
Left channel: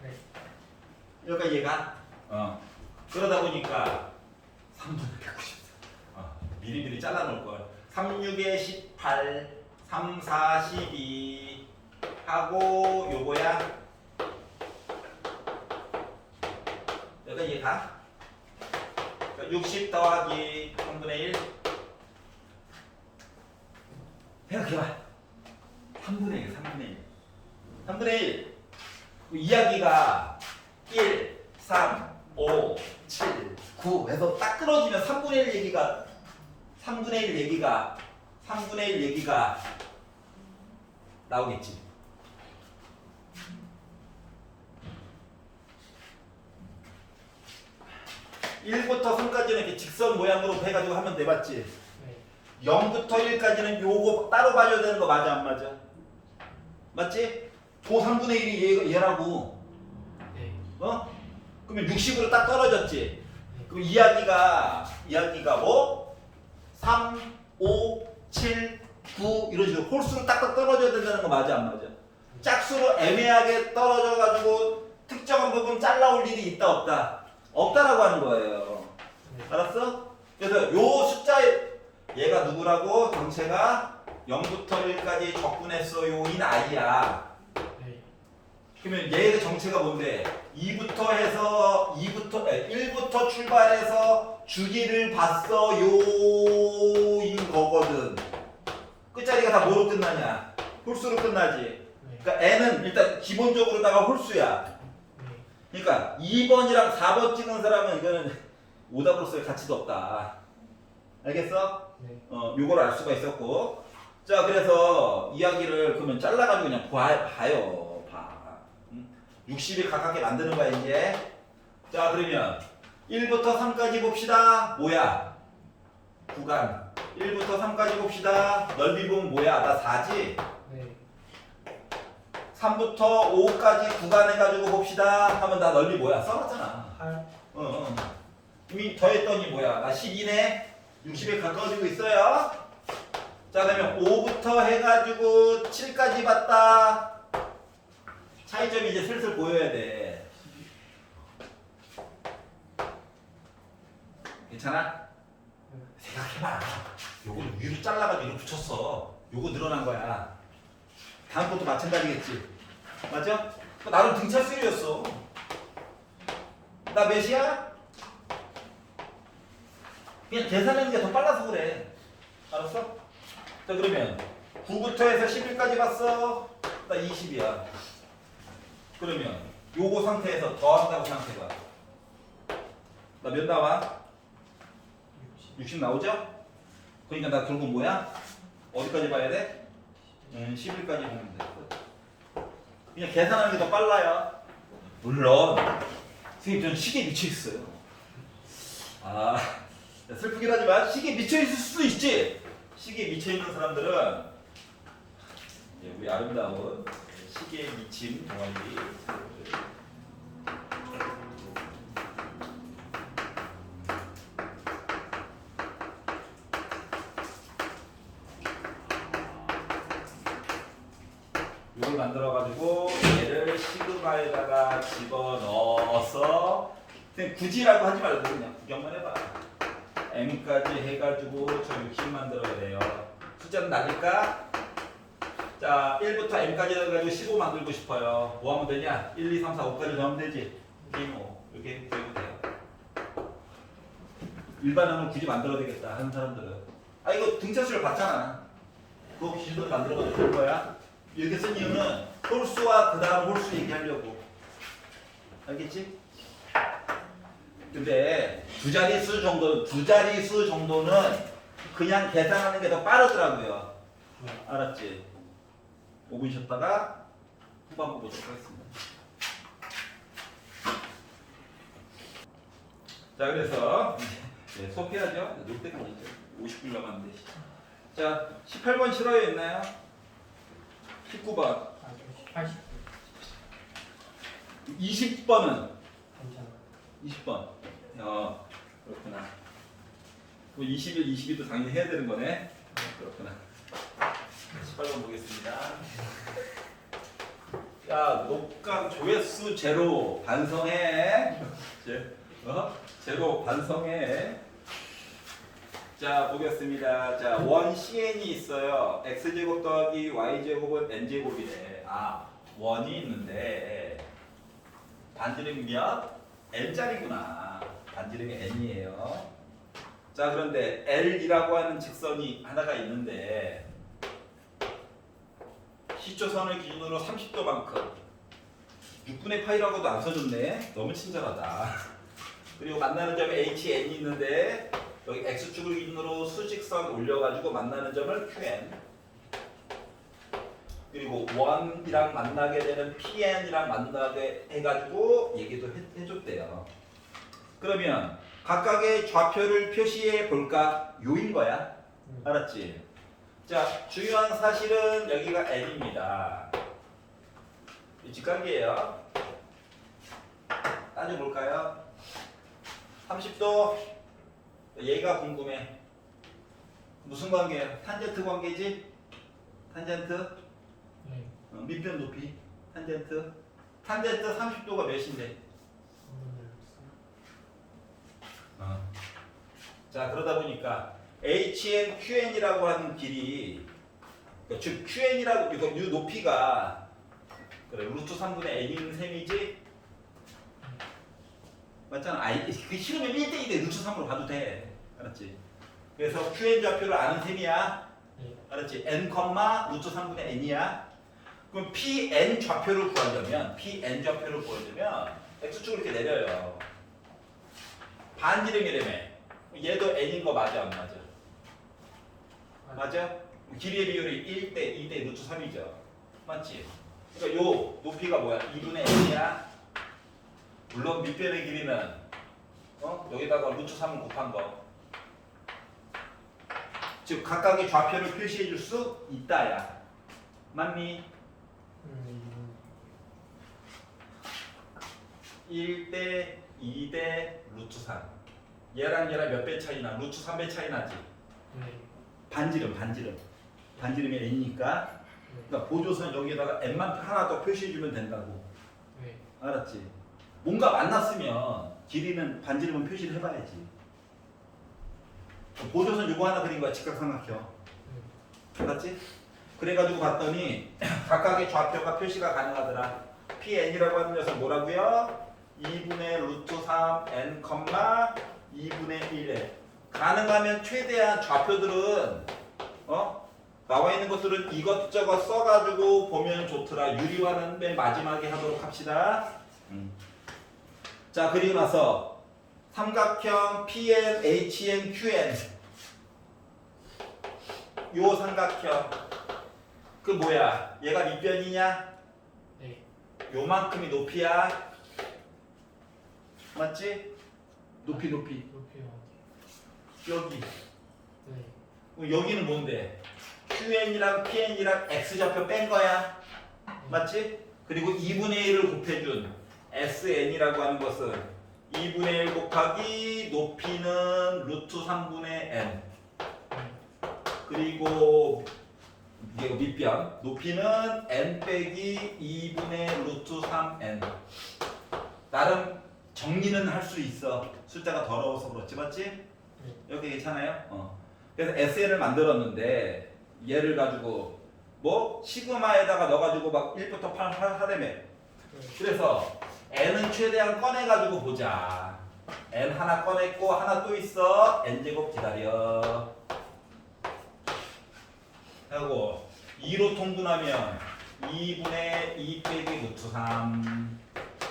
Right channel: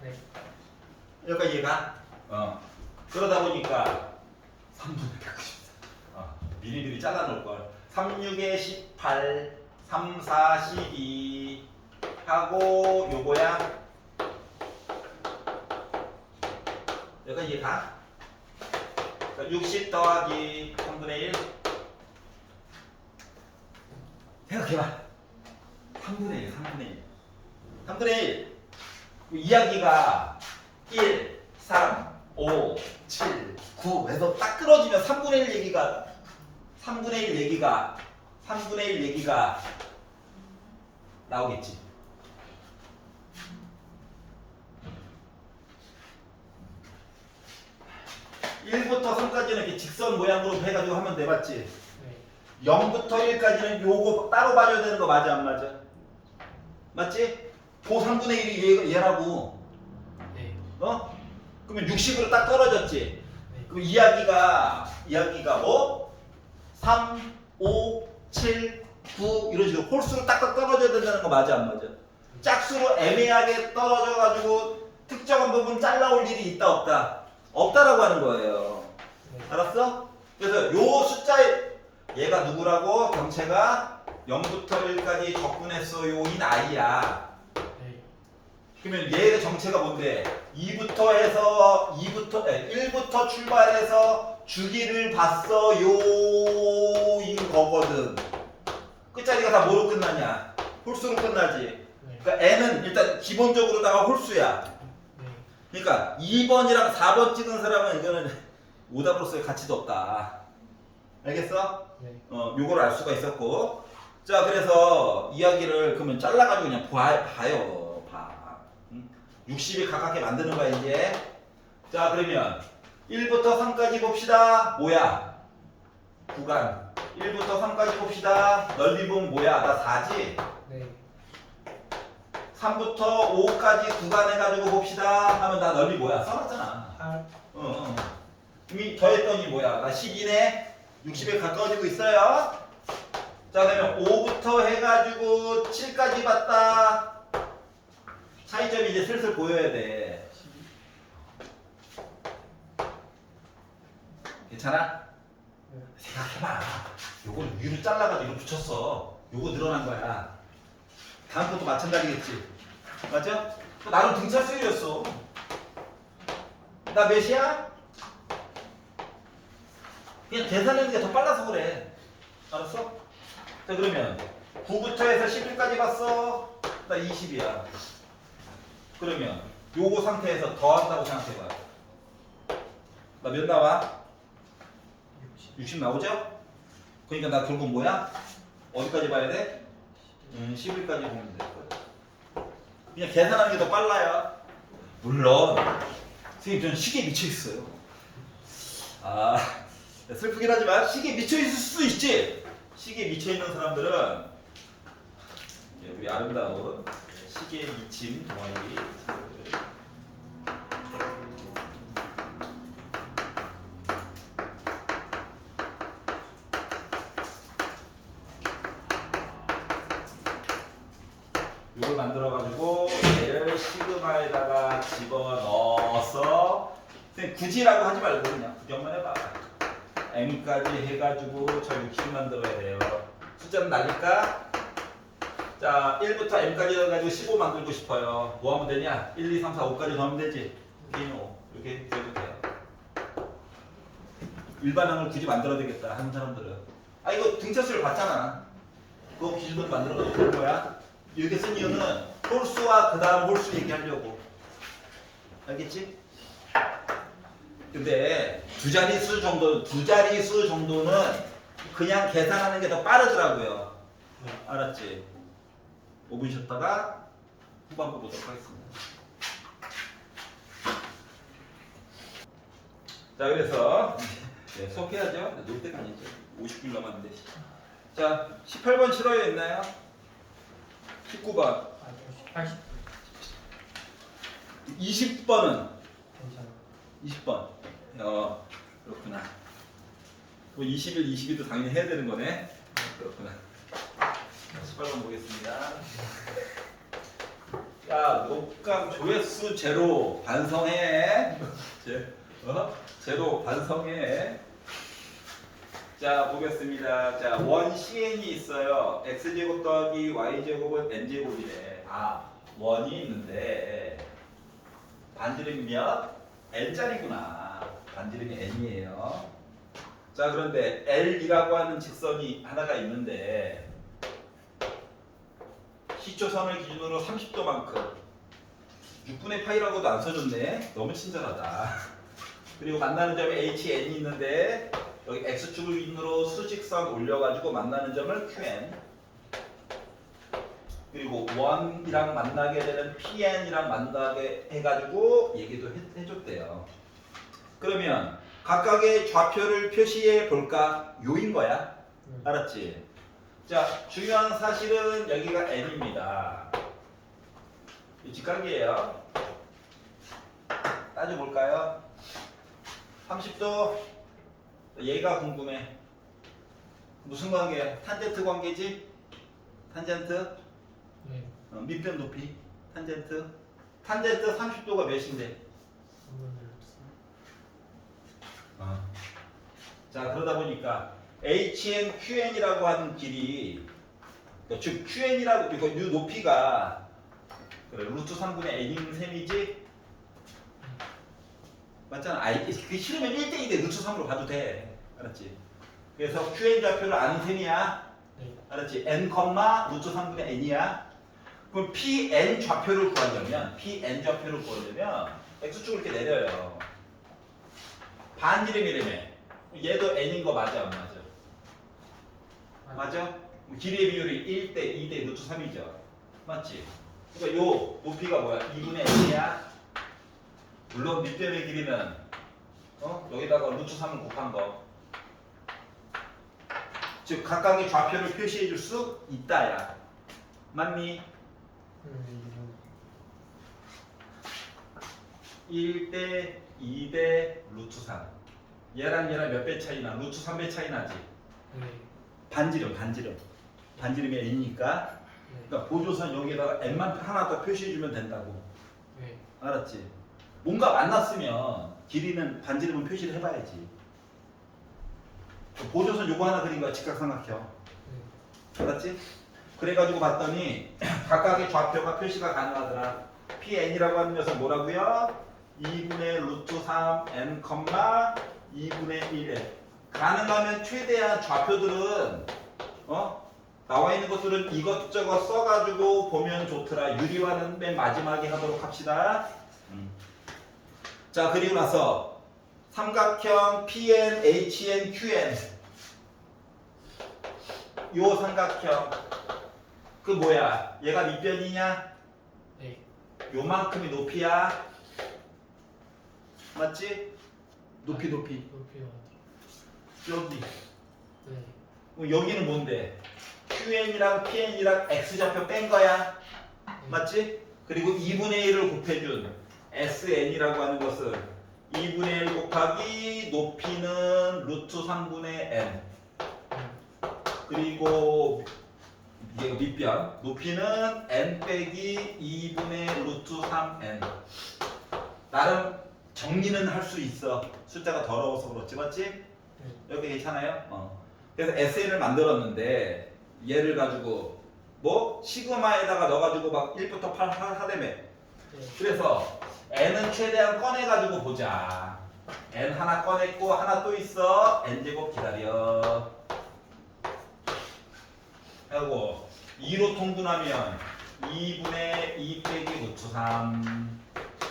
네. 여기까지 이해가? 그러다 보니까 3분의 194 미리미리 잘라놓을 걸. 36에 18 3, 4, 12 하고 요거야. 여기까지 이해가? 60 더하기 3분의 1 생각해봐. 3분의 1 3분의 1 이야기가 1, 3, 5, 7, 9 해서 딱 끊어지면 3분의 1 얘기가 나오겠지. (1부터 3까지는) 이렇게 직선 모양으로 해가지고 하면 돼. 맞지? 네. 0부터 1까지는 요거 따로 봐줘야 되는 거 맞아 안 맞아? 맞지? 그 3분의 1이 얘라고. 네. 그러면 60으로 딱 떨어졌지? 네. 그럼 이야기가 뭐? 3, 5, 7, 9 이런 식으로 홀수로 딱딱 떨어져야 된다는 거 맞아 안 맞아? 짝수로 애매하게 떨어져가지고 특정한 부분 잘라올 일이 있다 없다? 없다라고 하는 거예요. 네. 알았어? 그래서 요 숫자에 얘가 누구라고? 정체가 0부터 1까지 적분했어요 인 i야. 네. 그러면 얘의 정체가 뭔데? 1부터 출발해서 주기를 봤어요 인 거거든. 끝자리가 다 뭐로 끝나냐? 홀수로 끝나지. 네. 그러니까 n은 일단 기본적으로다가 홀수야. 네. 그러니까 2번이랑 4번 찍은 사람은 이거는 오답으로서의 가치도 없다. 알겠어? 네. 요거를 알 수가 있었고. 자, 그래서 이야기를 그러면 잘라가지고 그냥 봐요. 봐. 60에 가깝게 만드는 거야, 이제. 자, 그러면 1부터 3까지 봅시다. 뭐야? 구간. 1부터 3까지 봅시다. 넓이 보면 뭐야? 나 4지? 네. 3부터 5까지 구간 해가지고 봅시다. 하면 나 넓이 뭐야? 써놨잖아. 8. 이미 더했더니 뭐야? 나 12네? 60에 가까워지고 있어요. 자, 그러면 5부터 해가지고 7까지 봤다. 차이점이 이제 슬슬 보여야 돼. 괜찮아? 네. 생각해봐. 요걸 위로 잘라가지고 이렇게 붙였어. 요거 늘어난 거야. 다음 것도 마찬가지겠지. 맞죠? 나름 등차 수율이었어. 나 몇이야? 그냥 계산하는 게 더 빨라서 그래. 알았어? 자, 그러면 9부터 해서 11까지 봤어. 나 20이야. 그러면 요거 상태에서 더한다고 생각해봐. 나 몇 나와? 60 나오죠? 그러니까 나 결국 뭐야? 어디까지 봐야 돼? 11까지 보면 돼. 그냥 계산하는 게 더 빨라요. 물론 선생님 저는 시계에 미쳐 있어요. 아 슬프긴 하지만 시계에 미쳐 있을 수도 있지. 시계에 미쳐 있는 사람들은 우리 아름다운 시계에 미친 동아리. 이걸 만들어가지고 얘를 시그마에다가 집어넣어서 그냥 굳이라고 하지 말고 그냥 구경만 해봐. m까지 해가지고 저 60 만들어야 돼요. 숫자는 낮을까? 자 1부터 m까지 해가지고 15 만들고 싶어요. 뭐 하면 되냐? 1, 2, 3, 4, 5까지 넣으면 되지. 이렇게 되면 돼요. 일반항을 굳이 만들어야 되겠다 하는 사람들은 아 이거 등차수를 봤잖아. 그거 기준으로 만들어가지고 될 거야. 이렇게 쓴 이유는 홀수와 그 다음 홀수 얘기하려고. 알겠지? 근데 두 자릿수 정도는 그냥 계산하는 게 더 빠르더라고요. 알았지? 5분 쉬었다가 후반부 보도록 하겠습니다. 자 그래서 네, 수업해야죠. 놀 때가 아니죠. 50분 남았는데. 자 18번 싫어요 있나요? 19번. 아, 80. 20번은 괜찮아. 20번. 그렇구나. 뭐 21, 22도 당연히 해야 되는 거네. 그렇구나. 18번 보겠습니다. 야, 녹각 조회수 제로 반성해. 제로 반성해. 자, 보겠습니다. 자, 원 CN이 있어요. x제곱 더하기 y제곱은 n제곱이래. 아, 원이 있는데 반지름이 몇? n짜리구나. 반지름이 n이에요. 자, 그런데 L이라고 하는 직선이 하나가 있는데 시초선을 기준으로 30도만큼 6분의 파이라고도 안 써줬네. 너무 친절하다. 그리고 만나는 점에 HN이 있는데 여기 X축을 기준으로 수직선 올려가지고 만나는 점을 QN 그리고 원이랑 만나게 되는 PN이랑 만나게 해가지고 얘기도 해줬대요. 그러면 각각의 좌표를 표시해 볼까? 요인 거야. 알았지? 자, 중요한 사실은 여기가 N입니다. 직각이에요. 따져볼까요? 30도 얘가 궁금해. 무슨 관계야? 탄젠트 관계지? 탄젠트? 네. 밑변 높이 탄젠트 30도가 몇인데? 자 그러다 보니까 HN, QN이라고 하는 길이 그러니까 즉 QN이라고 이거 이 높이가 그래 루트 3분의 n인 셈이지 맞잖아. 그 싫으면 1대2대 루트 3으로 가도 돼. 알았지? 그래서 QN 좌표를 아는 셈이야. 네. 알았지? n, 루트 3분의 n이야. 그럼 PN 좌표를 구하려면 x축을 이렇게 내려요. 반지름이라며. 얘도 n인 거 맞아 안 맞아? 맞아? 길이의 비율이 1대 2대 루트 3이죠. 맞지? 그러니까 요 높이가 뭐야? 2분의 n이야. 물론 밑변의 길이는 여기다가 루트 3을 곱한 거. 즉 각각의 좌표를 표시해 줄 수 있다야. 맞니? 1대 2대 루트 3. 얘랑 몇 배 차이나? 루트 3배 차이 나지? 네. 반지름이 n이니까 그러니까 보조선 여기에다가 n만 하나 더 표시해주면 된다고. 네. 알았지? 뭔가 만났으면 길이는 반지름은 표시를 해봐야지. 보조선 요거 하나 그린 거야. 직각삼각형. 알았지? 그래가지고 봤더니 각각의 좌표가 표시가 가능하더라. PN이라고 하는 녀석 뭐라고요? 2분의 루트 3 n, 2분의 1 가능하면 최대한 좌표들은 나와 있는 것들은 이것저것 써가지고 보면 좋더라. 유리화는 맨 마지막에 하도록 합시다. 자 그리고 나서 삼각형 PN, HN, QN 요 삼각형 그 뭐야? 얘가 밑변이냐? 네. 요만큼이 높이야. 맞지? 높이 높이 어디? 여기. 네. 그럼 여기는 뭔데? QN이랑 PN이랑 X좌표 뺀 거야. 맞지? 그리고 2분의 1을 곱해준 SN이라고 하는 것은 2분의 1 곱하기 높이는 루트 3분의 N 그리고 이게 밑변 높이는 N 빼기 2분의 루트 3N 나름 정리는 할 수 있어. 숫자가 더러워서 그렇지 맞지? 여기 괜찮아요? 그래서 SN을 만들었는데 얘를 가지고 뭐 시그마에다가 넣어가지고 막 1부터 8 하다며. 네. 그래서 n은 최대한 꺼내가지고 보자. n 하나 꺼냈고 하나 또 있어. n제곱 기다려. 하고 2로 통분하면 2분의 2 빼기 루트 3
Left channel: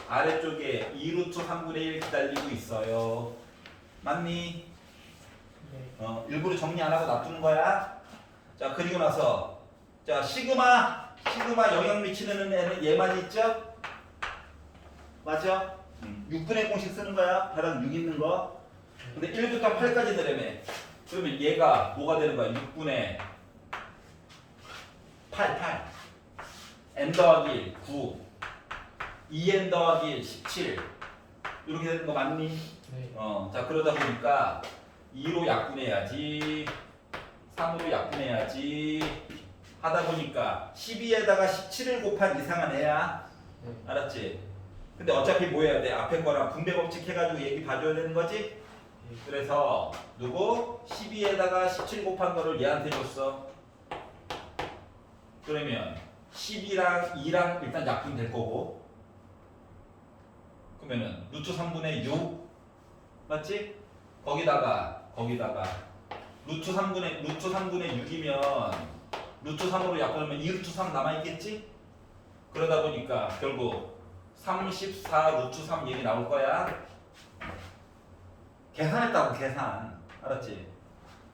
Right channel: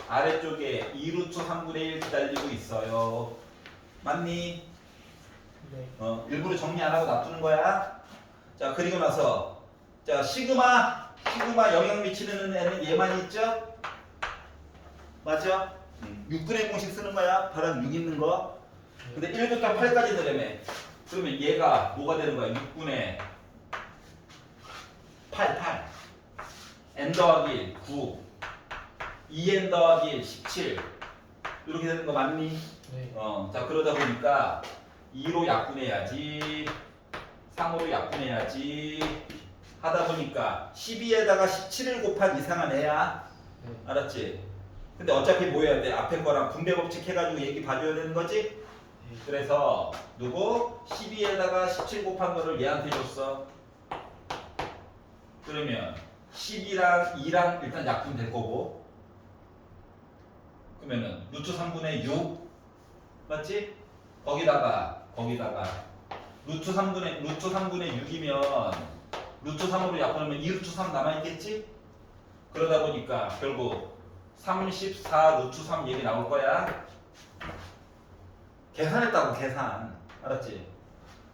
아래쪽에 2루트 3분의 1 기다리고 있어요. 맞니? 네. 일부러 정리 안 하고 놔두는 거야. 자 그리고 나서 자 시그마 영향 미치는 애는 얘만 있죠? 맞죠? 6분의 공식 쓰는 거야. 바람 6 있는 거. 근데 1부터 8까지 넣으려면 그러면 얘가 뭐가 되는 거야? 6분의 8 n 더하기 1 9 2n 더하기 1 17 이렇게 되는 거 맞니? 네. 자 그러다 보니까 2로 약분해야지 3으로 약분해야지 하다 보니까 12에다가 17을 곱한 이상한 애야. 네. 알았지? 근데 어차피 뭐 해야 돼? 앞에 거랑 분배 법칙 해가지고 얘기 봐줘야 되는 거지? 그래서 누구? 12에다가 17 곱한 거를 얘한테 줬어. 그러면 12랑 2랑 일단 약분될 거고 그러면은 루트 3분의 6 맞지? 거기다가 루트 3분의 6이면 루트 3으로 약분하면 2루트 3 남아있겠지? 그러다 보니까 결국 34 루트 3 얘기 나올 거야. 계산했다고 계산. 알았지?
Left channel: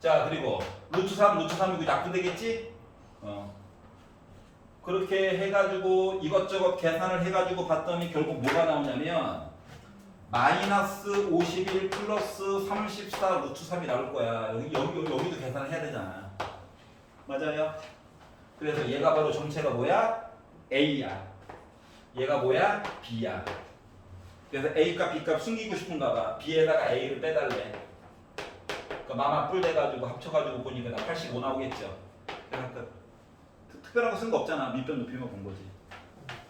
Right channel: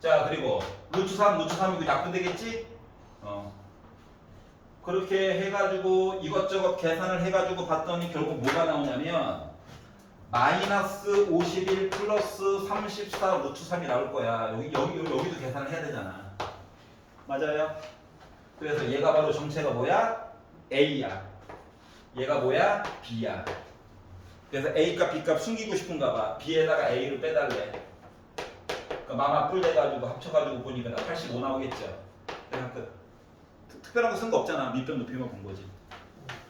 자 그리고 루트 3이고 약분되겠지? 그렇게 해가지고 이것저것 계산을 해가지고 봤더니 결국 뭐가 나오냐면 마이너스 51 플러스 34 루트 3이 나올 거야. 여기도 계산을 해야 되잖아. 맞아요? 그래서 얘가 바로 정체가 뭐야? A야. 얘가 뭐야? B야. 그래서 A값 B값 숨기고 싶은가 봐. B에다가 A를 빼달래. 그러니까 마마 뿔 돼가지고 합쳐가지고 보니까 나 85 나오겠죠. 그러니까 특별한 거 쓴 거 없잖아. 밑변 높이만 본 거지.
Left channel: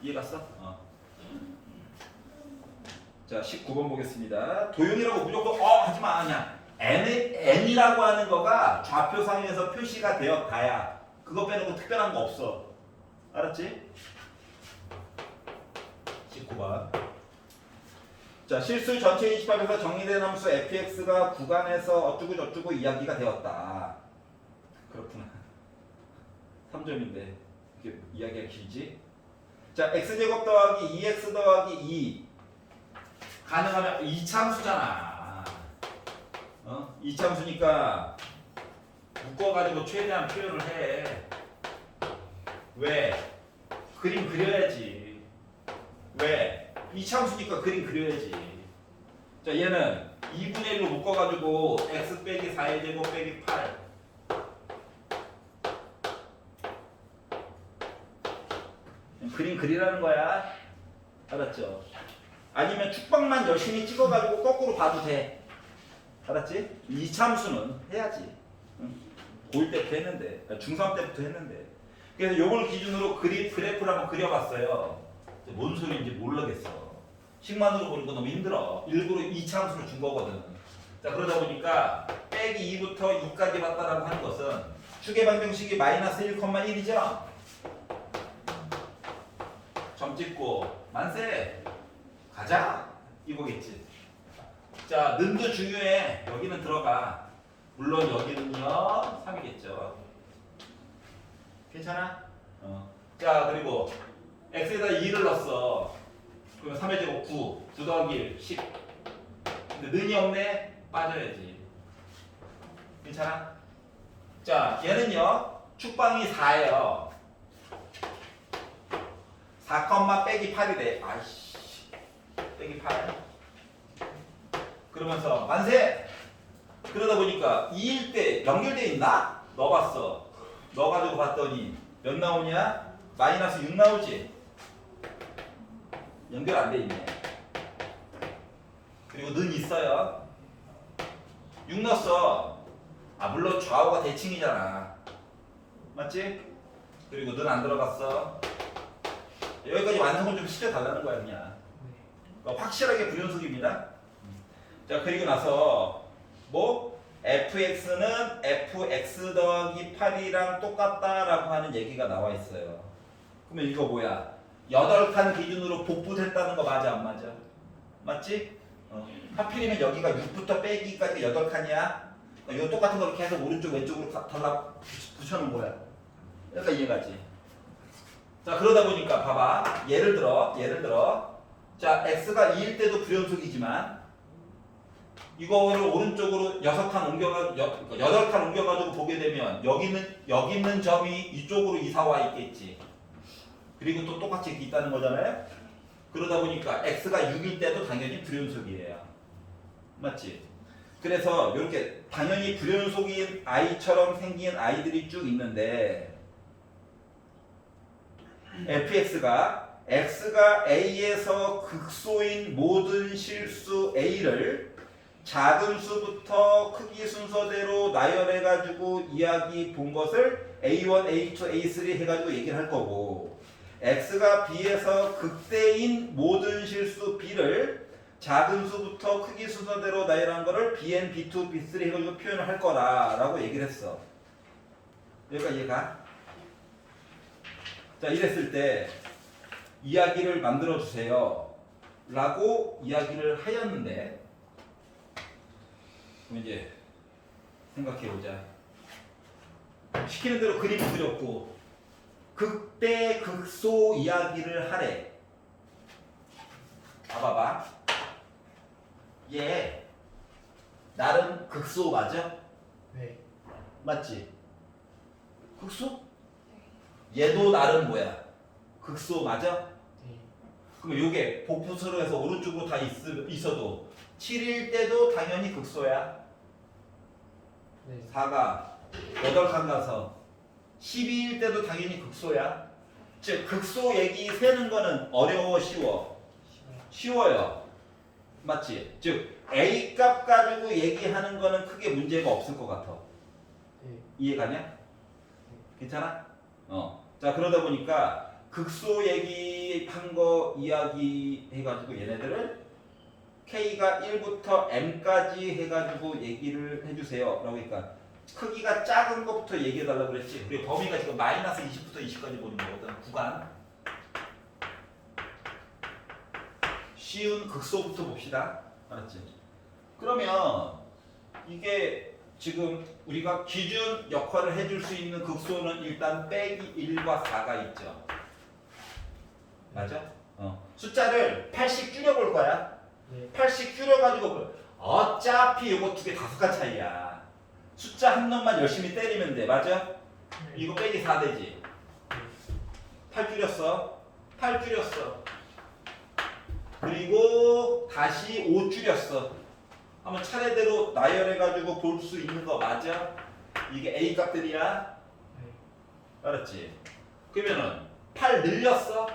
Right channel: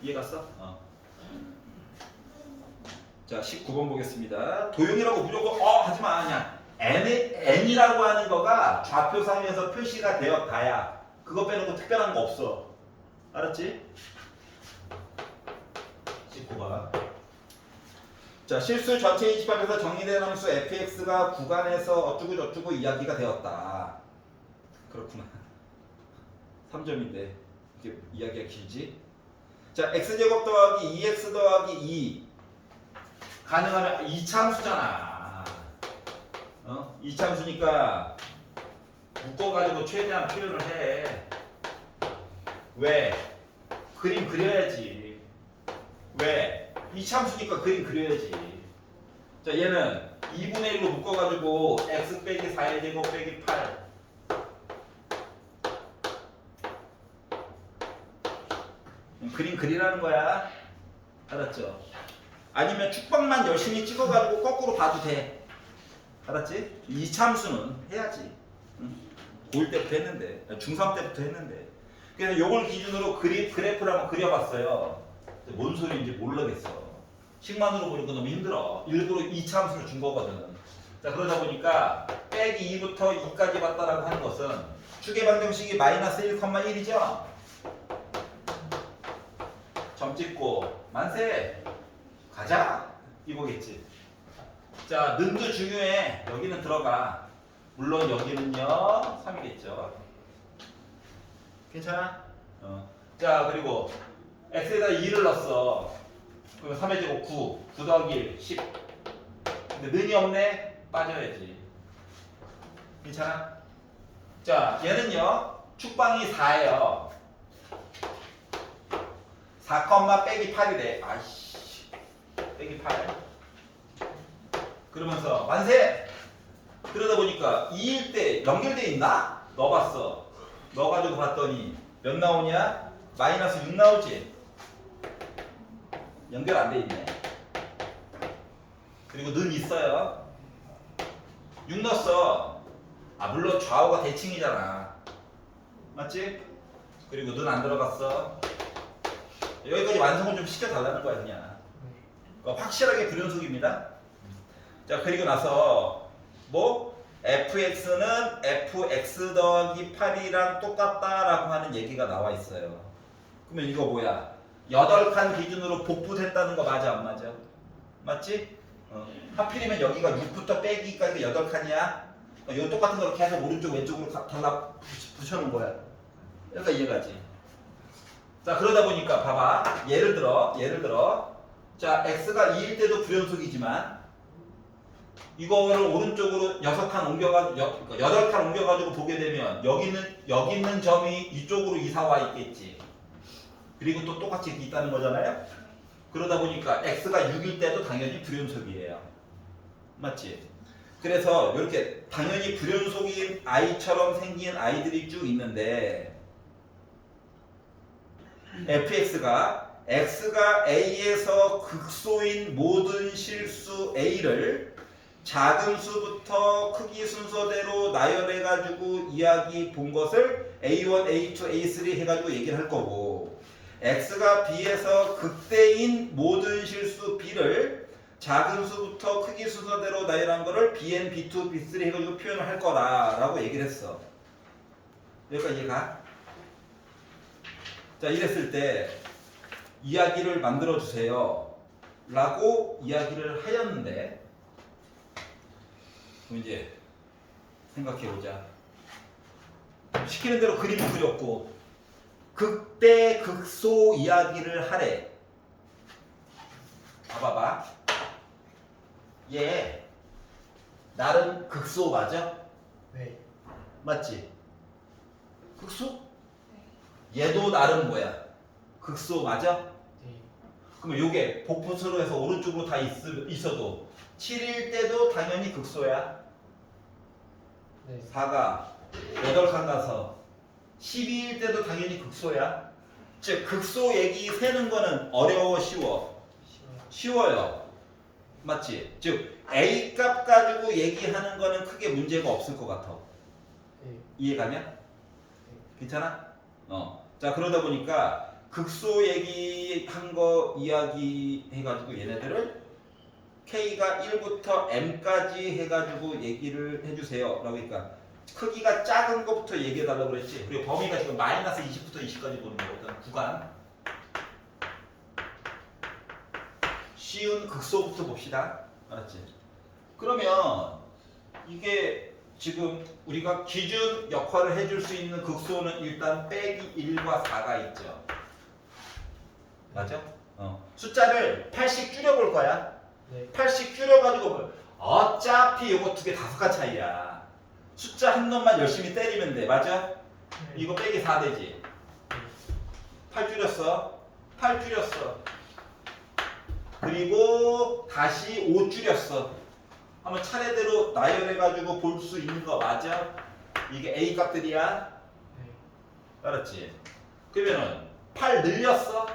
이해 갔어? 자 19번 보겠습니다. 도형이라고 무조건 하지마. 그냥 n이라고 하는 거가 좌표상에서 표시가 되었다야. 그거 빼놓고 특별한 거 없어. 알았지? 19번. 자 실수 전체 인식법에서 정의된 함수 fx가 구간에서 어쩌고 저쩌고 이야기가 되었다. 그렇구나. 3점인데 이게 이야기가 길지? 자 x제곱 더하기 2x 더하기 2 가능하면 이차함수잖아. 이차함수니까 묶어가지고 최대한 표현을 해. 왜? 그림 그려야지. 왜? 이차함수니까 그림 그려야지. 자 얘는 2분의 1로 묶어가지고 x 빼기 4의 제곱 빼기 8 그림 그리라는 거야. 알았죠? 아니면 축박만 열심히 찍어가지고 거꾸로 봐도 돼. 알았지? 이참수는 해야지. 고1 때부터 했는데, 중3 때부터 했는데. 그래서 요걸 기준으로 그래프를 한번 그려봤어요. 뭔 소리인지 모르겠어. 식만으로 보니까 너무 힘들어. 일부러 이참수를 준 거거든. 자 그러다 보니까 빼기 2부터 2까지 봤다라고 하는 것은 축의 방정식이 마이너스 1,1이죠? 점 찍고 만세! 가자! 이거겠지. 자, 는도 중요해. 여기는 들어가. 물론 여기는요, 3이겠죠. 괜찮아? 자, 그리고 x에다 2를 넣었어. 그러면 3의 제곱 9 더하기 1, 10. 근데 는이 없네? 빠져야지. 괜찮아? 자, 얘는요, 축방이 4예요. 4, 빼기 8이 돼. 아이씨. 빼기 8. 그러면서 만세! 그러다 보니까 2일 때 연결돼 있나? 넣어봤어. 넣어가지고 봤더니 몇 나오냐? 마이너스 6 나오지? 연결 안 돼 있네. 그리고 는 있어요. 6 넣었어. 아 물론 좌우가 대칭이잖아. 맞지? 그리고 는 안 들어갔어. 여기까지 완성을 좀 시켜달라는 거야 그냥. 그러니까 확실하게 불연속입니다. 자 그리고 나서 뭐 fx는 fx 더하기 8이랑 똑같다라고 하는 얘기가 나와 있어요. 그러면 이거 뭐야? 8칸 기준으로 복붙했다는 거 맞아 안 맞아? 맞지? 하필이면 여기가 6부터 빼기까지 8칸이야. 이거 똑같은 걸 계속 오른쪽 왼쪽으로 달라 붙여놓은 거야. 그러니까 이해가지? 자 그러다 보니까 봐봐. 예를 들어 자 x가 2일 때도 불연속이지만 이거를 오른쪽으로 6칸 옮겨가지고 8칸 옮겨가지고 보게 되면 여기 있는 점이 이쪽으로 이사와 있겠지. 그리고 또 똑같이 이렇게 있다는 거잖아요. 그러다 보니까 x가 6일 때도 당연히 불연속이에요. 맞지? 그래서 이렇게 당연히 불연속인 i처럼 생긴 아이들이 쭉 있는데 fx가 x가 a에서 극소인 모든 실수 a를 작은 수부터 크기 순서대로 나열해가지고 이야기 본 것을 a1, a2, a3 해가지고 얘기를 할 거고 x가 b에서 극대인 모든 실수 b를 작은 수부터 크기 순서대로 나열한 거를 bn, b2, b3 해가지고 표현을 할 거라고 얘기를 했어. 여기까지 이해가? 자 이랬을 때 이야기를 만들어 주세요 라고 이야기를 하였는데 그럼 이제 생각해보자. 시키는 대로 그림을 그렸고 극대 극소 이야기를 하래. 봐봐. 얘 나름 극소 맞아? 네. 맞지? 극소? 얘도 나름 뭐야? 극소 맞아? 네. 그러면 요게 복분수로 해서 오른쪽으로 다 있어도 7일 때도 당연히 극소야. 네. 4가 8칸 가서 12일 때도 당연히 극소야. 즉 극소 얘기 세는 거는 어려워 쉬워? 쉬워요. 맞지? 즉 A 값 가지고 얘기하는 거는 크게 문제가 없을 것 같아. 네. 이해가냐? 괜찮아? 자 그러다 보니까 극소 얘기한 거 이야기 해가지고 얘네들은 K가 1부터 M까지 해가지고 얘기를 해주세요. 그러니까 크기가 작은 것부터 얘기해달라고 그랬지. 그리고 범위가 지금 마이너스 20부터 20까지 보는 거거든. 구간. 쉬운 극소부터 봅시다. 알았지? 그러면 이게 지금 우리가 기준 역할을 해줄 수 있는 극소는 일단 빼기 1과 4가 있죠. 맞아? 숫자를 8씩 줄여볼 거야. 네. 8씩 줄여가지고 어차피 이거 두 개 5칸 차이야. 숫자 한 놈만 열심히 때리면 돼. 맞아? 이거 빼기 4 되지. 8 줄였어. 8 줄였어. 그리고 다시 5 줄였어. 한번 차례대로 나열해가지고 볼 수 있는 거 맞아? 이게 A 값들이야. 네. 알았지? 그러면은 8 늘렸어?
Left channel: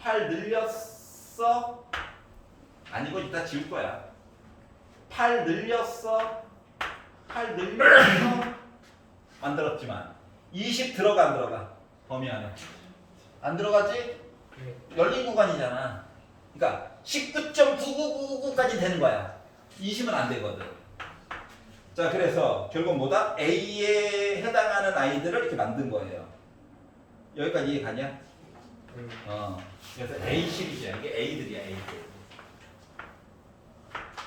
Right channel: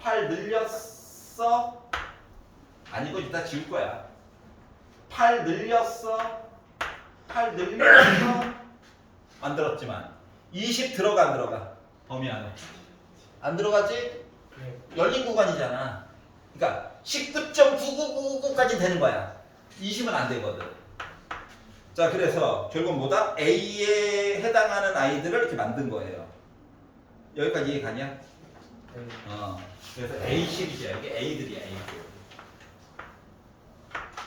8 늘렸어? 아니고 이따 지울 거야. 8 늘렸어? 8 늘렸어? 만들었지만 20 들어가 안 들어가? 범위 안에 안 들어가지? 네. 열린 구간이잖아. 그러니까 19.9999까지 되는 거야. 20은 안 되거든. 자 그래서 결국 뭐다? A에 해당하는 아이들을 이렇게 만든 거예요. 여기까지 이해 가냐? 네. 그래서 A 시리즈야. 이게 A들이야, A들.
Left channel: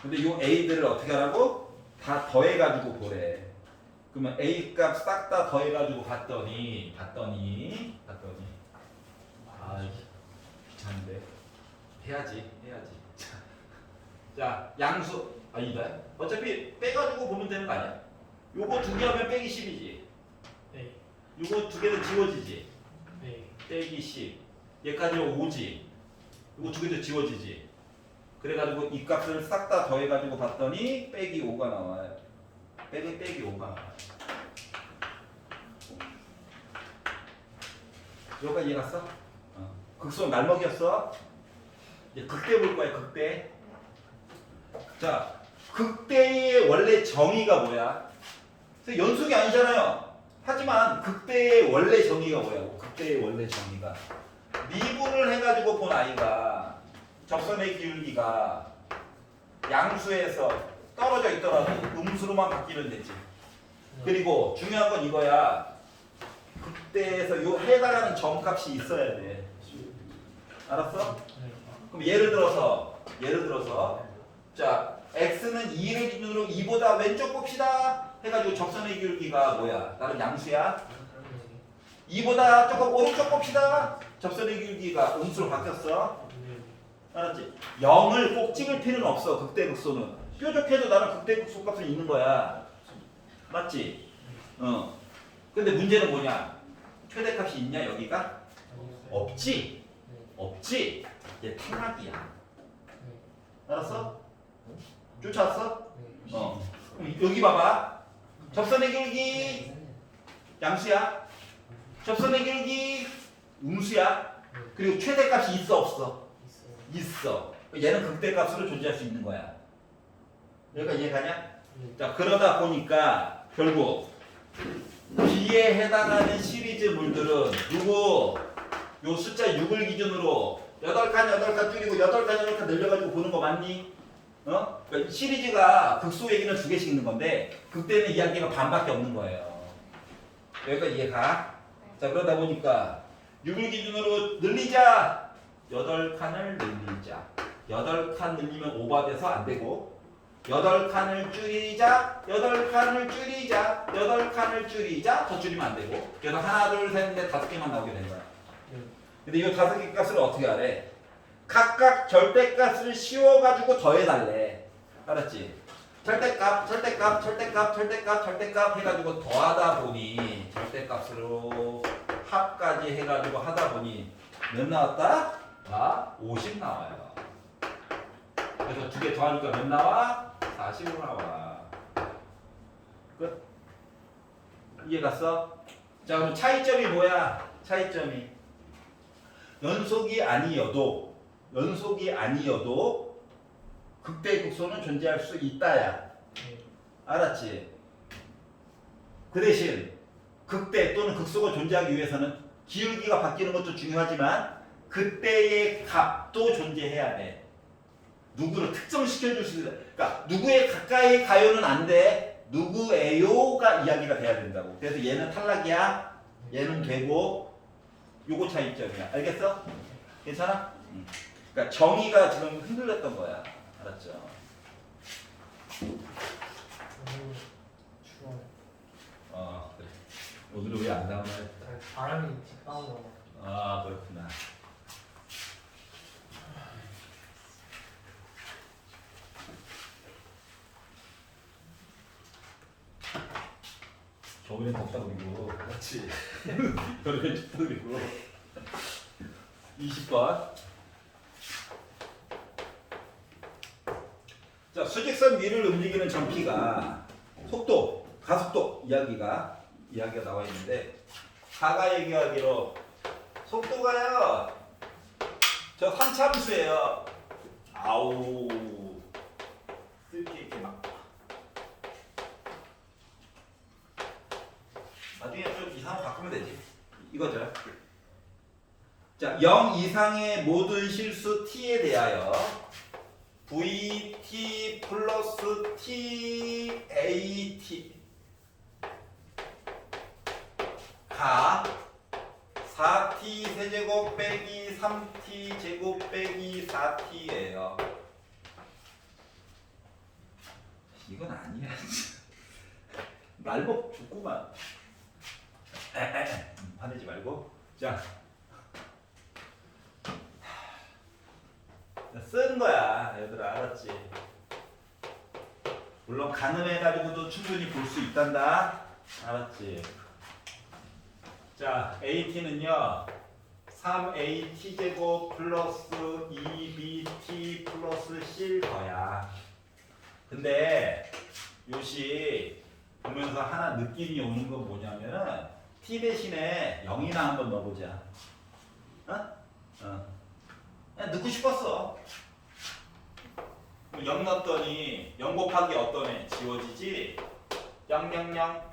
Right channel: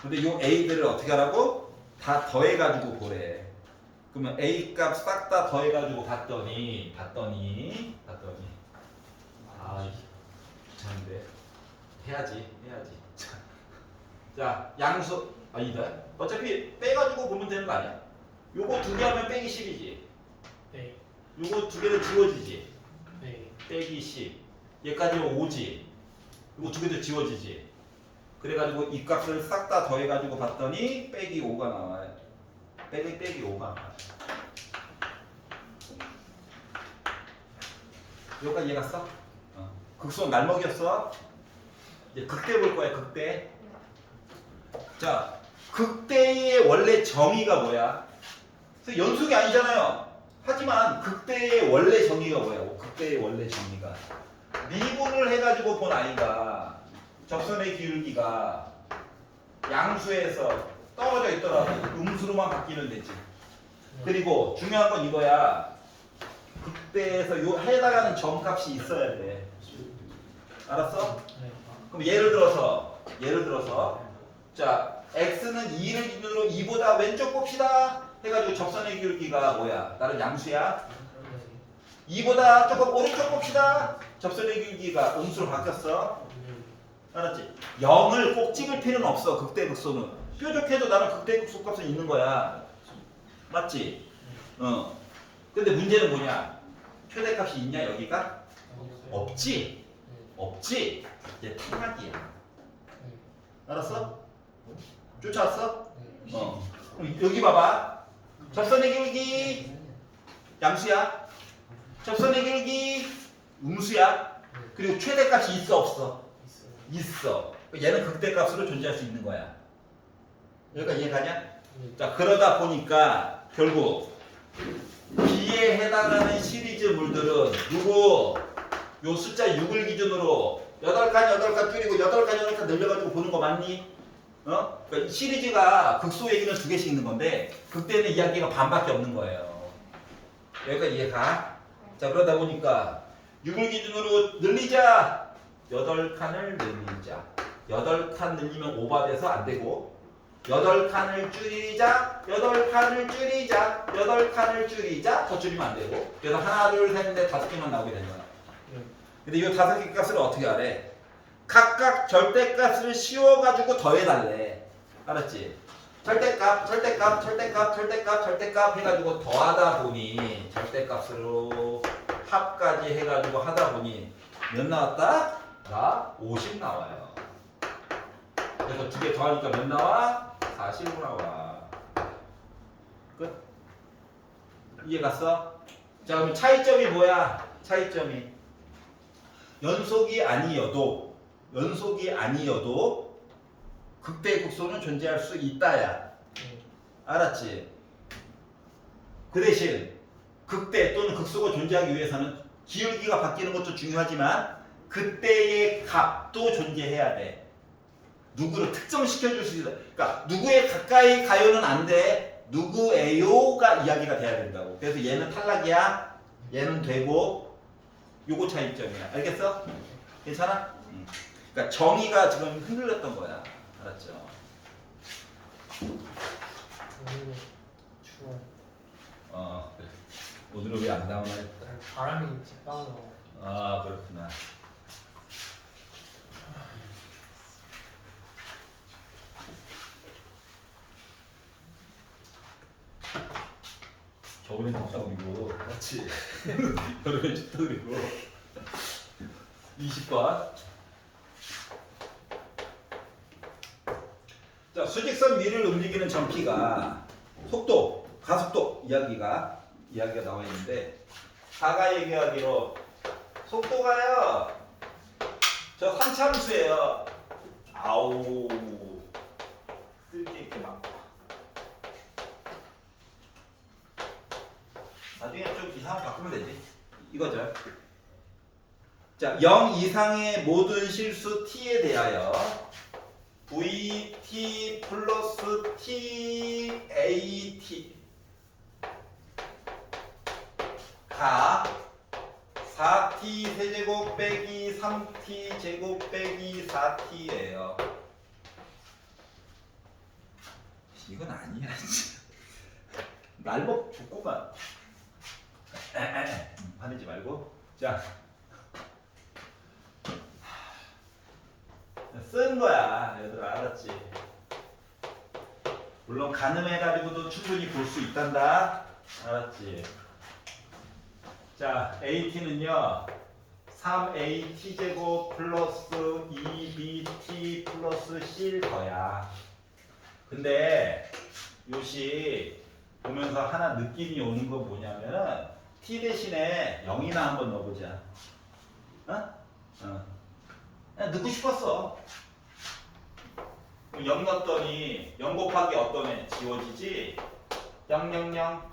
근데 요 A들을 어떻게 하라고? 다 더해가지고 보래. 그러면 A 값 싹 다 더해가지고 봤더니 아 귀찮은데 해야지. 자 양수 아니다. 어차피 빼가지고 보면 되는 거 아니야? 요거 두 개 하면 빼기 10이지. 네. 요거 두 개는 지워지지. 네. 빼기 10. 얘까지는 5지. 이거 두 개도 지워지지. 그래가지고 이 값을 싹 다 더해가지고 봤더니 빼기 5가 나와요. 빼기 5가 나와요. 여기까지 이해갔어? 극소는 날먹이었어. 이제 극대 볼 거야, 극대. 자, 극대의 원래 정의가 뭐야? 그래서 연속이 아니잖아요. 하지만 극대의 원래 정의가 뭐야? 극대의 원래 정의가 미분을 해가지고 본 아이가 접선의 기울기가 양수에서 떨어져 있더라도 음수로만 바뀌면 되지. 그리고 중요한 건 이거야. 극대에서 요 해당하는 점값이 있어야 돼. 알았어? 네. 그럼 예를 들어서 자 x는 2를 기준으로 2보다 왼쪽 봅시다 해가지고 접선의 기울기가 뭐야? 나는 양수야. 2보다 조금 오른쪽 봅시다. 접선의 기울기가 음수로 바뀌었어. 알았지? 0을 꼭 찍을 필요는 없어. 극대 극소는 뾰족해도 나는 극대 극소 값은 있는 거야. 맞지? 근데 문제는 뭐냐? 최대값이 있냐 여기가? 없지. 없지. 얘 탈락이야. 알았어? 쫓아왔어? 그럼 여기 봐봐. 접선의 기울기 양수야. 접선의 기울기 음수야. 그리고 최대값이 있어 없어? 있어. 얘는 극대값으로 존재할 수 있는 거야. 여기까지 이해가냐? 자 그러다 보니까 결국 B에 해당하는 시리즈 물들은 누구? 요 숫자 6을 기준으로 8칸 줄이고 8칸 늘려가지고 보는 거 맞니? 그러니까 시리즈가 극소 얘기는 2개씩 있는 건데 극대는 이야기가 반밖에 없는 거예요. 여기까지 이해가? 자 그러다 보니까 6을 기준으로 늘리자. 8칸을 늘리자. 8칸 늘리면 오버돼서 안 되고 8칸을 줄이자. 8칸을 줄이자. 8칸을 줄이자. 더 줄이면 안 되고 그래서 하나 둘 셋 넷 5개만 나오게 되는 거야. 근데 이 5개 값을 어떻게 하래? 각각 절대값을 씌워가지고 더해달래. 알았지? 절대값 해가지고 더하다 보니 절대값으로 합까지 해가지고 하다 보니 몇 나왔다? 50 나와요. 그래서 2개 더하니까 몇 나와? 45 나와. 끝? 이해 갔어? 자 그럼 차이점이 뭐야? 차이점이 연속이 아니어도 극대 극소는 존재할 수 있다야. 알았지? 그 대신 극대 또는 극소가 존재하기 위해서는 기울기가 바뀌는 것도 중요하지만 그때의 값도 존재해야 돼. 누구를 특정시켜줄 수 있다. 그러니까 누구에 가까이 가요는 안 돼. 누구에요가 이야기가 돼야 된다고. 그래서 얘는 탈락이야. 얘는 되고 요거 차이점이야. 알겠어? 괜찮아? 그러니까 정의가 지금 흔들렸던 거야. 알았죠? 그래. 오늘은 왜 안 나오나 했다. 바람이 직방으로. 그렇구나. 겨울엔 덥다고 그리고 그렇지. 여름엔 춥다고 그리고 20번. 자, 수직선 위를 움직이는 점피가 속도, 가속도 이야기가 나와 있는데 하가 얘기하기로 속도가요. 저 3차함수예요. 아우. 쓸게 이렇게 막. 나중에 좀 이상한 거 바꾸면 되지. 이거죠. 자, 0 이상의 모든 실수 t에 대하여 vt 플러스 t at 가 4t 세제곱 빼기 3t 제곱 빼기 4t예요. 이건 아니야. 날먹 붙구만. 화내지 말고. 자, 쓰는 거야, 얘들아. 알았지? 물론 가늠해가지고도 충분히 볼 수 있단다. 알았지? 자, AT는요 3AT 제곱 플러스 2BT 플러스 플러스 C일 거야. 근데 요시 보면서 하나 느낌이 오는 건 뭐냐면은 t 대신에 0이나 한번 넣어보자. 그냥 넣고 싶었어. 0 넣었더니 0 곱하기 어떤 애 지워지지? 0, 0, 0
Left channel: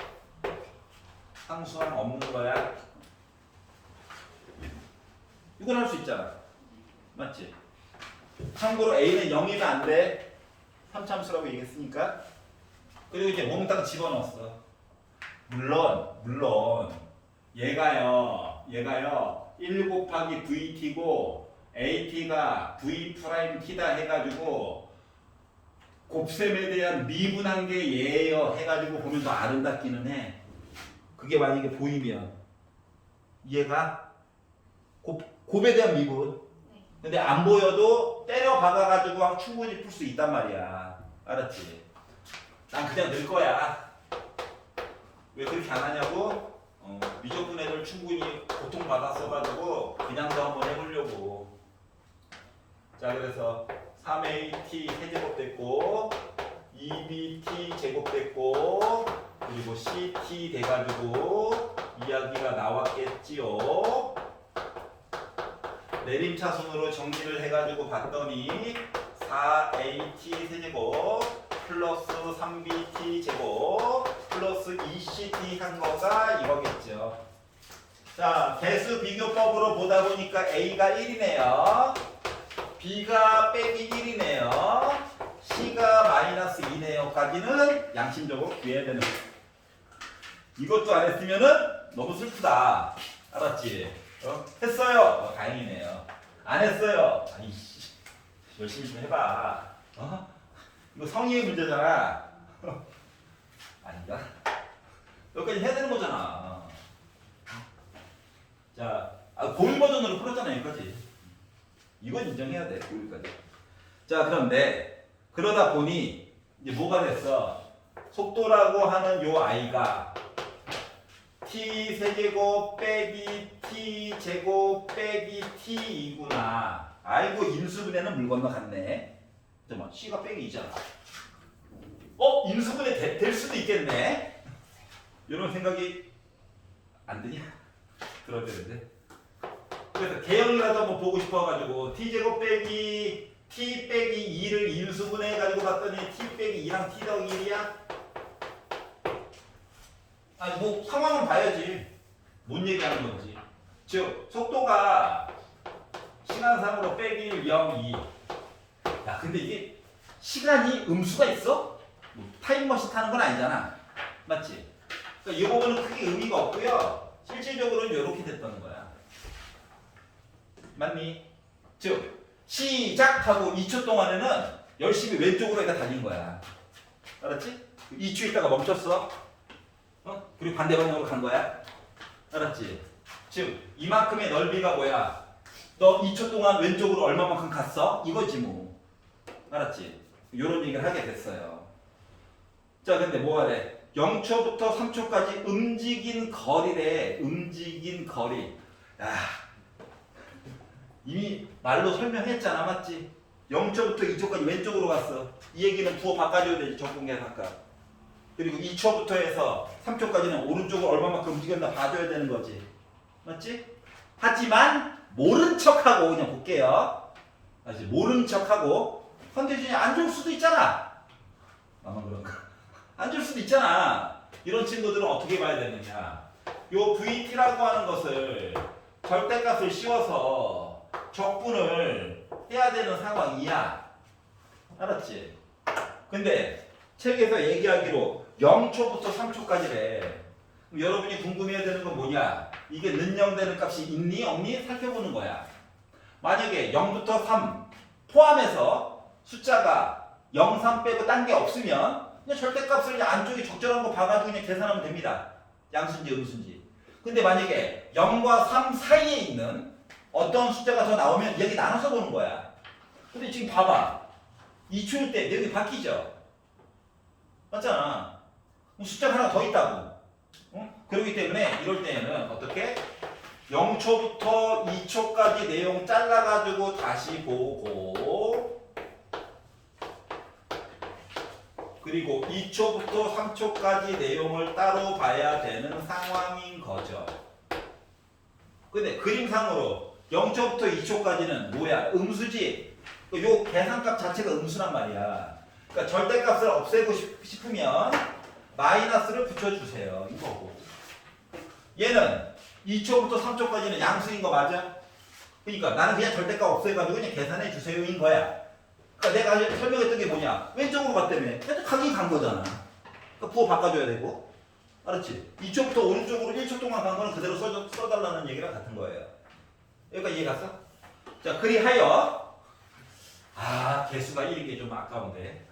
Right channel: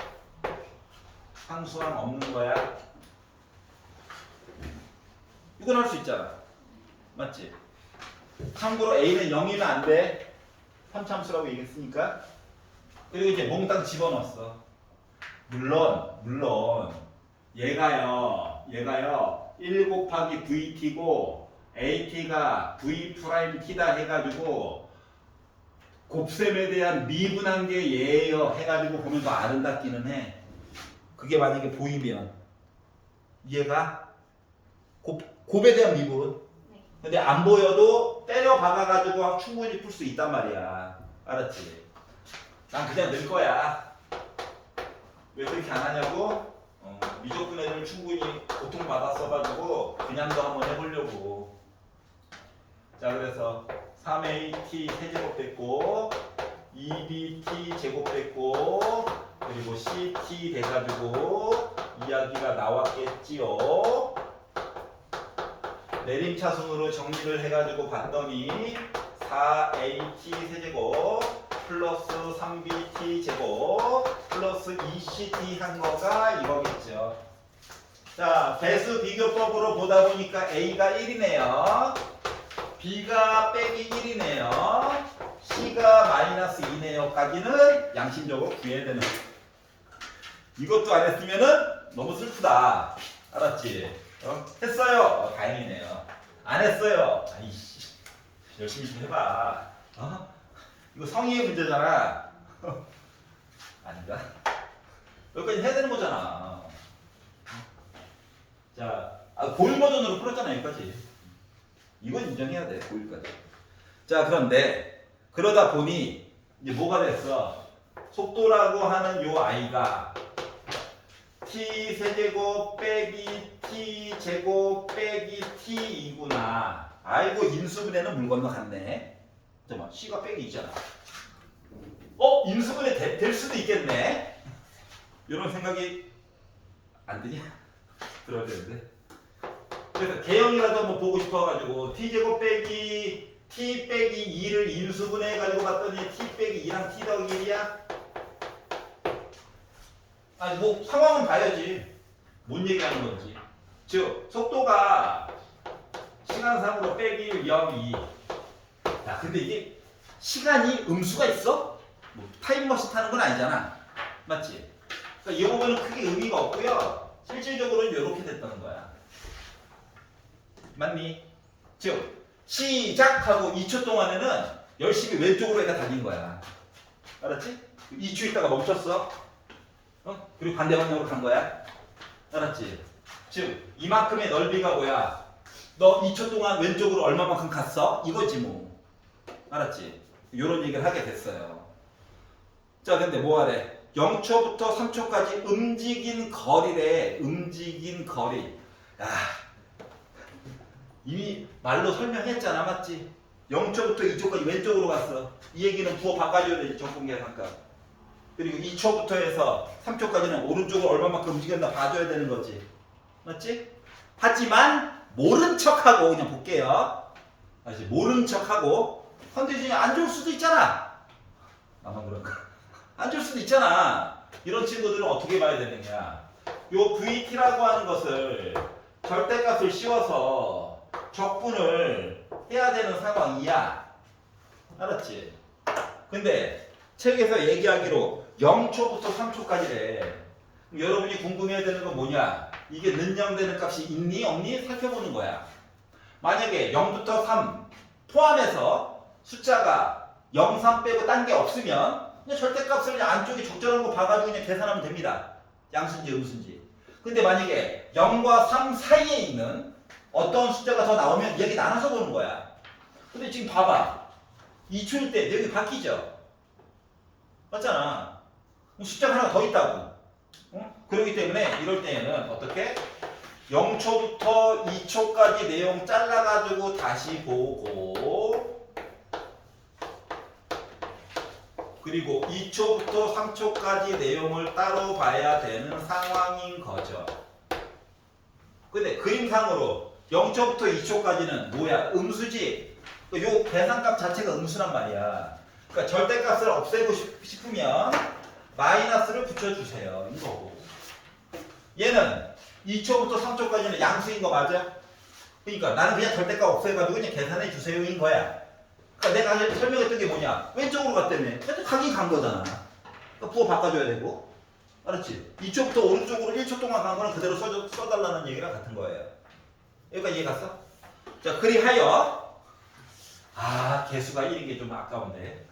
상수항 없는 거야. 이건 할 수 있잖아. 맞지? 참고로 A는 0이면 안 돼. 3참수라고 얘기했으니까. 그리고 이제 몽땅 집어넣었어. 물론 얘가요 1 곱하기 VT고 AT가 V 프라임 T다 해가지고 곱셈에 대한 미분한 게 얘예요 해가지고 보면서 아름답기는 해. 그게 만약에 보이면 얘가 곱에 대한 미분. 근데 안 보여도 때려 박아가지고 충분히 풀 수 있단 말이야. 알았지? 난 그냥 넣을 거야. 왜 그렇게 안 하냐고? 미적분 애들 충분히 고통받았어가지고 그냥도 한번 해보려고. 자, 그래서 3AT 세제곱 됐고 2BT 제곱 됐고 그리고 CT 돼가지고 이야기가 나왔겠지요. 내림차순으로 정리를 해가지고 봤더니 4AT 세제곱 플러스 3BT 제곱 플러스 2CT 한 거가 이거겠죠. 자, 배수 비교법으로 보다 보니까 A가 1이네요. B가 빼기 1이네요. C가 마이너스 2네요. 까지는 양심적으로 구해야 되는. 이것도 안 했으면은 너무 슬프다. 알았지? 했어요. 다행이네요. 안 했어요. 아이씨, 열심히 좀 해봐. 이거 성의의 문제잖아. 아닌가? 여기까지 해야 되는 거잖아. 자, 고일 버전으로 풀었잖아 여기까지. 이건 인정해야 돼. 고일까지. 자, 그런데 그러다 보니 이제 뭐가 됐어? 속도라고 하는 요 아이가 t 세제곱 빼기 t 제곱 빼기 t이구나. 아이고, 인수분해는 물 건너갔네. 잠깐만, c가 빼기 2잖아. 인수분해 될 수도 있겠네. 이런 생각이 안 드냐? 들어야 되는데. 그래서 개형이라도 한번 보고 싶어가지고 t 제곱 빼기 t 빼기 2를 인수분해 해가지고 봤더니 t 빼기 2랑 t 더하기 1이야. 아니 뭐 상황은 봐야지. 뭔 얘기하는 건지. 즉 속도가 시간상으로 빼기 1, 0, 2. 야, 근데 이게 시간이 음수가 있어? 뭐 타임머신 타는 건 아니잖아. 맞지? 그러니까 이 부분은 크게 의미가 없고요. 실질적으로는 이렇게 됐다는 거야. 맞니? 즉 시작하고 2초 동안에는 열심히 왼쪽으로 애가 달린 거야. 알았지? 2초 있다가 멈췄어. 그리고 반대 방향으로 간 거야. 알았지? 즉 이만큼의 넓이가 뭐야? 너 2초 동안 왼쪽으로 얼마만큼 갔어? 이거지 뭐. 알았지? 이런 얘기를 하게 됐어요. 자, 근데 뭐 하래? 0초부터 3초까지 움직인 거리래. 움직인 거리. 이미 말로 설명했잖아. 맞지? 0초부터 2초까지 왼쪽으로 갔어. 이 얘기는 부호 바꿔줘야 되지. 적분계산값. 그리고 2초부터 해서 3초까지는 오른쪽으로 얼마만큼 움직였나 봐줘야 되는 거지. 맞지? 하지만 모른 척하고 그냥 볼게요. 알지? 모른 척하고 컨디션이 안 좋을 수도 있잖아. 나만 그런가? 안 좋을 수도 있잖아. 이런 친구들은 어떻게 봐야 되느냐? 요 VT라고 하는 것을 절대값을 씌워서 적분을 해야 되는 상황이야. 알았지? 근데 책에서 얘기하기로 0초부터 3초까지래. 여러분이 궁금해야 되는 건 뭐냐? 이게 는영되는 값이 있니 없니 살펴보는 거야. 만약에 0부터 3 포함해서 숫자가 0, 3 빼고 딴 게 없으면 그냥 절대값을 그냥 안쪽에 적절한 거 봐가지고 그냥 계산하면 됩니다. 양수인지 음수인지. 근데 만약에 0과 3 사이에 있는 어떤 숫자가 더 나오면 여기 나눠서 보는 거야. 근데 지금 봐봐. 2초일 때 여기 바뀌죠? 맞잖아. 숫자가 하나 더 있다고. 그렇기 때문에 이럴 때는 어떻게? 0초부터 2초까지 내용 잘라가지고 다시 보고 그리고 2초부터 3초까지 내용을 따로 봐야 되는 상황인 거죠. 근데 그림상으로 0초부터 2초까지는 뭐야? 음수지. 요 계산값 자체가 음수란 말이야. 그러니까 절대값을 없애고 싶으면 마이너스를 붙여주세요. 이거고. 얘는 2초부터 3초까지는 양수인 거 맞아? 그러니까 나는 그냥 절대값 없애가지고 그냥 계산해 주세요인 거야. 그러니까 내가 설명했던 게 뭐냐? 왼쪽으로 갔다며. 가긴 간 거잖아. 그러니까 부호 바꿔줘야 되고. 알았지? 2초부터 오른쪽으로 1초 동안 간 거는 그대로 써달라는 얘기랑 같은 거예요. 여기까지 이해 갔어? 자, 그리하여 개수가 1인 게 좀 아까운데.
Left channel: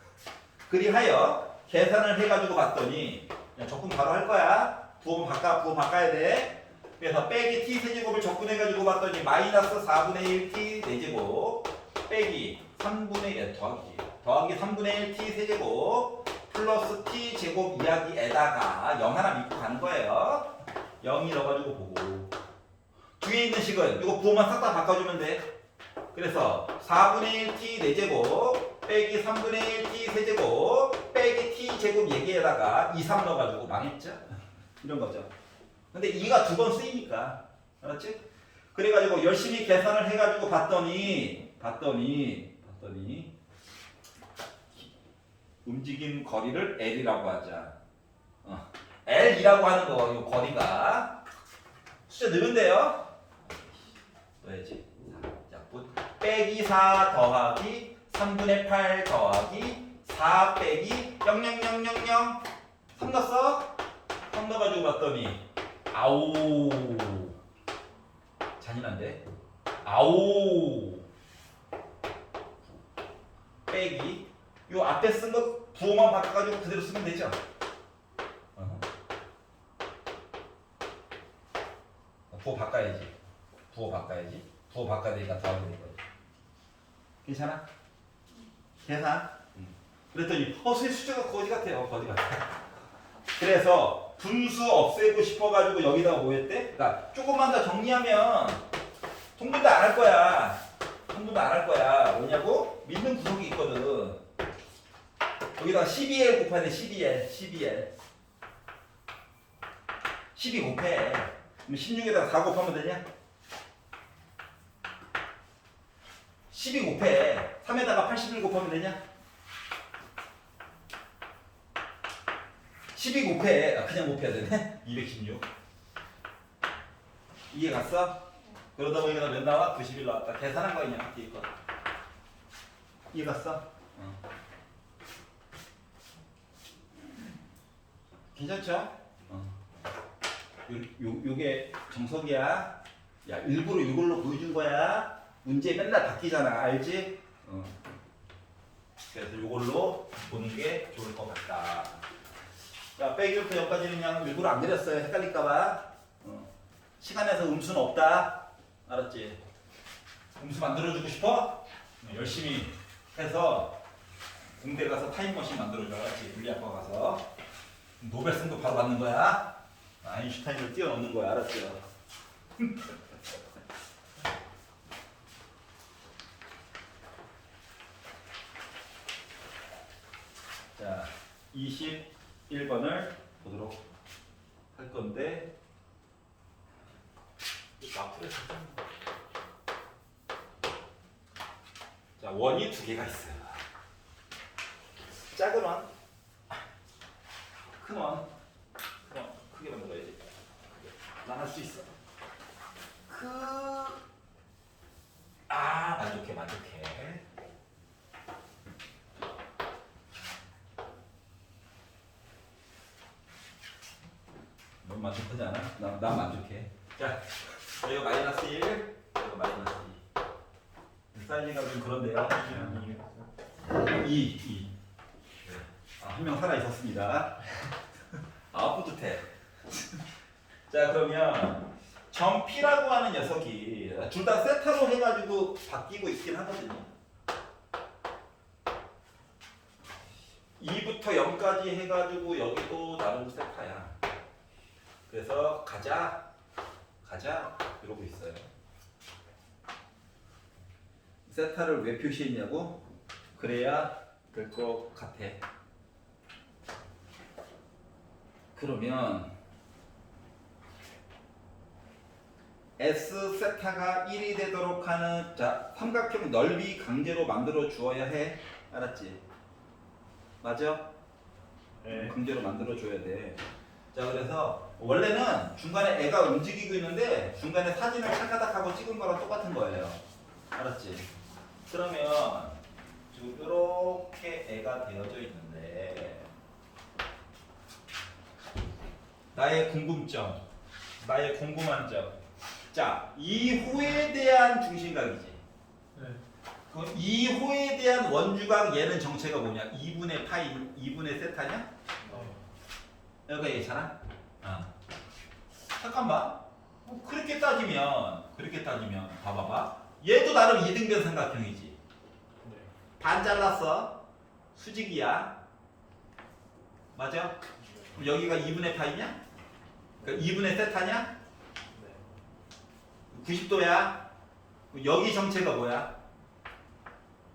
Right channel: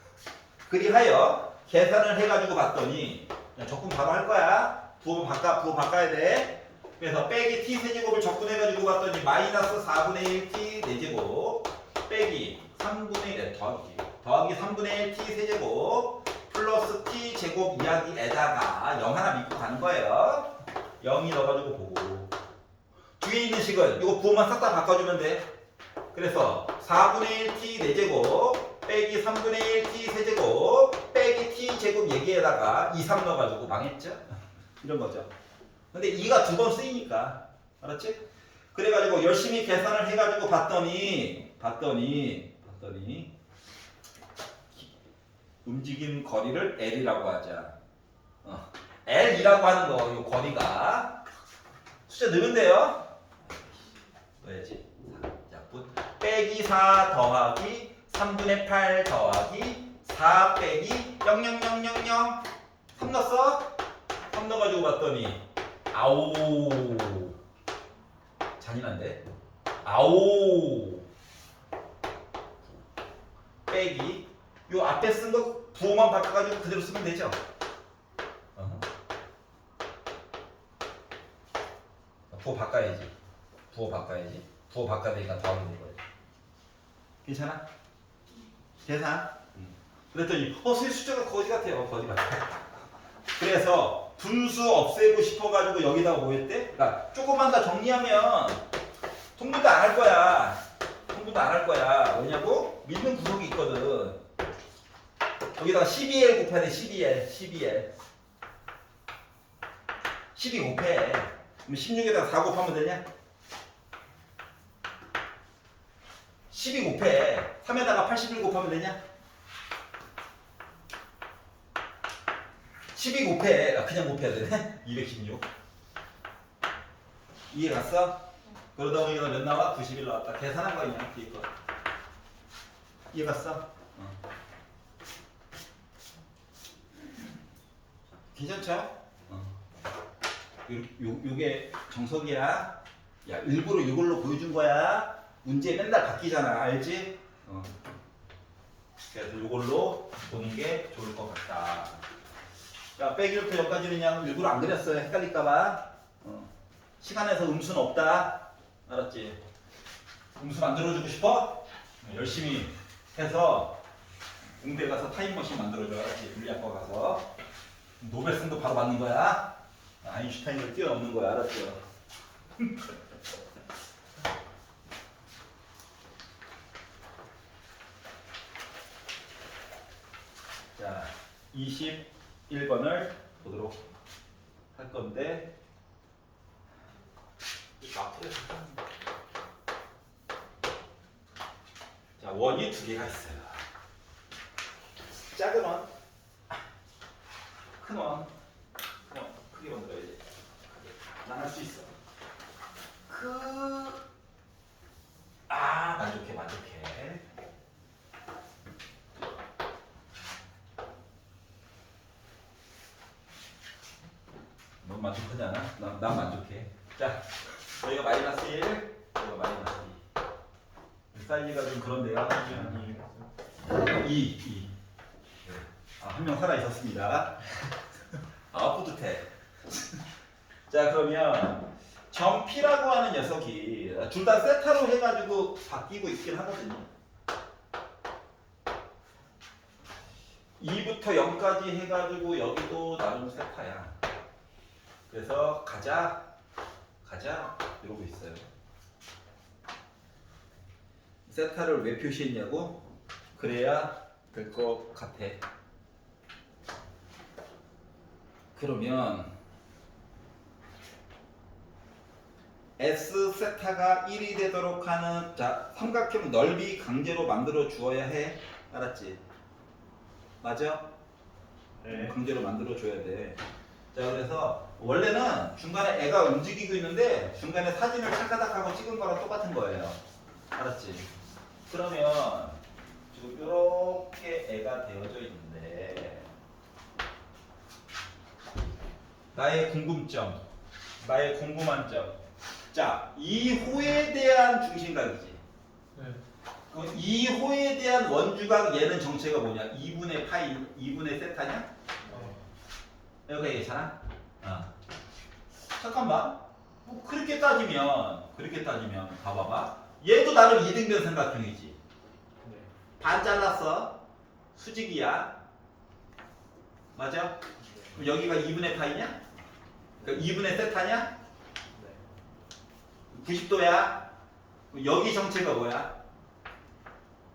그리하여 계산을 해가지고 봤더니 그냥 적분 바로 할 거야. 부호 바꿔야 돼. 그래서 빼기 t 세제곱을 적분해가지고 봤더니 마이너스 4분의 1 t 4제곱 빼기 3분의 1 더하기 3분의 1 t 세제곱 플러스 t 제곱 이야기에다가 0 하나 믿고 가는 거예요. 0이 넣어가지고 보고 뒤에 있는 식은 이거 부호만 싹 다 바꿔주면 돼. 그래서 4분의 1 t 4제곱 빼기 3분의 1 t 세제곱 빼기 t 제곱 얘기에다가 2, 3 넣어가지고 망했죠? 이런 거죠. 근데 2가 두 번 쓰이니까 알았지? 그래가지고 열심히 계산을 해가지고 봤더니 움직임 거리를 L이라고 하자. L이라고 하는 거, 이 거리가 숫자 넣으면 넣어야지. 자, 빼기 4 더하기 3분의 8 더하기 4 빼기 00000 3 넣었어? 3 넣어가지고 봤더니 아오 잔인한데? 아오 빼기 요 앞에 쓴 거 부호만 바꿔가지고 그대로 쓰면 되죠? 부호 바꿔야지. 부호 바꿔야 되니까 더하게 될 거야. 괜찮아? 계산? 그랬더니 선생님 숫자가 거지 같아요. 거지 같아. 그래서 분수 없애고 싶어가지고 여기다가 뭐 했대? 그러니까 조금만 더 정리하면 통분도 안 할 거야. 왜냐고? 믿는 구석이 있거든. 여기다가 12L 곱해야 돼. 12L 12 곱해. 그럼 16에다가 4 곱하면 되냐? 12 곱해. 3에다가 81 곱하면 되냐? 12 곱해. 그냥 곱해야 되네. 216. 이해 갔어? 그러다 보니까 몇 나와? 91 나왔다. 계산한 거 그냥 뒤에 거. 이해 갔어? 괜찮죠? 요게 정석이야. 야, 일부러 이걸로 보여준 거야. 문제 맨날 바뀌잖아. 알지? 그래서 이걸로 보는 게 좋을 것 같다. 야, 빼기부터 여기까지는 그냥 일부러 안 그렸어요. 헷갈릴까봐. 시간에서 음수는 없다. 알았지? 음수 만들어주고 싶어? 열심히 해서 공대 가서 타임머신 만들어줘. 물리학과 가서. 노벨상도 바로 받는 거야. 아인슈타인을 뛰어넘는 거야. 알았죠? 자, 21번을 보도록 할 건데 자, 원이 두 개가 있어요. 작은 원, 큰 원. 크게 만들어야지. 난 할 수 있어. 만족해. 넌 만족하지 않아? 난 만족해. 자, 여기가 마이너스 1, 여기가 마이너스 2. 사이즈가 좀 그런데요. 2. 한 명 살아 있었습니다. 뿌듯해. 자, 그러면 점 P라고 하는 녀석이 둘 다 세타로 해가지고 바뀌고 있긴 하거든요. 2부터 0까지 해가지고 여기도 나름 세타야. 그래서 가자 이러고 있어요. 세타를 왜 표시했냐고? 그래야 될 것 같아. 그러면 S 세타가 1이 되도록 하는 자 삼각형 넓이 강제로 만들어 주어야 해. 알았지? 맞아? 네. 강제로 만들어 줘야 돼. 자 그래서 원래는 중간에 애가 움직이고 있는데 중간에 사진을 찰까닥하고 찍은 거랑 똑같은 거예요. 알았지? 그러면 지금 이렇게 애가 되어져 있는데 나의 궁금점, 나의 궁금한 점. 자, 이 호에 대한 중심각이지. 네. 그럼 이 호에 대한 원주각 얘는 정체가 뭐냐? 2분의 파이, 2분의 세타냐? 여기가 얘잖아? 잠깐만. 그렇게 따지면 봐봐봐. 얘도 나름 이등변 삼각형이지. 네. 반 잘랐어. 수직이야. 맞아? 그럼 여기가 2분의 파이냐? 그러니까 2분의 세타냐? 네. 90도야. 여기 정체가 뭐야?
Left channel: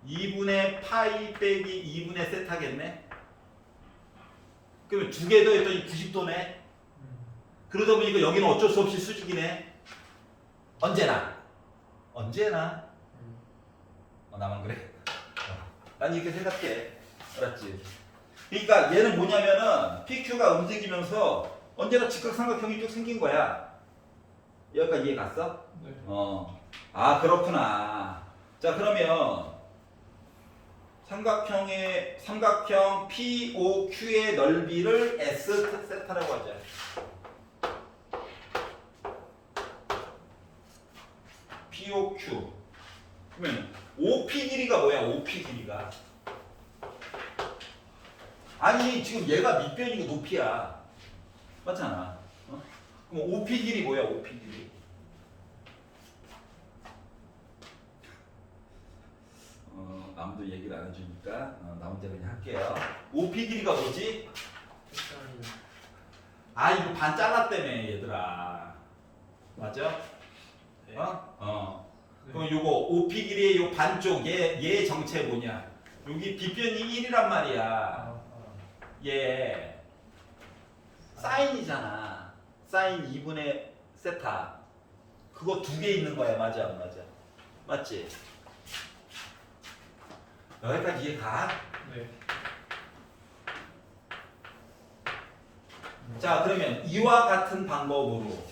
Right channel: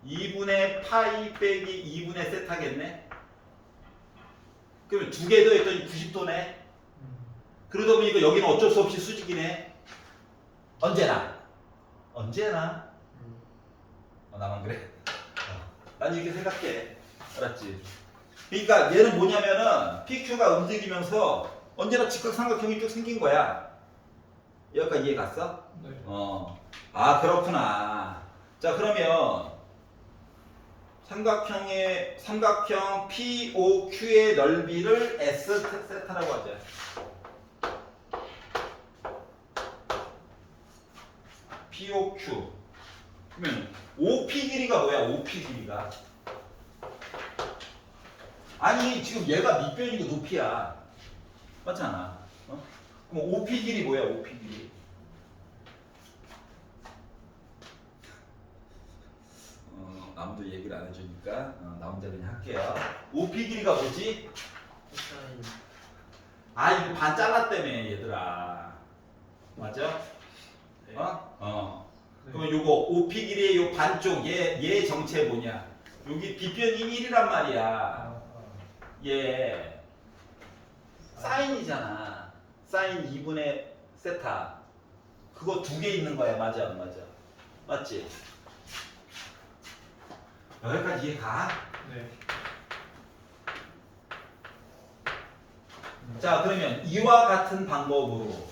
2분의 파이 빼기 2분의 세타겠네? 그러면 두 개 더했더니 90도네? 그러다 보니까 여기는 어쩔 수 없이 수직이네? 언제나? 나만 그래? 난 이렇게 생각해. 알았지? 그러니까 얘는 뭐냐면은 PQ가 움직이면서 언제나 직각삼각형이 쭉 생긴 거야. 여기까지 이해 갔어? 네. 아 그렇구나. 자 그러면 삼각형 POQ의 넓이를 S 세타라고 하자. POQ. 그러면 OP 길이가 뭐야? OP 길이가. 아니 지금 얘가 밑변이고 높이야. 맞잖아. 그럼 OP 길이 뭐야? OP 길이. 아무도 얘기를 안 해주니까 나 혼자 그냥 할게요. OP 길이가 뭐지? 코사인. 아 이거 반 잘랐다며 얘들아. 맞아? 네. 네. 그럼 요거 OP 길이의 요 반쪽 얘 정체 뭐냐? 여기 빗변이 1이란 말이야. 얘 사인이잖아. 사인 2분의 세타. 그거 두 개 있는 거야. 맞아 안 맞아? 맞지? 여기까지 이해 가? 네. 자 그러면 이와 같은 방법으로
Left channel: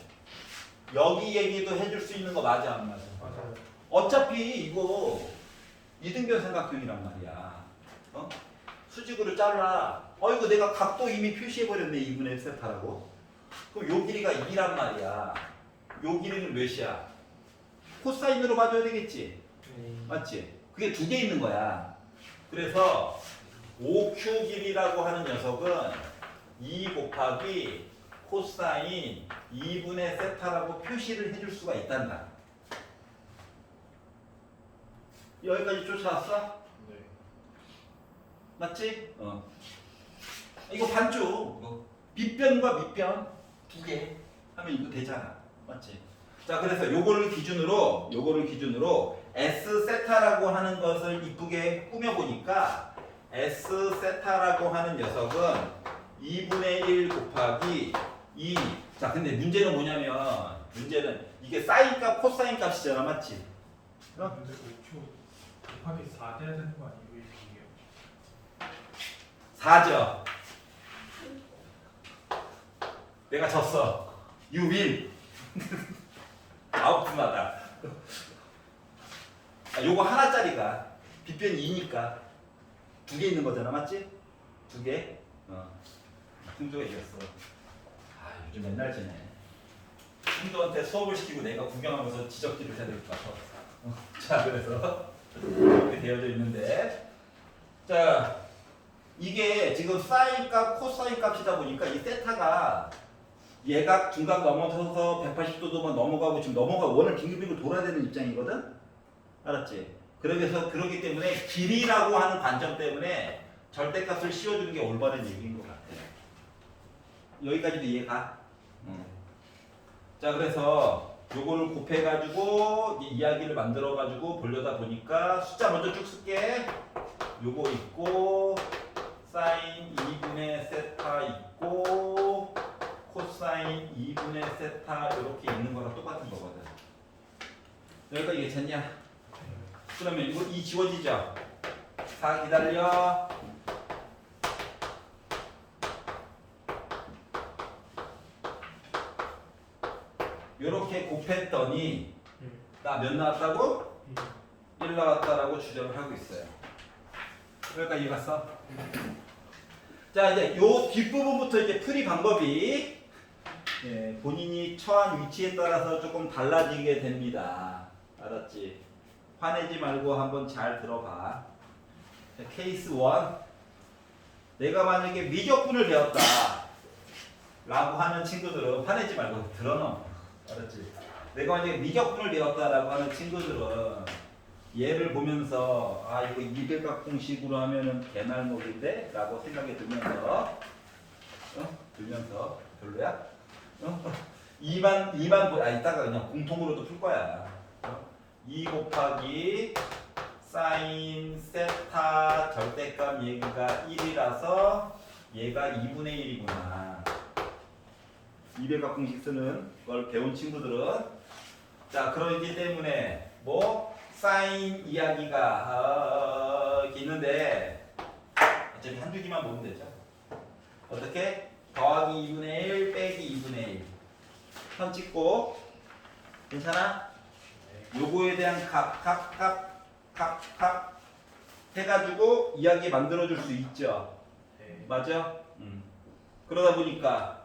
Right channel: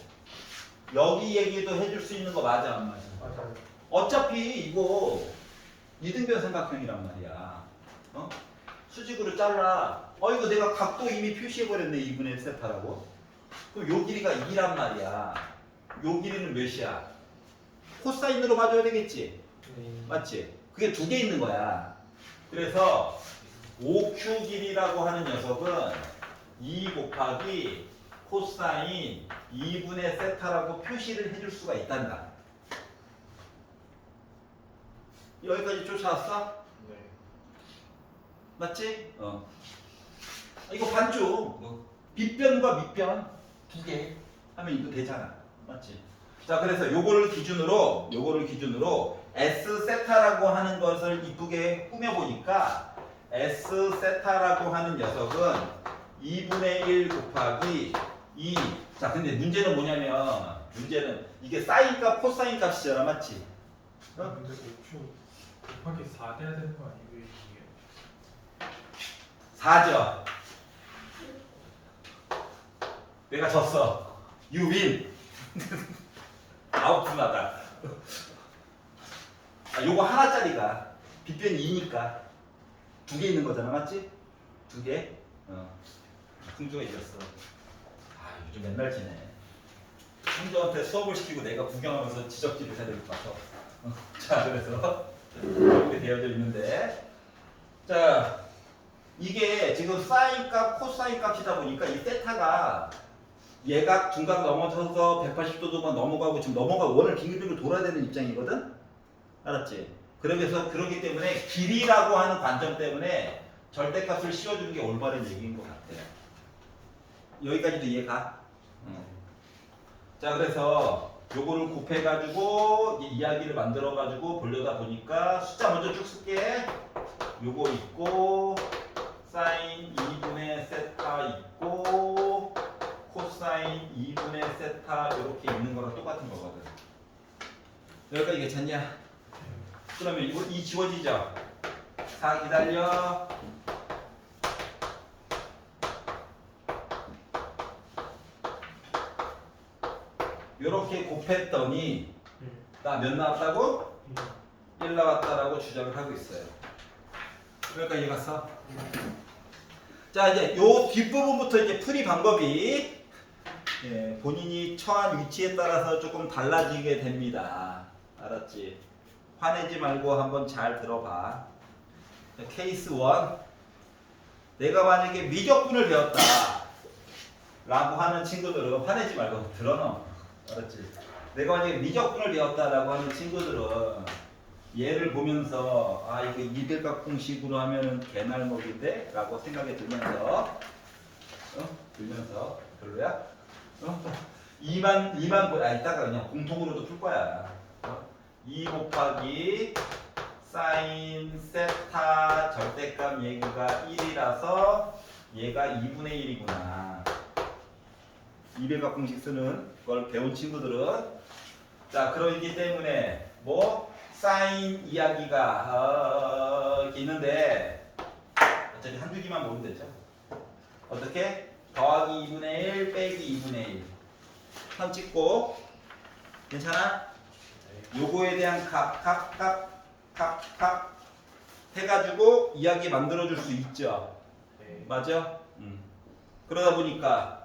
여기 얘기도 해줄 수 있는 거 맞아 안 맞아? 맞아요. 어차피 이거 이등변 삼각형이란 말이야. 수직으로 잘라. 이거 내가 각도 이미 표시해버렸네. 2분의 세타라고. 그럼 요 길이가 2란 말이야. 요 길이는 몇이야? 코사인으로 맞아야 되겠지? 네. 맞지? 그게 두 개 있는 거야. 그래서 OQ 길이라고 하는 녀석은 2 곱하기 코사인 2분의 세타라고 표시를 해줄 수가 있단다. 여기까지 쫓아왔어? 네. 맞지? 이거 반쪽. 빗변과 밑변 두 개 하면 이거 되잖아. 맞지? 자, 그래서 요거를 기준으로 S 세타라고 하는 것을 이쁘게 꾸며 보니까 S 세타라고 하는 녀석은 2분의 1 곱하기 2. 자, 근데 문제는 뭐냐면 문제는 이게 사인 값, 코사인 값이잖아. 맞지? 근데 5Q 곱하기 4 돼야 되는 거 아니에요? 이게? 4죠. 내가 졌어. You win. 아웃마다. 요거 하나짜리가 빗변이 2니까 두 개 있는 거잖아. 맞지? 두 개. 승조가 이겼어. 요즘 맨날 지네. 승조한테 수업을 시키고 내가 구경하면서 지적질을 해야 될 것 같아. 자, 그래서 이렇게 되어져 있는데, 자, 이게 지금 사인 값, 코사인 값이다 보니까 이 세타가 얘가 중각 넘어서서 180도만 넘어가고 지금 원을 빙글빙글 돌아야 되는 입장이거든? 알았지? 그러기 때문에 길이라고 하는 관점 때문에 절대값을 씌워주는 게 올바른 얘기인 것 같아. 여기까지도 이해가? 자, 그래서 요거를 곱해가지고 이야기를 만들어가지고 보려다 보니까 숫자 먼저 쭉 쓸게. 요거 있고 사인 2분의 세타 있고 여기까지 괜찮냐? 그러면 이거 이 지워지죠? 4 기다려. 요렇게 곱했더니 나 몇 나왔다고? 1 나왔다라고 주장을 하고 있어요. 그러니까 이해 갔어? 자 이제 요 뒷부분부터 이제 풀이 방법이 예, 본인이 처한 위치에 따라서 조금 달라지게 됩니다. 알았지? 화내지 말고 한번 잘 들어봐. 자, 케이스 1. 내가 만약에 미적분을 배웠다 라고 하는 친구들은 화내지 말고 들어놓어. 알았지? 내가 만약에 미적분을 배웠다라고 하는 친구들은 얘를 보면서 아 이거 이백각공식으로 하면은 개날먹인데? 라고 생각이 들면서 들면서 별로야? 2만 이따가 그냥 공통으로도 풀 거야. 2 곱하기 사인 세타 절대값 얘가 1이라서 얘가 2분의 1이구나. 이백각공식 쓰는 걸 배운 친구들은 자 그러기 때문에 뭐 사인 이야기가 있는데 어차피 한 주기만 보면 되죠. 어떻게? 더하기 2분의 1 빼기 2분의 1 선 찍고 괜찮아? 요거에 대한 각 해가지고 이야기 만들어줄 수 있죠. 네. 맞죠? 그러다 보니까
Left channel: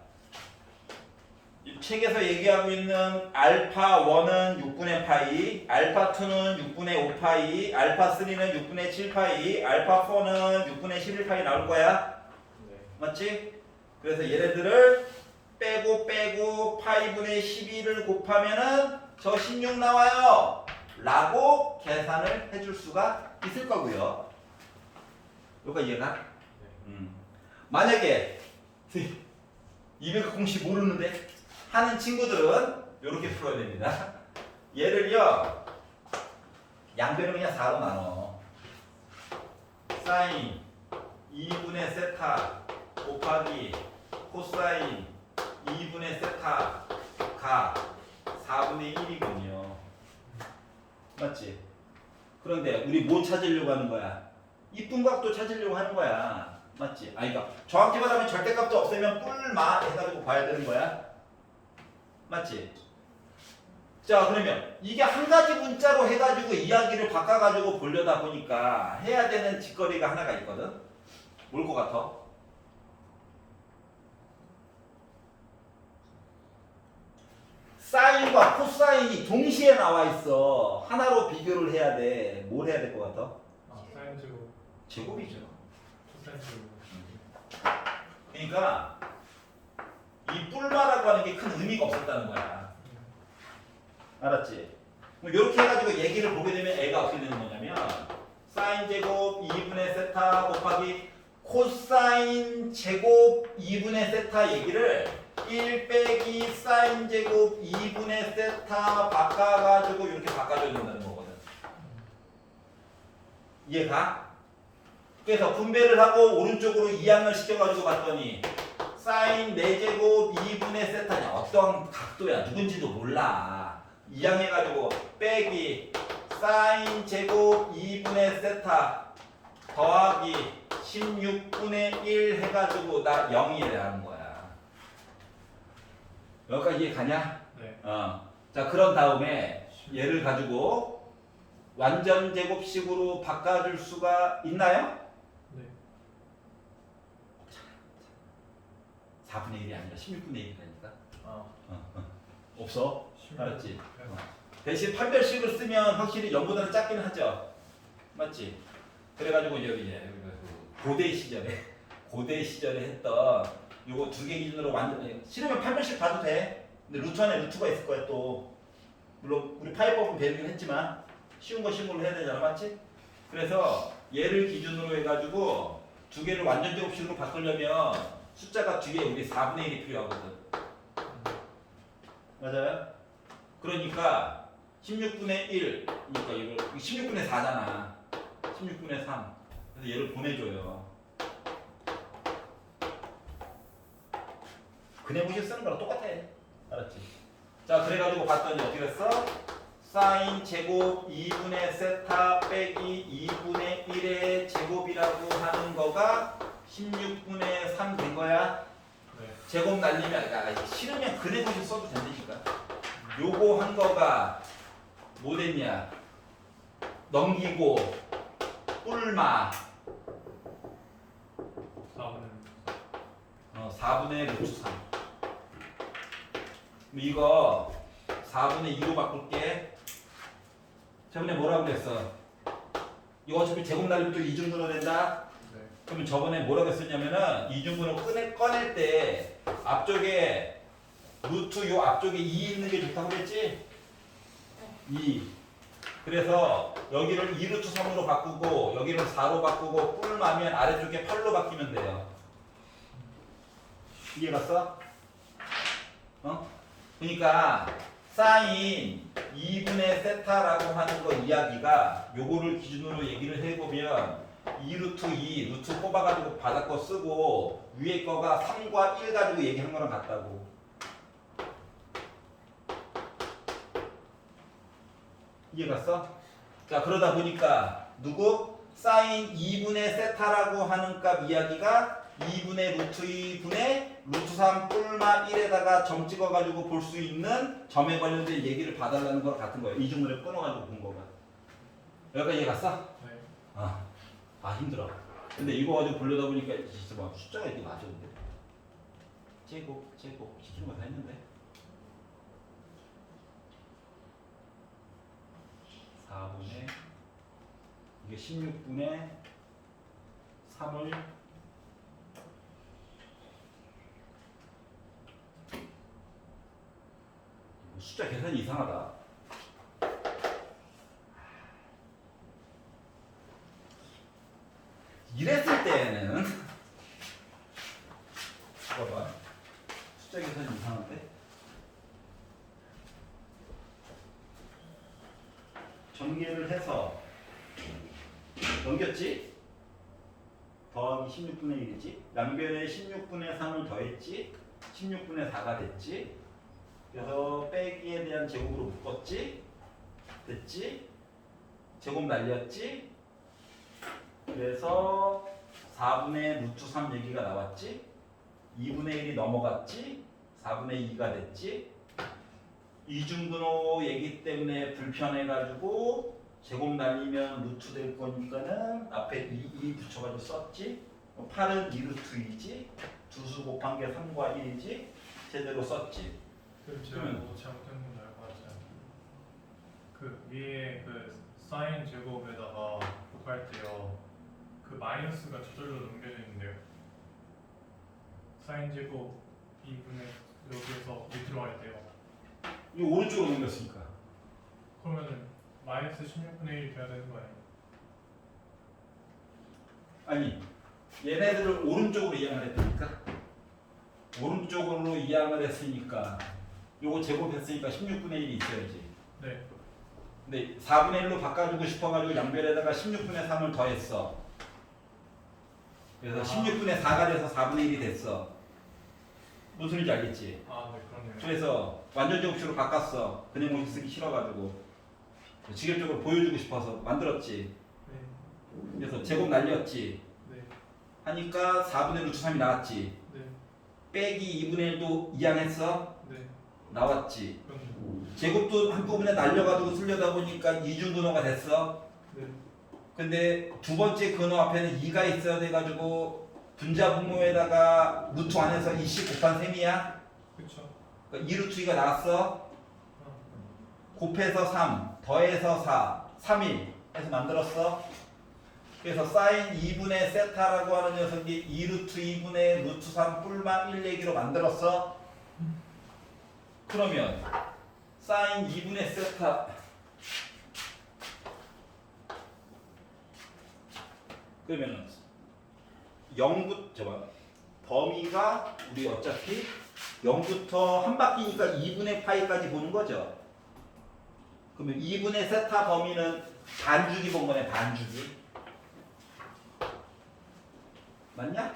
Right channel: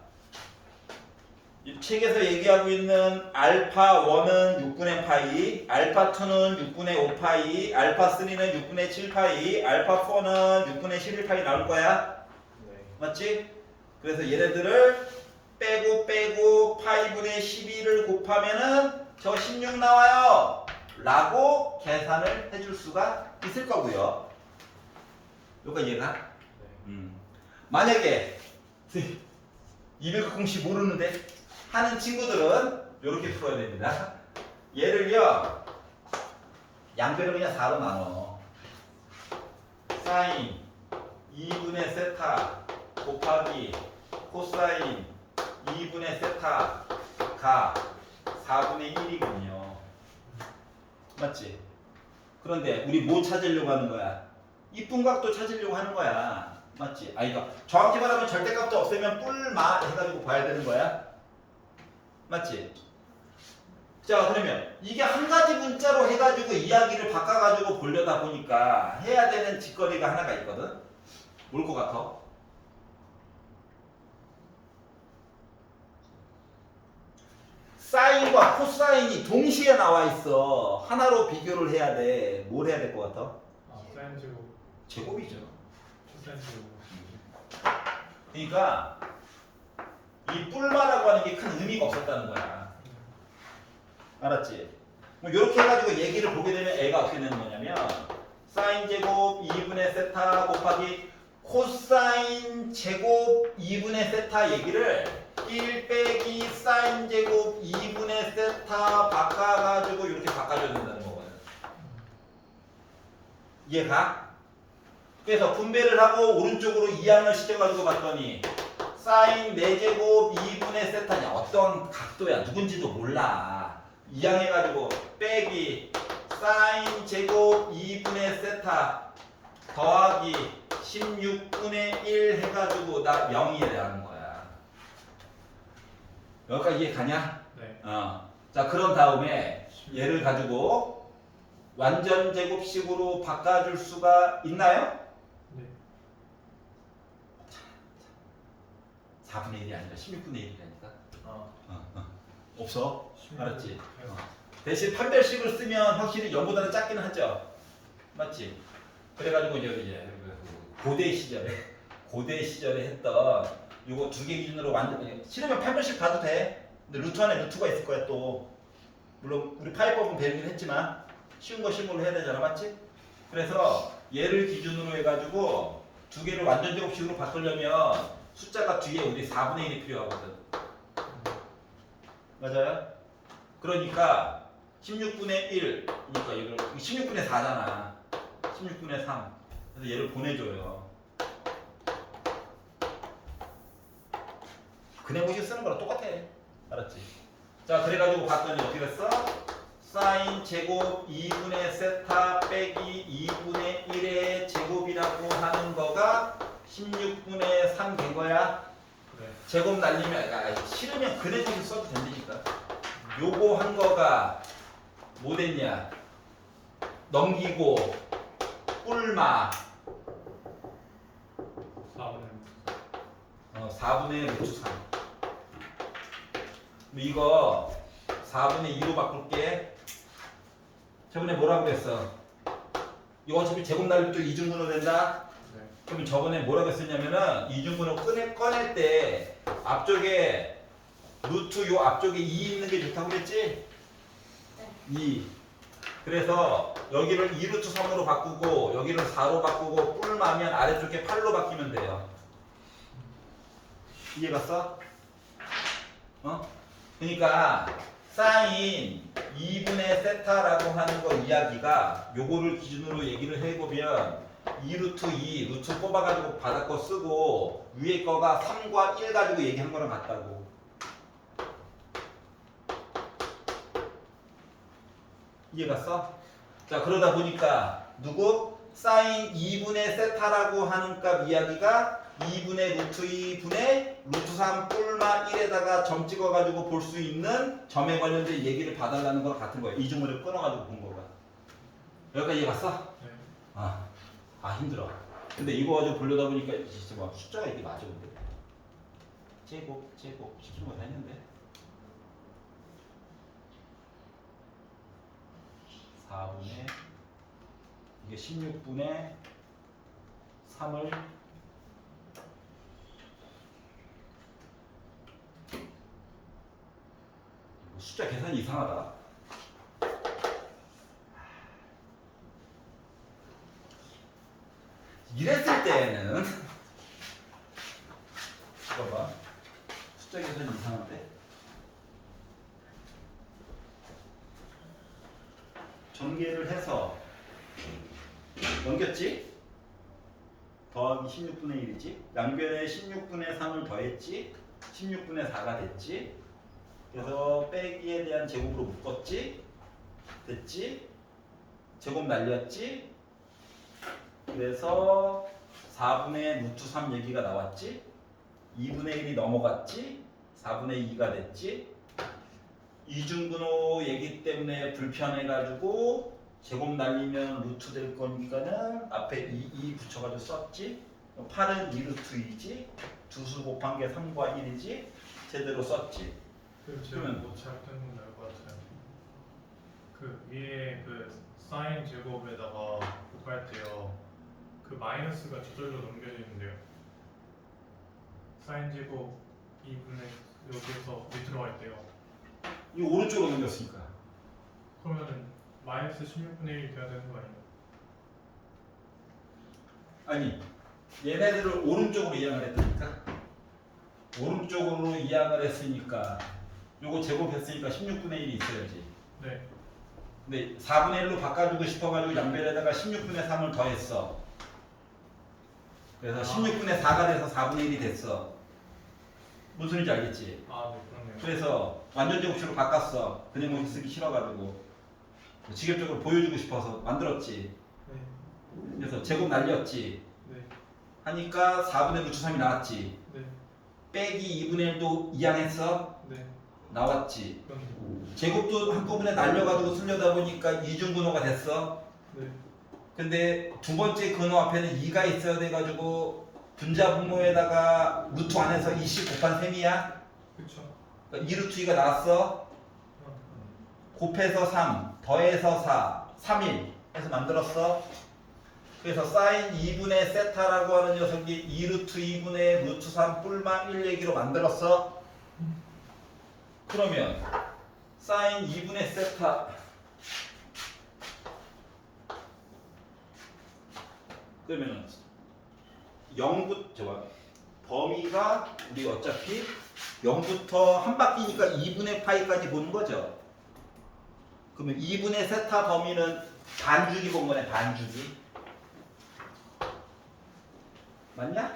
이 책에서 얘기하고 있는 알파 1은 6분의 파이, 알파 2는 6분의 5파이, 알파 3는 6분의 7파이, 알파 4는 6분의 11파이 나올 거야. 네. 맞지? 그래서 얘네들을 빼고 파이분의 12를 곱하면은 저 16 나와요 라고 계산을 해줄 수가 있을 거고요. 요거 이해가? 네. 만약에 200공식 모르는데 하는 친구들은 이렇게 풀어야 됩니다. 얘를요 양변을 그냥 4로 나눠. 사인 2분의 세타 곱하기 코사인 2분의 세타가 4분의 1이군요. 맞지? 그런데 우리 뭐 찾으려고 하는 거야? 이쁜 각도 찾으려고 하는 거야. 맞지? 아 이거 정확히 말하면 절대값도 없애면 뿔마 해가지고 봐야 되는 거야. 맞지? 자 그러면 이게 한 가지 문자로 해가지고 이야기를 바꿔가지고 보려다 보니까 해야 되는 짓거리가 하나가 있거든. 뭘 것 같아? 사인과 코사인이 동시에 나와 있어. 하나로 비교를 해야 돼. 뭘 해야 될 것 같아? 아, 사인 제곱, 제곱이죠. 코사인 제곱. 그러니까 이 뿔마라고 하는 게 큰 의미가 없었다는 거야. 알았지? 뭐 이렇게 해가지고 얘기를 보게 되면 애가 어떻게 되는 거냐면 사인 제곱 2분의 세타 곱하기 코사인 제곱 2분의 세타 얘기를 1 빼기 사인 제곱 2분의 세타 바꿔가지고 이렇게 바꿔줘야 된다는 거거든. 이해가? 그래서 분배를 하고 오른쪽으로 이항을 시켜가지고 봤더니 사인 4제곱 2분의 세타냐 어떤 각도야 누군지도 몰라. 이항해가지고 빼기 사인 제곱 2분의 세타 더하기 16분의 1 해가지고 나 0이라는 거야. 여기까지 이해 가냐? 네. 자 그런 다음에 얘를 가지고 완전 제곱식으로 바꿔줄 수가 있나요? 네. 4분의 1이 아니라 16분의 1이라니까. 아. 없어? 알았지? 네. 대신 판별식을 쓰면 확실히 0보다는 작기는 하죠. 맞지? 그래가지고 여기 이제 고대 시절에 했던 요거 두 개 기준으로 완전 싫으면 판별식 가도 돼. 근데 루트 안에 루트가 있을 거야 또. 물론 우리 파이법은 배우긴 했지만 쉬운 걸로 해야 되잖아, 맞지? 그래서 얘를 기준으로 해가지고 두 개를 완전 제곱식으로 바꾸려면 숫자가 뒤에 우리 4분의 1이 필요하거든. 맞아요? 그러니까 16분의 1, 그러니까 이거 16분의 4잖아. 16분의 3. 그래서 얘를 보내줘요. 그냥 무시 쓰는 거랑 똑같아. 알았지? 자, 그래가지고 봤더니 어떻게 됐어? 사인 제곱 2분의 세타 빼기 2분의 1의 제곱이라고 하는 거가 16분의 3 된 거야. 네. 제곱 날리면 싫으면 그래도 써도 된다니까. 요거 한 거가 뭐 됐냐? 넘기고 뿔마 4분의 루트 3. 이거 4분의 2로 바꿀게. 저번에 뭐라고 그랬어? 이거 어차피 제곱 날리면 또 이중분호 된다? 네. 그러면 저번에 뭐라고 했었냐면은 이중분호 꺼낼 때 앞쪽에 루트 요 앞쪽에 2 있는 게 좋다고 그랬지? 2. 그래서 여기를 2루트 3으로 바꾸고 여기를 4로 바꾸고 뿔마면 아래쪽에 8로 바뀌면 돼요. 이해 갔어? 어? 그러니까 사인 2분의 세타라고 하는 거 이야기가 요거를 기준으로 얘기를 해보면 2루트 2 루트 뽑아가지고 바닥 거 쓰고 위에 거가 3과 1 가지고 얘기한 거랑 같다고. 이해 갔어? 자, 그러다 보니까 누구? 사인 2분의 세타라고 하는 값 이야기가 2분의 루트 2분의 루트 3 뿔마 1에다가 점 찍어가지고 볼 수 있는 점에 관련된 얘기를 봐달라는 거 같은 거예요. 이중분을 끊어가지고 본 거가. 여기까지 이해 갔어? 네. 힘들어. 근데 이거 좀 보려다 보니까 진짜 막 숫자가 이게 맞아 근데. 제곱 시키는 거 다 했는데. 4분의 이게 16분의 3을 숫자 계산이 이상하다. 이랬을 때는 봐봐 숫자 계산이 이상한데 전개를 해서 넘겼지? 더하기 16분의 1이지? 양변에 16분의 3을 더했지? 16분의 4가 됐지? 그래서 빼기에 대한 제곱으로 묶었지? 됐지? 제곱 날렸지? 그래서 4분의 루트 3 얘기가 나왔지? 2분의 1이 넘어갔지? 4분의 2가 됐지? 이중분호 얘기 때문에 불편해가지고 제곱 날리면 루트 될 거니까는 앞에 2 붙여가지고 썼지? 8은 2루트 2지? 두수 곱한 게 3과 1이지? 제대로 썼지? 제가 뭐 잘못된 건 알고 같아요. 그 위에 그 사인 제곱에다가 곱할 때요. 그 마이너스가 저절로 넘겨져 있는데요. 사인 제곱 2분의 여기에서 밑으로 갈 때요. 이 오른쪽으로 넘겼으니까. 그러면은 마이너스 16분의 1이 돼야 되는 거 아니에요? 아니 얘네들을 오른쪽으로 이항을 했으니까 오른쪽으로 이항을 했으니까 요거 제곱했으니까 16분의 1이 있어야지. 네. 근데 4분의 1로 바꿔주고 싶어가지고 양변에다가 16분의 3을 더했어. 그래서 16분의 4가 돼서 4분의 1이 됐어. 무슨 소리인지 알겠지? 네, 그렇네요. 그래서 완전 제곱식으로 바꿨어. 그냥 공식 쓰기 싫어가지고 직접적으로 보여주고 싶어서 만들었지. 네. 그래서 제곱 날렸지. 네. 하니까 4분의 루트 3이 나왔지. 네. 빼기 2분의 1도 이항했어. 네. 나왔지. 그렇네요. 제곱도 한꺼번에 날려가지고 쓰려다 보니까 이중분호가 됐어. 네. 근데 두 번째 근호 앞에는 2가 있어야 돼가지고 분자분모에다가 루트 안에서 2씩 곱한 셈이야. 그렇죠. 2루트 2가 나왔어. 곱해서 3, 더해서 4, 3일 해서 만들었어. 그래서 사인 2분의 세타라고 하는 녀석이 2루트 2분의 루트 3 뿔마 1 얘기로 만들었어. 그러면 사인 2분의 세타 그러면은 0부터 범위가 우리 어차피 0부터 한 바퀴니까 2분의 파이까지 보는 거죠. 그러면 2분의 세타 범위는 반주기 본 거네. 반주기 맞냐?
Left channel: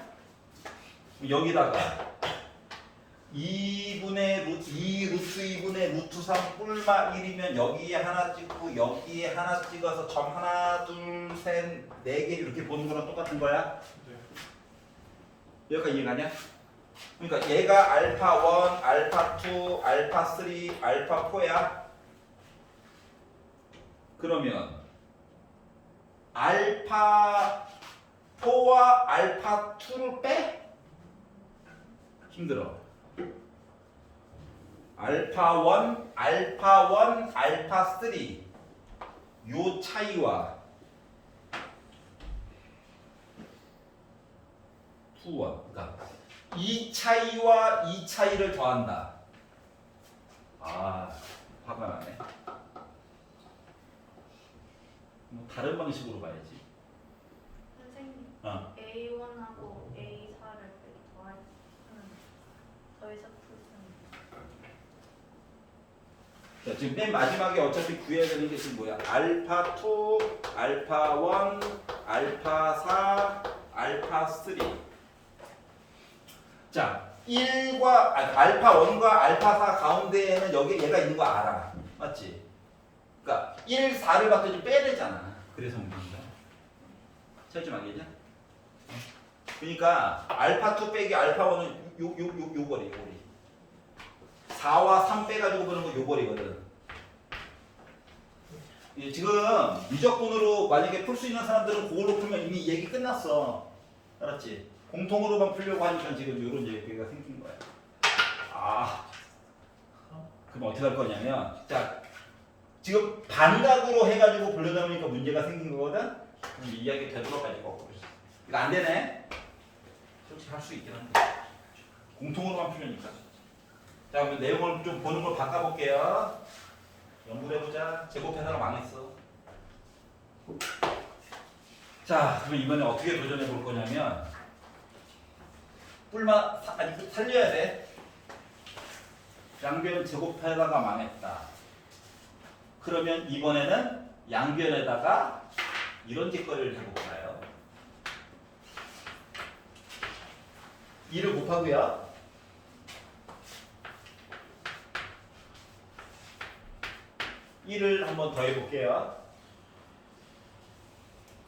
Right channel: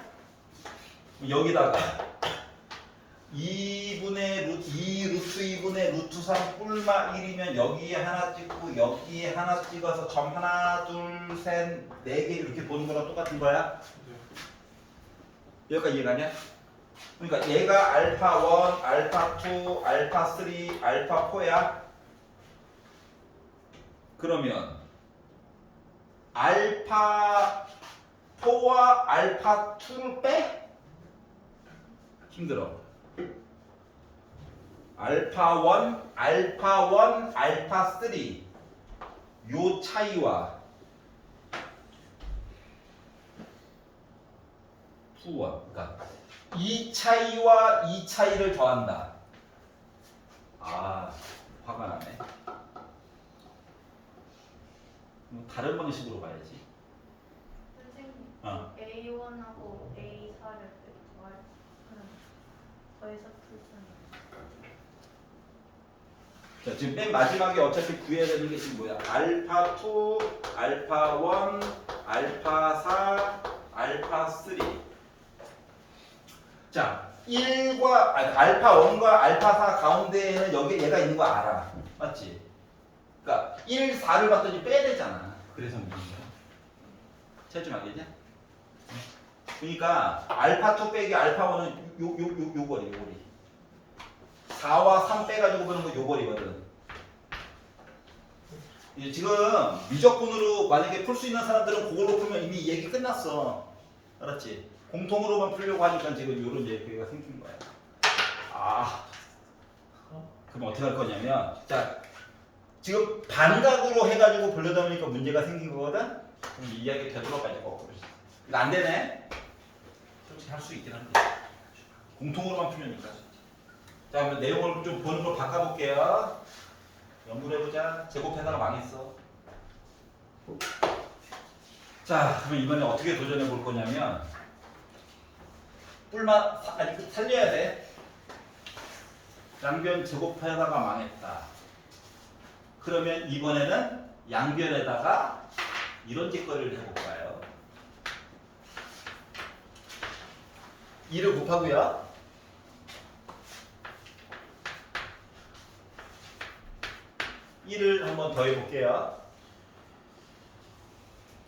여기다가 2분의 루트 2 루트 2분의 루트 3 뿔마 1이면 여기에 하나 찍고 여기에 하나 찍어서 점 하나 둘 셋 네 개 이렇게 보는 거랑 똑같은 거야. 네. 여기까지 이해가냐? 그러니까 얘가 알파 1, 알파 2, 알파 3, 알파 4야. 그러면 알파 4와 알파 2를 빼? 힘들어. 알파 1, 알파 3 요 차이와 2, 1 그러니까 이 차이와 이 차이를 더한다. 아, 화가 나네. 다른 방식으로 봐야지. 선생님, 어. A1하고 A4를 더하면 여기서 풀잖아요. 자, 지금 맨 마지막에 어차피 구해야 되는 게 지금 뭐야? 알파 2, 알파 1, 알파 4, 알파 3. 자, 1과 알파 1과 알파 4 가운데에는 여기 얘가 있는 거 알아. 맞지? 그러니까 1, 4를 봤더니 빼야 되잖아. 그래서 문제인 거야. 찾지 말겠냐? 그러니까 알파 2 빼기 알파 1은 요 거리. 4와 3 빼가지고 보는 거 요 거리거든. 이제 지금 미적분으로 만약에 풀 수 있는 사람들은 그걸로 풀면 이미 얘기 끝났어. 알았지? 공통으로만 풀려고 하니까 지금 요런 얘기가 생긴 거야. 아, 그럼 어떻게 할 거냐면, 자, 지금 반각으로 해가지고 보려다 보니까 문제가 생긴 거거든? 그럼 이 이야기 되돌아가지고 거꾸로. 이거 안 되네? 솔직히 할 수 있긴 한데. 공통으로만 풀려니까. 자, 그러면 내용을 좀 보는 걸 바꿔볼게요. 연구를 해보자. 제곱해서는 망했어. 자, 그럼 이번에 어떻게 도전해 볼 거냐면, 아니, 살려야 돼. 양변 제곱해다가 망했다. 그러면 이번에는 양변에다가 이런 짓거리를 해볼까요? 2를 곱하고요. (1을) 한번 더 해볼게요.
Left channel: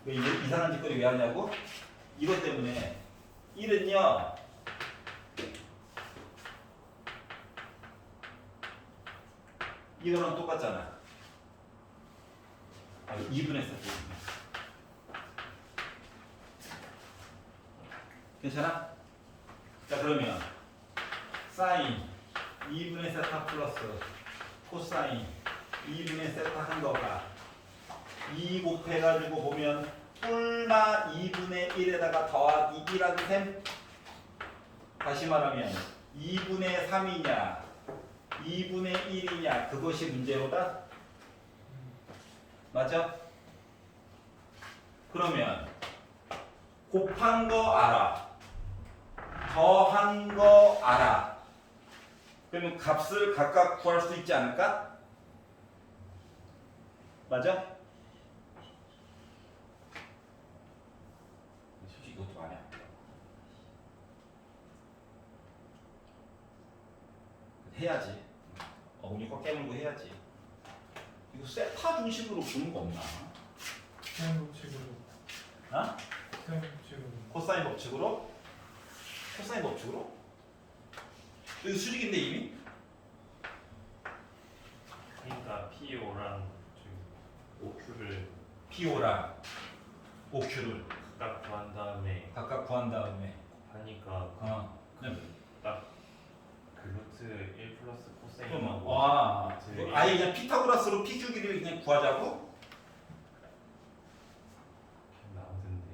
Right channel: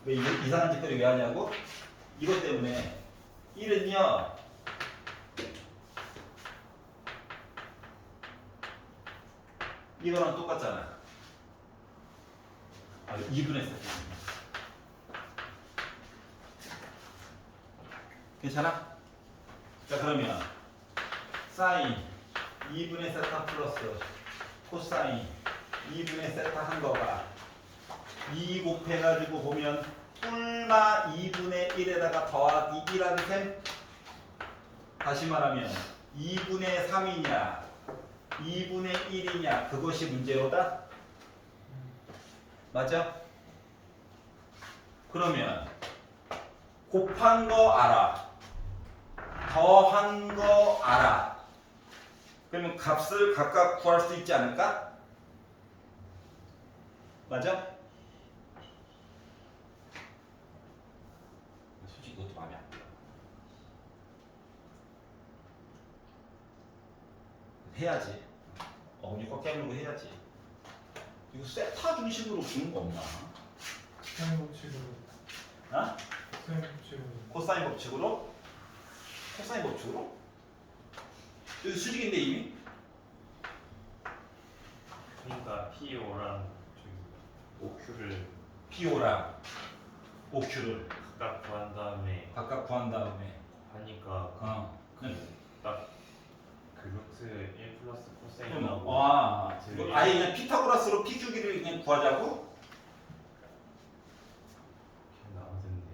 왜 이상한 짓거리 왜 하냐고? 이것 때문에 1은요 이거랑 똑같잖아. 2분의 세타. 괜찮아? 자, 그러면 사인 2분의 세타 플러스 코사인 2분의 세타 한 거가 2 곱해가지고 보면 뿔마 2분의 1에다가 더하기 1하는 셈. 다시 말하면 2분의 3이냐 2분의 1이냐 그것이 문제로다. 맞아? 그러면 곱한 거 알아. 더한 거 알아. 그러면 값을 각각 구할 수 있지 않을까? 맞아? 솔직히 이것도 마음에 안 들어. 해야지. 어머니 꽉 깨물고 해야지. 이거 세타 중심으로 부는 거 없나? 코사인 법칙으로. 어? 코사인 법칙으로. 코사인 법칙으로? 코사인 법칙으로? 여기 수직인데 이미? 그러니까 PO랑 OQ를 PO랑 OQ를 각각 구한 다음에 각각 구한 다음에 하니까 그냥 그 루트 1 플러스 코사인 그럼 나오고 와 루트 일. 아예 그냥 피타고라스로 P 주기를 그냥 구하자고? 나오던데.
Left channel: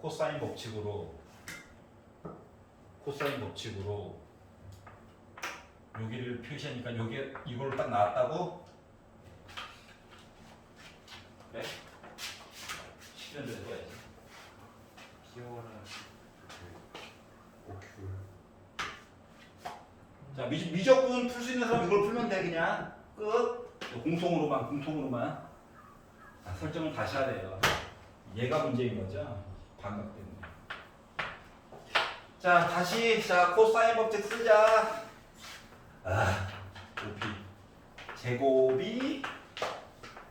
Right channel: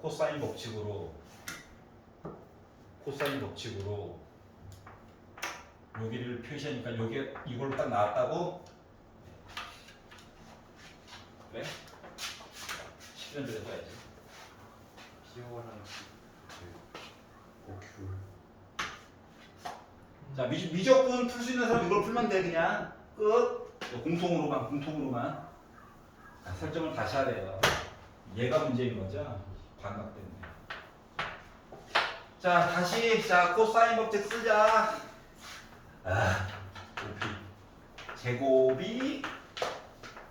코사인 법칙으로 코사인 법칙으로 여기를 표시하니까 여기 이걸로 딱 나왔다고? 그래? 시키는 대로 해야지. PO랑 그 OQ 자, 미적분 풀 수 있는 사람 이걸 풀면 돼. 그냥 끝. 공통으로만 자, 설정을 다시 하래요. 얘가 문제인 거죠. 반각 때문에. 자 다시 자 코사인 법칙 쓰자. OP 제곱이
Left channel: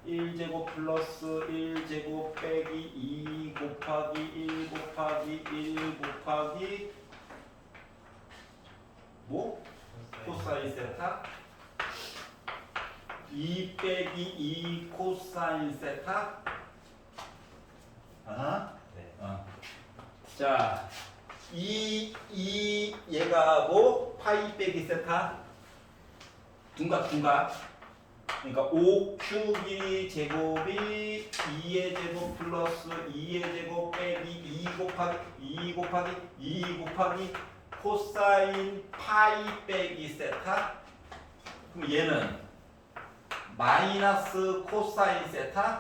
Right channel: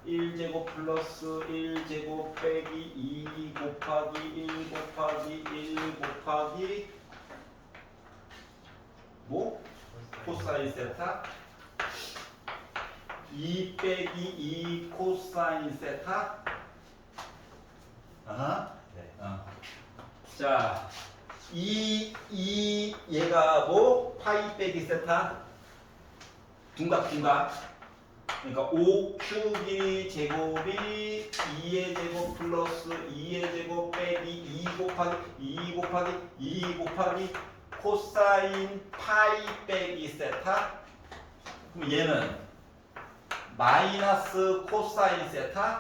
1제곱 플러스 1제곱 빼기 2 곱하기 1 곱하기 1 곱하기 뭐? 코사인 세타 2 빼기 2 코사인 세타 네. 자, 얘가 뭐? 파이 빼기 세타 둔갑둔갑 그러니까 5q 제곱이 2의 제곱 플러스 2의 제곱 빼기 2 곱하기 2 곱하기 2 곱하기 코사인 파이 빼기 세타 그럼 얘는 마이너스 코사인 세타